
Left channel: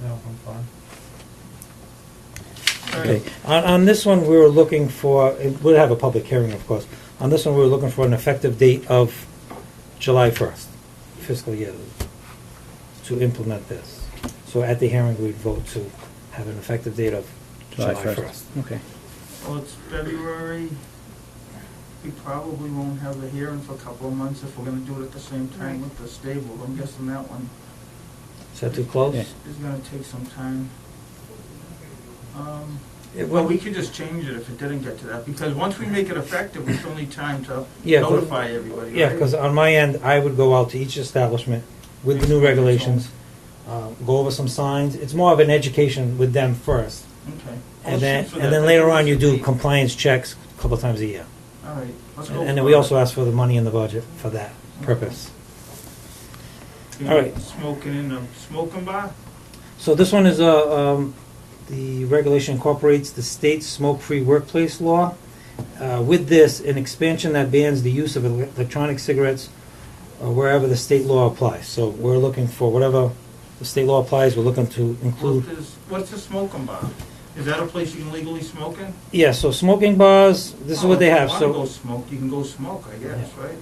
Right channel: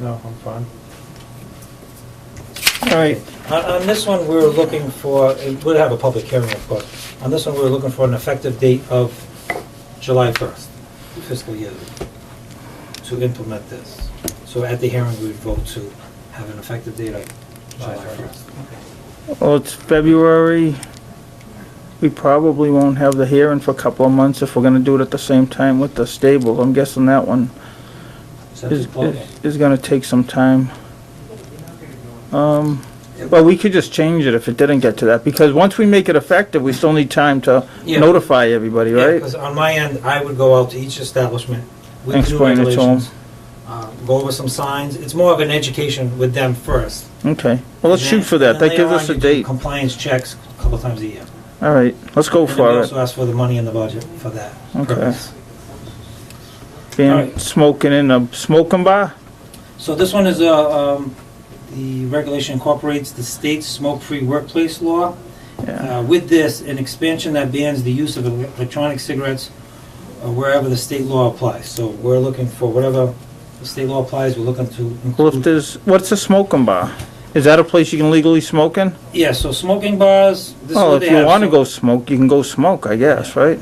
No, I'm fine. All right, On this one, we were looking for, we'll have a public hearing, of course. On this one, we were looking for an effective date of July 1st, fiscal year, to implement this. So at the hearing, we would vote to have an effective date of July 1st. Okay. well, it's February, we probably won't have the hearing for a couple of months if we're gonna do it at the same time with the stable. I'm guessing that one Is that too close? is gonna take some time. Well, we could just change it if it didn't get to that, because once we make it effective, we still need time to Yeah, notify everybody, Yeah, right? because on my end, I would go out to each establishment with the new Explain it to 'em. regulations, go over some signs. It's more of an education with them first. Okay, well, let's And then- shoot for that, and that then gives later us on, a you do date. compliance checks a couple times a year. All right, let's go And then for we it. also asked for the money in the budget for that Okay. purpose. Being Alright. smoking in a smoking bar? So this one is the regulation incorporates the state's smoke-free workplace law. Yeah. With this, an expansion that bans the use of electronic cigarettes wherever the state law applies. So we're looking for whatever the state law applies, we're looking to Well, if include. there's, what's a smoking bar? Is that a place you can legally smoke in? Yeah, so smoking bars, this is Oh, what if they you have. wanna So- go smoke, you can go smoke, I guess, right?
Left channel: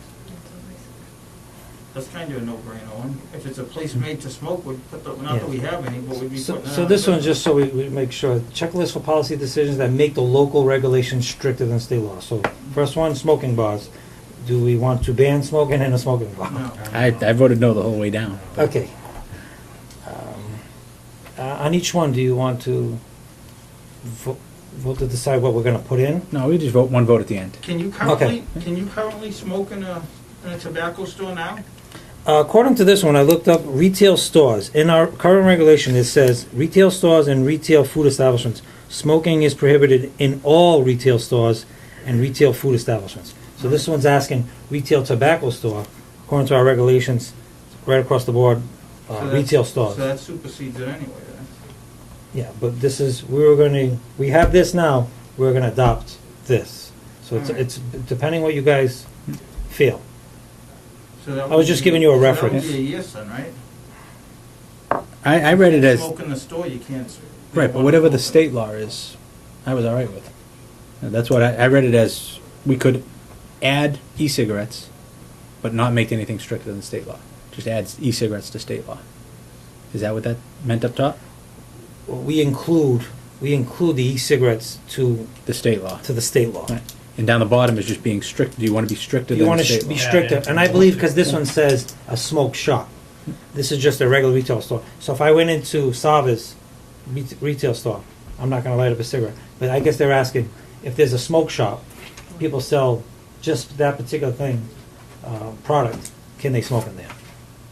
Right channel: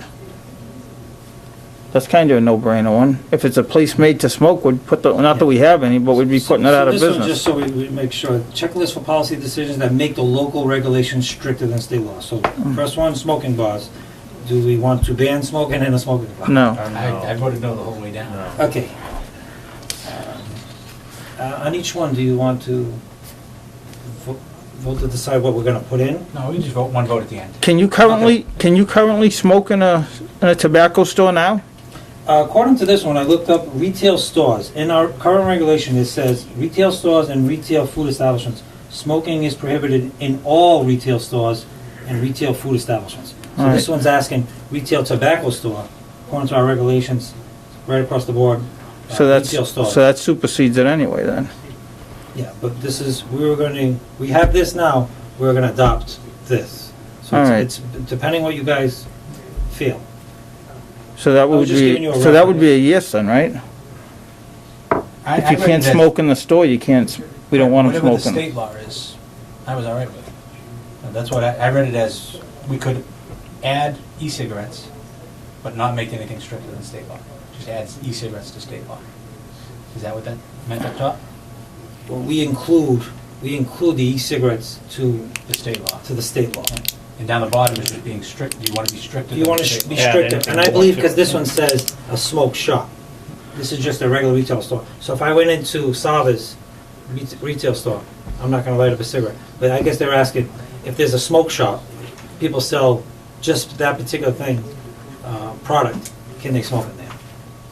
That's kinda a no-brainer one. If it's a place made to smoke, we'd put the, not that we have any, but we'd be putting it out of So this one, just business. so we make sure, checklist for policy decisions that make the local regulations stricter than state law. So Mm. first one, smoking bars. Do we want to ban smoking in a smoking bar? No. I voted no the whole way down. Okay. On each one, do you want to vote to decide what we're gonna put in? No, we just vote, one vote at the end. Can you currently smoke in a tobacco store now? According to this one, I looked up retail stores. In our current regulation, it says retail stores and retail food establishments. Smoking is prohibited in all retail stores and retail food establishments. So this one's asking retail tobacco store, according to our regulations, right across the board, So that's, retail stores. so that supersedes it anyway then. Yeah, but this is, we have this now, we're gonna adopt this. So All right. it's depending what you guys feel. So that I was would just be, giving you a so that would be a reference. yes then, right? I If you read can't it as, smoke in the store, you can't, we don't want to whatever the smoke in. state law is, I was all right with. That's what I read it as, we could add e-cigarettes, but not make anything stricter than state law. Just add e-cigarettes to state law. Is that what that meant up top? Well, we include the e-cigarettes to The state law. the state law. And down the bottom is just being strict, do you want to be stricter You than want the to state be law? stricter, and I believe because this one says a smoke shop. This is just a regular retail store. So if I went into Sava's retail store, I'm not gonna light up a cigarette. But I guess they're asking, if there's a smoke shop, people sell just that particular thing, product, can they smoke in there?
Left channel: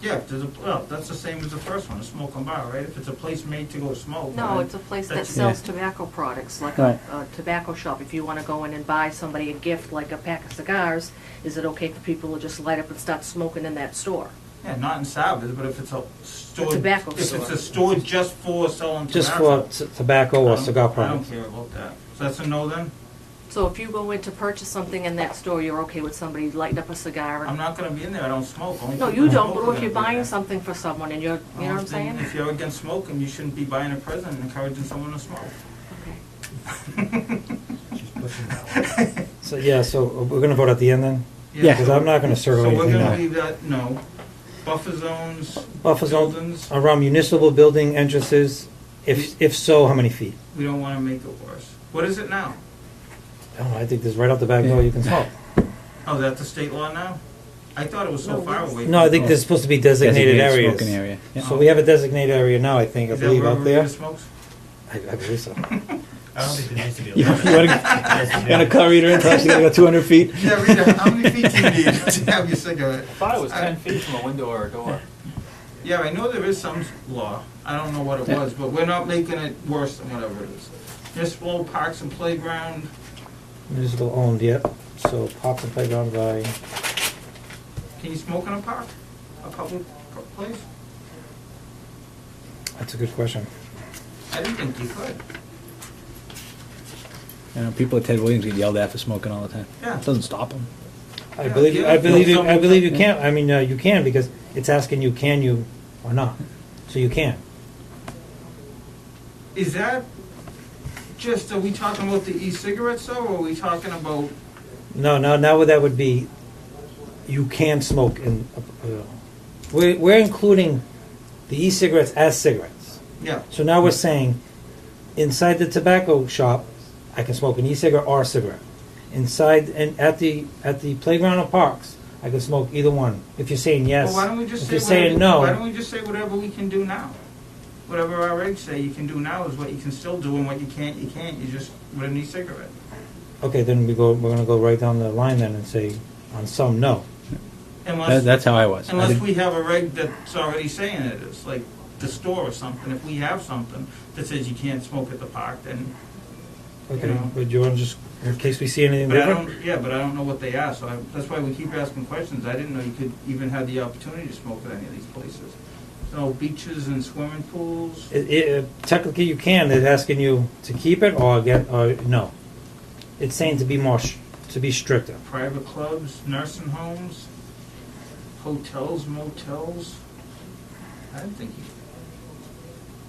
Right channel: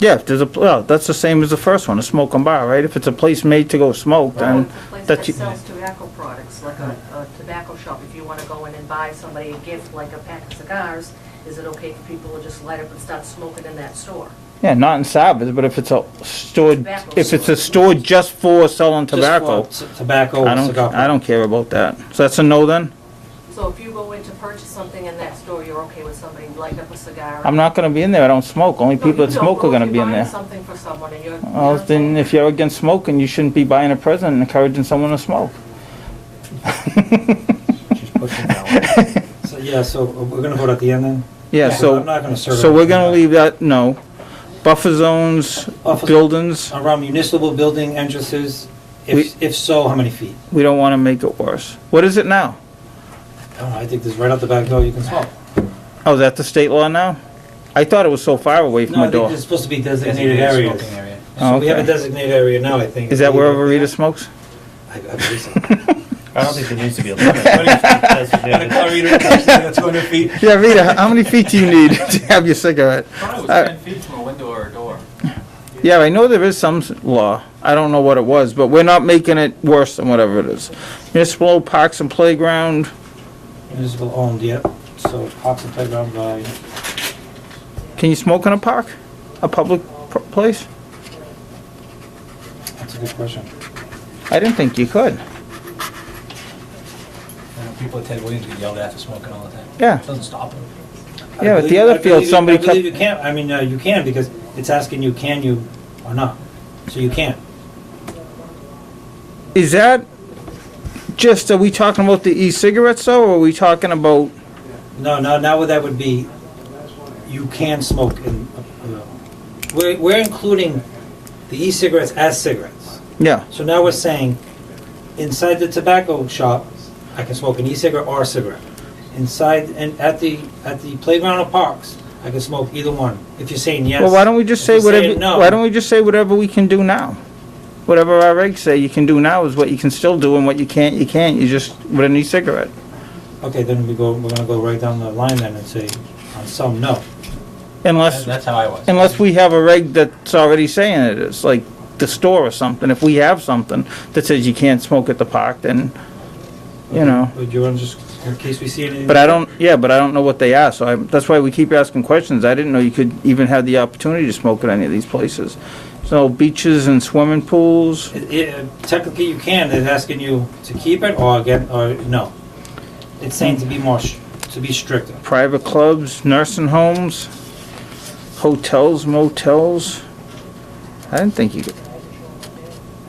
Yeah, if there's a, well, that's the same as the first one, a smoking bar, right? If it's a place made to go smoke, No, then it's a place that that you- sells tobacco products, like a tobacco shop. If you wanna go in and buy somebody a gift, like a pack of cigars, is it okay for people to just light up and start smoking in that store? yeah, not in Sabbath, but if it's a store, Tobacco if it's store. a store just for selling Just tobacco, for tobacco I or don't, cigar I don't care about that. So that's a no then? So if you go in to purchase something in that store, you're okay with somebody lighting up a cigar? I'm not gonna be in there, I don't smoke, only No, people you that don't, smoke but are gonna if be you're in buying there. something for someone and you're, you know Well, what I'm then saying? if you're against smoking, you shouldn't be buying a present and encouraging someone to smoke. She's pushing that one. So, yeah, so we're gonna vote at the end then? Yeah, Because I'm not gonna serve so we're anything gonna back. leave that, no. Buffer zones, Buffer- buildings, Around municipal building entrances, if so, how many feet? we don't wanna make it worse. What is it now? I don't know, I think this right out the back door you can smoke. Oh, is that the state law now? I thought it was so far away from No, I the think door. there's supposed to be designated areas. Smoking area. So we have a Okay. designated area now, I think. Is that where Up there. Rita smokes? I believe so. I don't think there needs to be a limit. Got a car reader in there, so you got 200 feet? Yeah, Rita, how many feet do you need to have your cigarette? I thought it was Uh, 10 feet from a window or a door. Yeah, I know there is some law. I don't know what it was, but we're not making it worse than whatever it is. Municipal parks and playground, Municipal owned, yep. So parks and playground by, can you smoke in a park? A public place? that's a good question. I didn't think you could. People at Ted Williams get yelled at for smoking all the time. Yeah. Doesn't stop them. Yeah, but the other field, somebody I believe cut- you can't, I mean, you can because it's asking you, can you or not? So you can. Is that just, are we talking about the e-cigarettes though, or are we talking about, No, now that would be, you can smoke in, we're including the e-cigarettes as cigarettes. yeah, So now we're saying, inside the tobacco shop, I can smoke an e-cigarette or a cigarette. Inside and at the playground or parks, I can smoke either one. If you're saying yes. well, why don't we just If say you're saying whatever, no, why don't we just say whatever we can do now? Whatever our regs say you can do now is what you can still do, and what you can't, you just, with an e-cigarette. Okay, then we're gonna go right down the line then and say, on some, no. Unless, That's how I was. unless we have a reg that's already saying it is, like the store or something. If we have something that says you can't smoke at the park, then, you Okay, know. But you wanna just in case we see anything. But I different. don't, yeah, but I don't know what they are, so that's why we keep asking questions. I didn't know you could even have the opportunity to smoke at any of these places. So beaches and swimming pools, Technically, you can. It's asking you to keep it or no. It's saying to be to be stricter. private clubs, nursing homes, hotels, motels. I didn't think you could.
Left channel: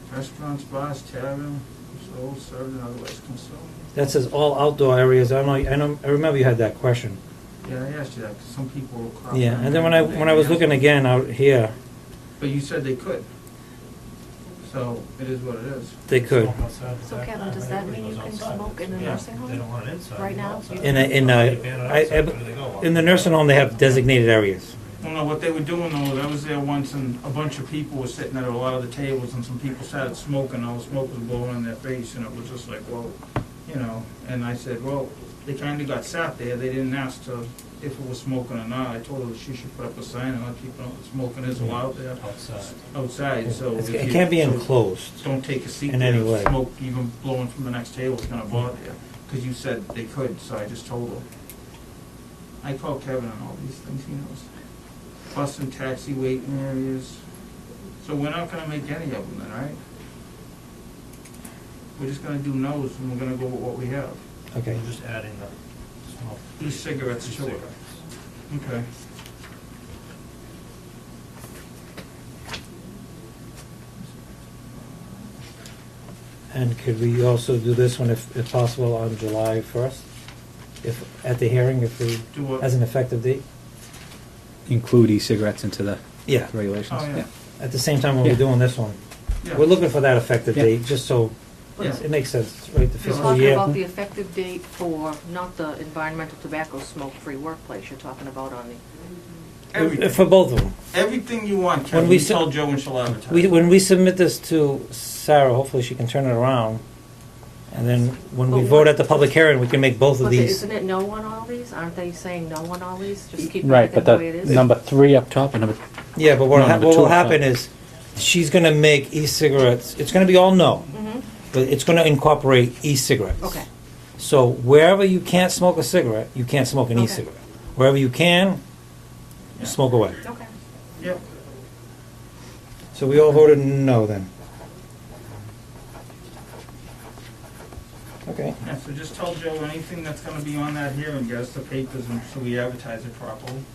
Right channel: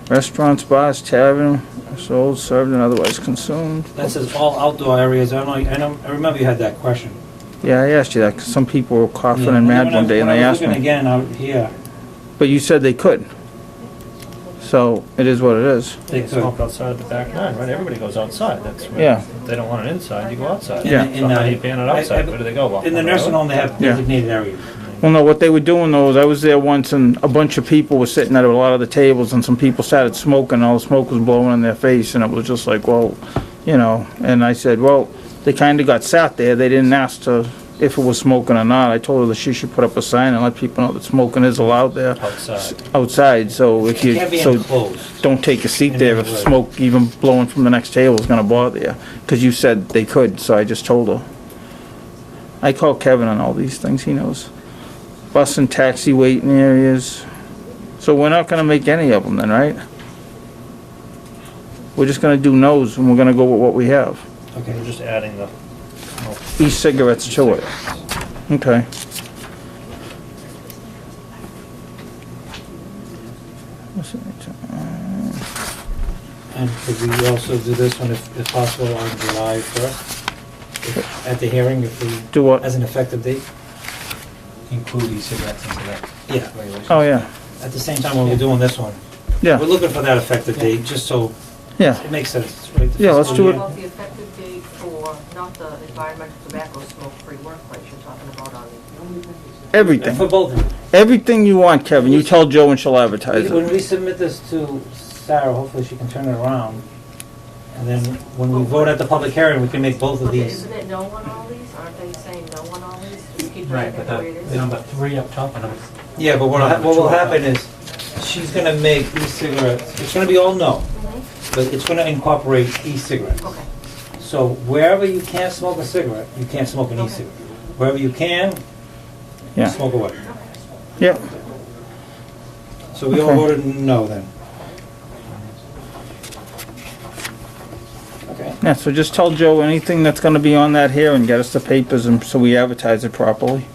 Restaurants, bars, tavern, sold, served, and otherwise consumed. That says all outdoor areas. I remember you had that question. Yeah, I asked you that, 'cause some people were coughing Yeah, and then mad when one day, when and I I was asked looking them. again out here, But you said they could. So, it is what it is. they could. Smoke outside the back nine, right? Everybody goes outside. That's where, Yeah. if they don't want it inside, you go outside. Yeah. So how do you ban it outside? Where do they go? Walk In the on nursing road? home, they have designated areas. Well, no, what they were doing though is I was there once and a bunch of people were sitting at a lot of the tables and some people started smoking and all the smoke was blowing in their face and it was just like, well, you know, and I said, well, they kinda got sat there. They didn't ask if it was smoking or not. I told her that she should put up a sign and let people know that smoking is allowed there. Outside, so if you, It can't be so enclosed. don't take a seat In there any if way. smoke even blowing from the next table is gonna bother you. Cause you said they could, so I just told her. I call Kevin on all these things, he knows. Bus and taxi waiting areas. So we're not gonna make any of them then, right? We're just gonna do no's and we're gonna go with what we have. Okay. We're just adding the smoke. E-cigarettes to it. Okay. And could we also do this one if possible on July 1st? At the hearing, if we, Do what? as an effective date? Include e-cigarettes into the Yeah. regulations. Oh, yeah, At the same time when we're doing this one. yeah, We're looking for that effective Yeah. date, just so yeah. it makes sense, right? The Yeah, let's fiscal do year. it. About the effective date for, not the environmental tobacco smoke-free workplace you're talking about on For Everything. both of them. Everything you want, Kevin. we You said- tell Joe and she'll advertise When it. we submit this to Sarah, hopefully she can turn it around. And then when we vote at the public hearing, we can make both of But these. isn't it no on all these? Aren't they saying no on all these? Just keep Right, it but the way it the is? number 3 up top and number, Yeah, but No, number what will two, happen no. is, she's gonna make e-cigarettes, it's gonna be all no, Mhm. but it's gonna incorporate e-cigarettes. Okay. So wherever you can't smoke a cigarette, you can't smoke an e-cigarette. Wherever you can, Yeah. smoke away. Yeah. So we all Okay. voted no then. Okay. Yeah, so just tell Joe anything that's gonna be on that here and get us the papers and so we advertise it properly.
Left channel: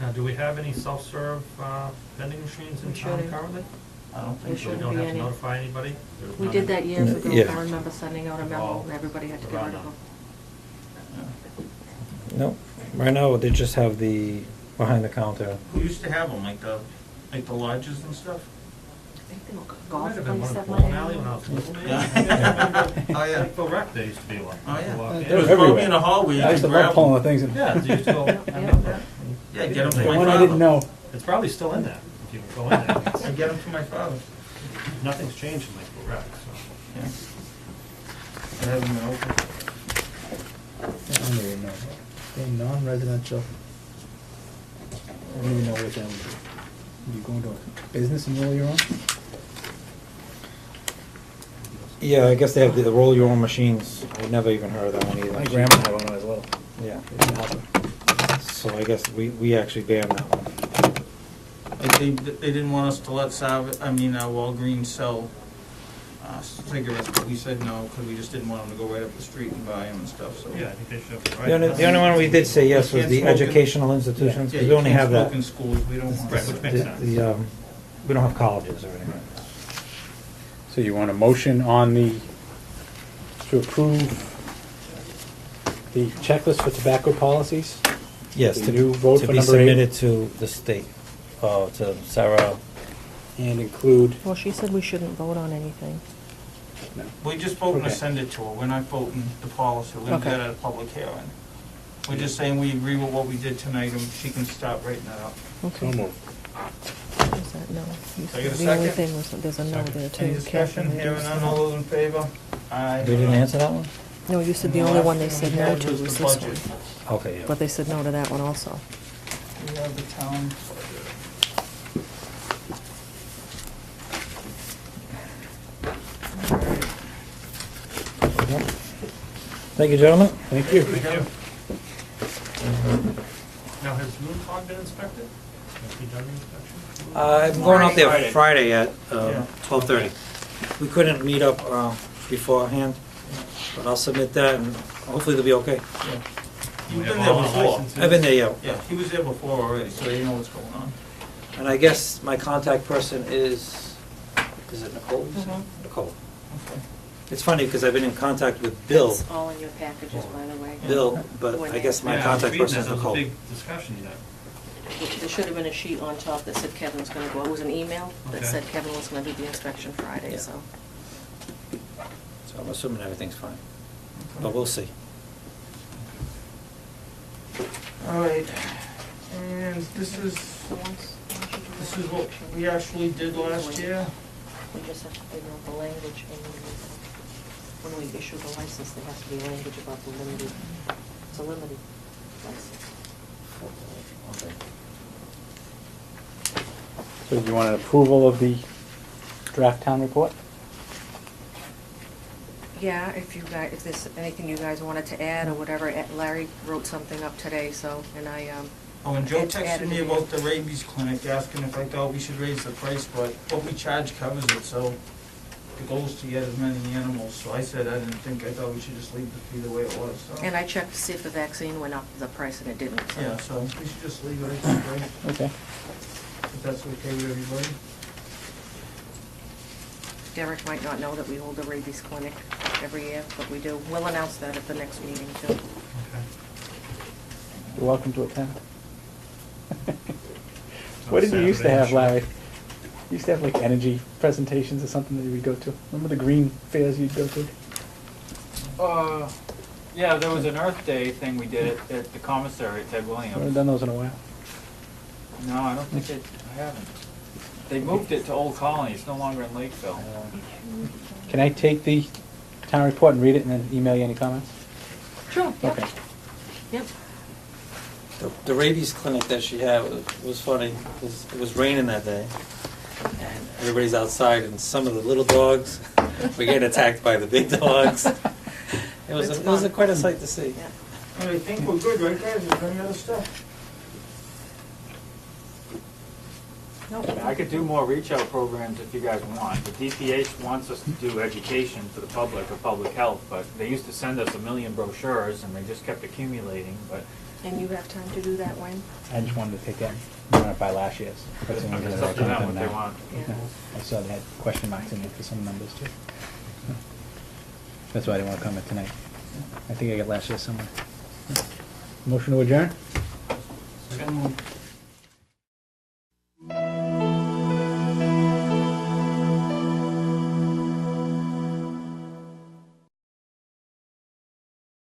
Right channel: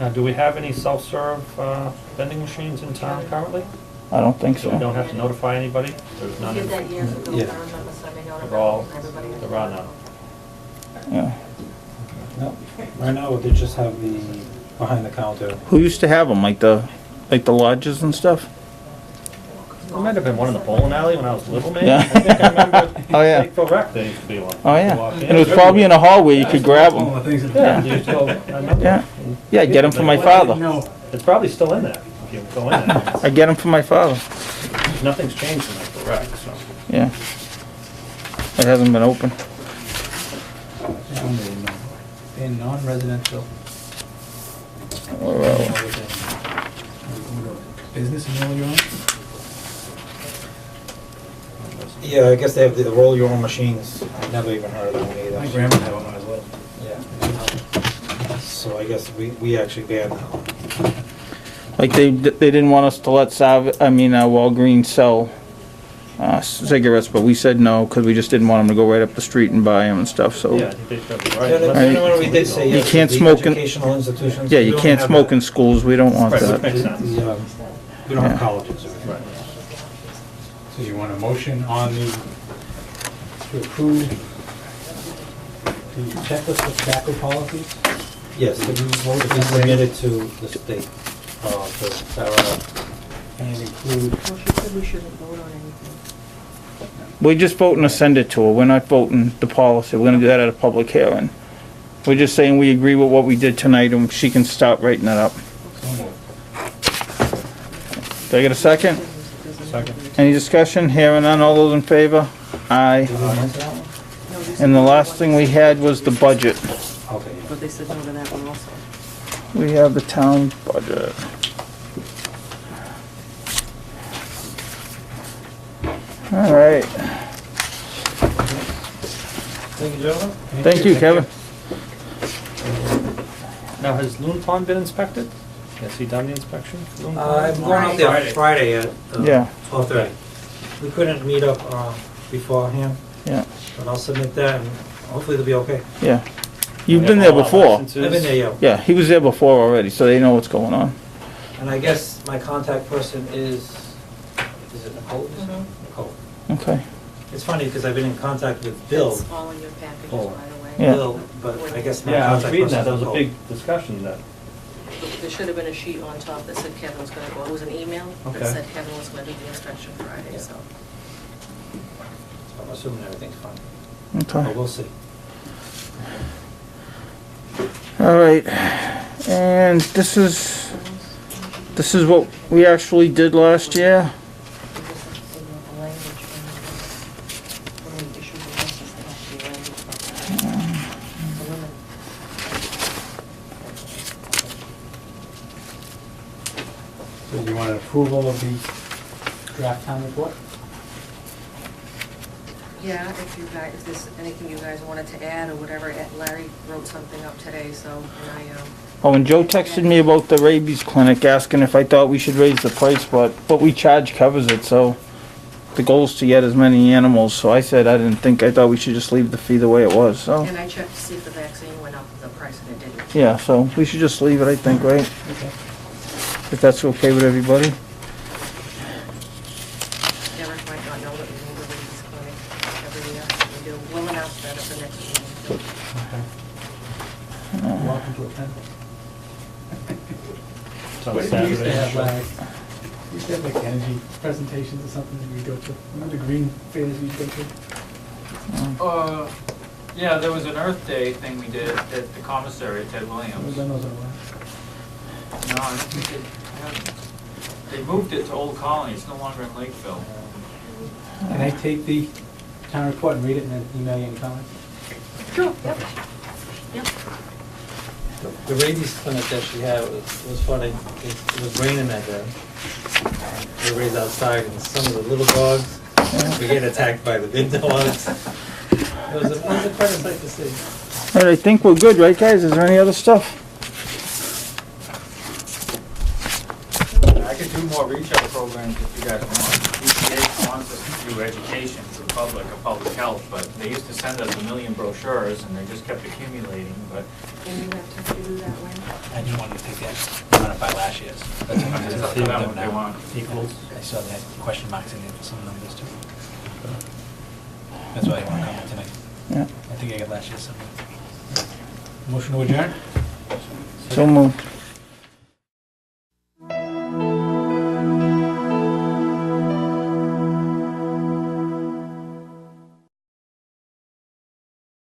Now, do we have any self-serve vending machines in town currently? I don't think So we so. don't have to notify anybody? There's We none did in- that years ago. Yeah. I remember sending out a They're all- memo and everybody had to. they're all do it. none. Yeah. No, right now they just have the behind the counter. Who used to have them, like the lodges and stuff? There might have been one in the bowling alley when I was little, man. Yeah. I think I remember Oh, yeah. Lakeville Rec, there used to be one. Oh, You yeah. walk in. And it was probably in a hallway, you I could used to grab buy all them. the things in Yeah, town. you used to go, I remember. Yeah. Yeah, I get them for my What I didn't father. know. It's probably still in there, if you go in there. I get them for my father. Nothing's changed in Lakeville Rec, so. Yeah. It hasn't been open. In non-residential, within, business and all your own? Yeah, I guess they have the roll your own machines. I've never even heard of that one either. My grandma had one as well. Yeah. So I guess we actually banned that one. Like they didn't want us to let Walgreens sell cigarettes, but we said no because we just didn't want them to go right up the street and buy them and stuff. So Yeah, I think they should be right. The only one we did say yes can't was the smoke in- educational institutions. yeah, We you don't can't have smoke that. in schools. We don't want Right, which that. makes sense. We don't Yeah. have colleges or anything. Right. So you want a motion on to approve the checklist for tobacco policies? Yes, To vote we number 8 submitted to the state, to Sarah. and include, Well, she said we shouldn't vote on anything. We're just voting to send it to her. We're not voting the policy. We're gonna do that at a public hearing. We're just saying we agree with what we did tonight and she can start writing it up. so moved. Do I get a second? Any discussion? Hearing none. All those in favor? Aye. Did we answer that one? No, you said And the only last one thing they we said had no to was the was- budget. Okay, yeah. But they said no to that one also. We have the town budget. All right. Thank you, gentlemen. Thank you, Kevin. Now, has Loon Pond been inspected? Has he done the inspection? Loon Pond? I'm going up there Friday. Friday at Yeah. 12:30. We couldn't meet up beforehand, Yeah, but I'll submit that and hopefully it'll be okay. yeah. You've We been have there all our before. licenses. I've been there, yeah. Yeah, he was there before already, so they know what's going on. And I guess my contact person is it Nicole? Mhm. Nicole. Okay. It's funny because I've been in contact with Bill, It's all in your packages, by the way. Yeah. Bill, but I guess my Yeah, I was contact reading person that, is there was a Nicole. big discussion that, There should have been a sheet on top that said Kevin was gonna go, it was an email that Okay. said Kevin was gonna do the inspection Friday, Yeah. so. So I'm assuming everything's fine, Okay. but we'll see. All right. And this is what we actually did last year. So you want an approval of the draft town report? Yeah, if you guys, if there's anything you guys wanted to add or whatever, Larry wrote something up today, so, and Oh, and Joe texted me about the rabies clinic, asking if I thought we should raise the price, but what we charge covers it, so the goal is to get as many animals, so I said I thought we should just leave the fee the way it was, so. and I checked to see if the vaccine went up, the price, and it didn't. Yeah, so we should just leave it, I think, right? Okay. If that's okay with everybody. Eric might not know that we hold the rabies clinic every year, but we do. We'll announce that at the next meeting, too. You're welcome to attend. it's on What did you used to Saturday, have, sure. Larry? You used to have like energy presentations or something that you would go to. Remember the green fairs you'd go to? Yeah, there was an Earth Day thing we did at the commissary at Ted I haven't Williams. done those in a while. No, I don't think they moved it to Old Colony, it's no longer in Lakeville. Can I take the town report and read it and then email you any comments? Sure, yep, Okay. yep. The rabies clinic that she had was funny. It was raining that day. Everybody's outside and some of the little dogs were getting attacked by the big dogs. It was quite a sight to see. All right, I think we're good, right, guys? Is there any other stuff? I could do more reach out programs if you guys want. EPA wants us to do education to the public of public health, but they used to send us 1 million brochures and they just kept accumulating, but And you have time to do that when? I just wanted to take that, run it by last year's. That's what it's up to them what they want. Equals. I saw that question marks in there for some numbers too. That's why they want to come tonight. Yeah. I think I got last year's somewhere. Motion to adjourn? So moved.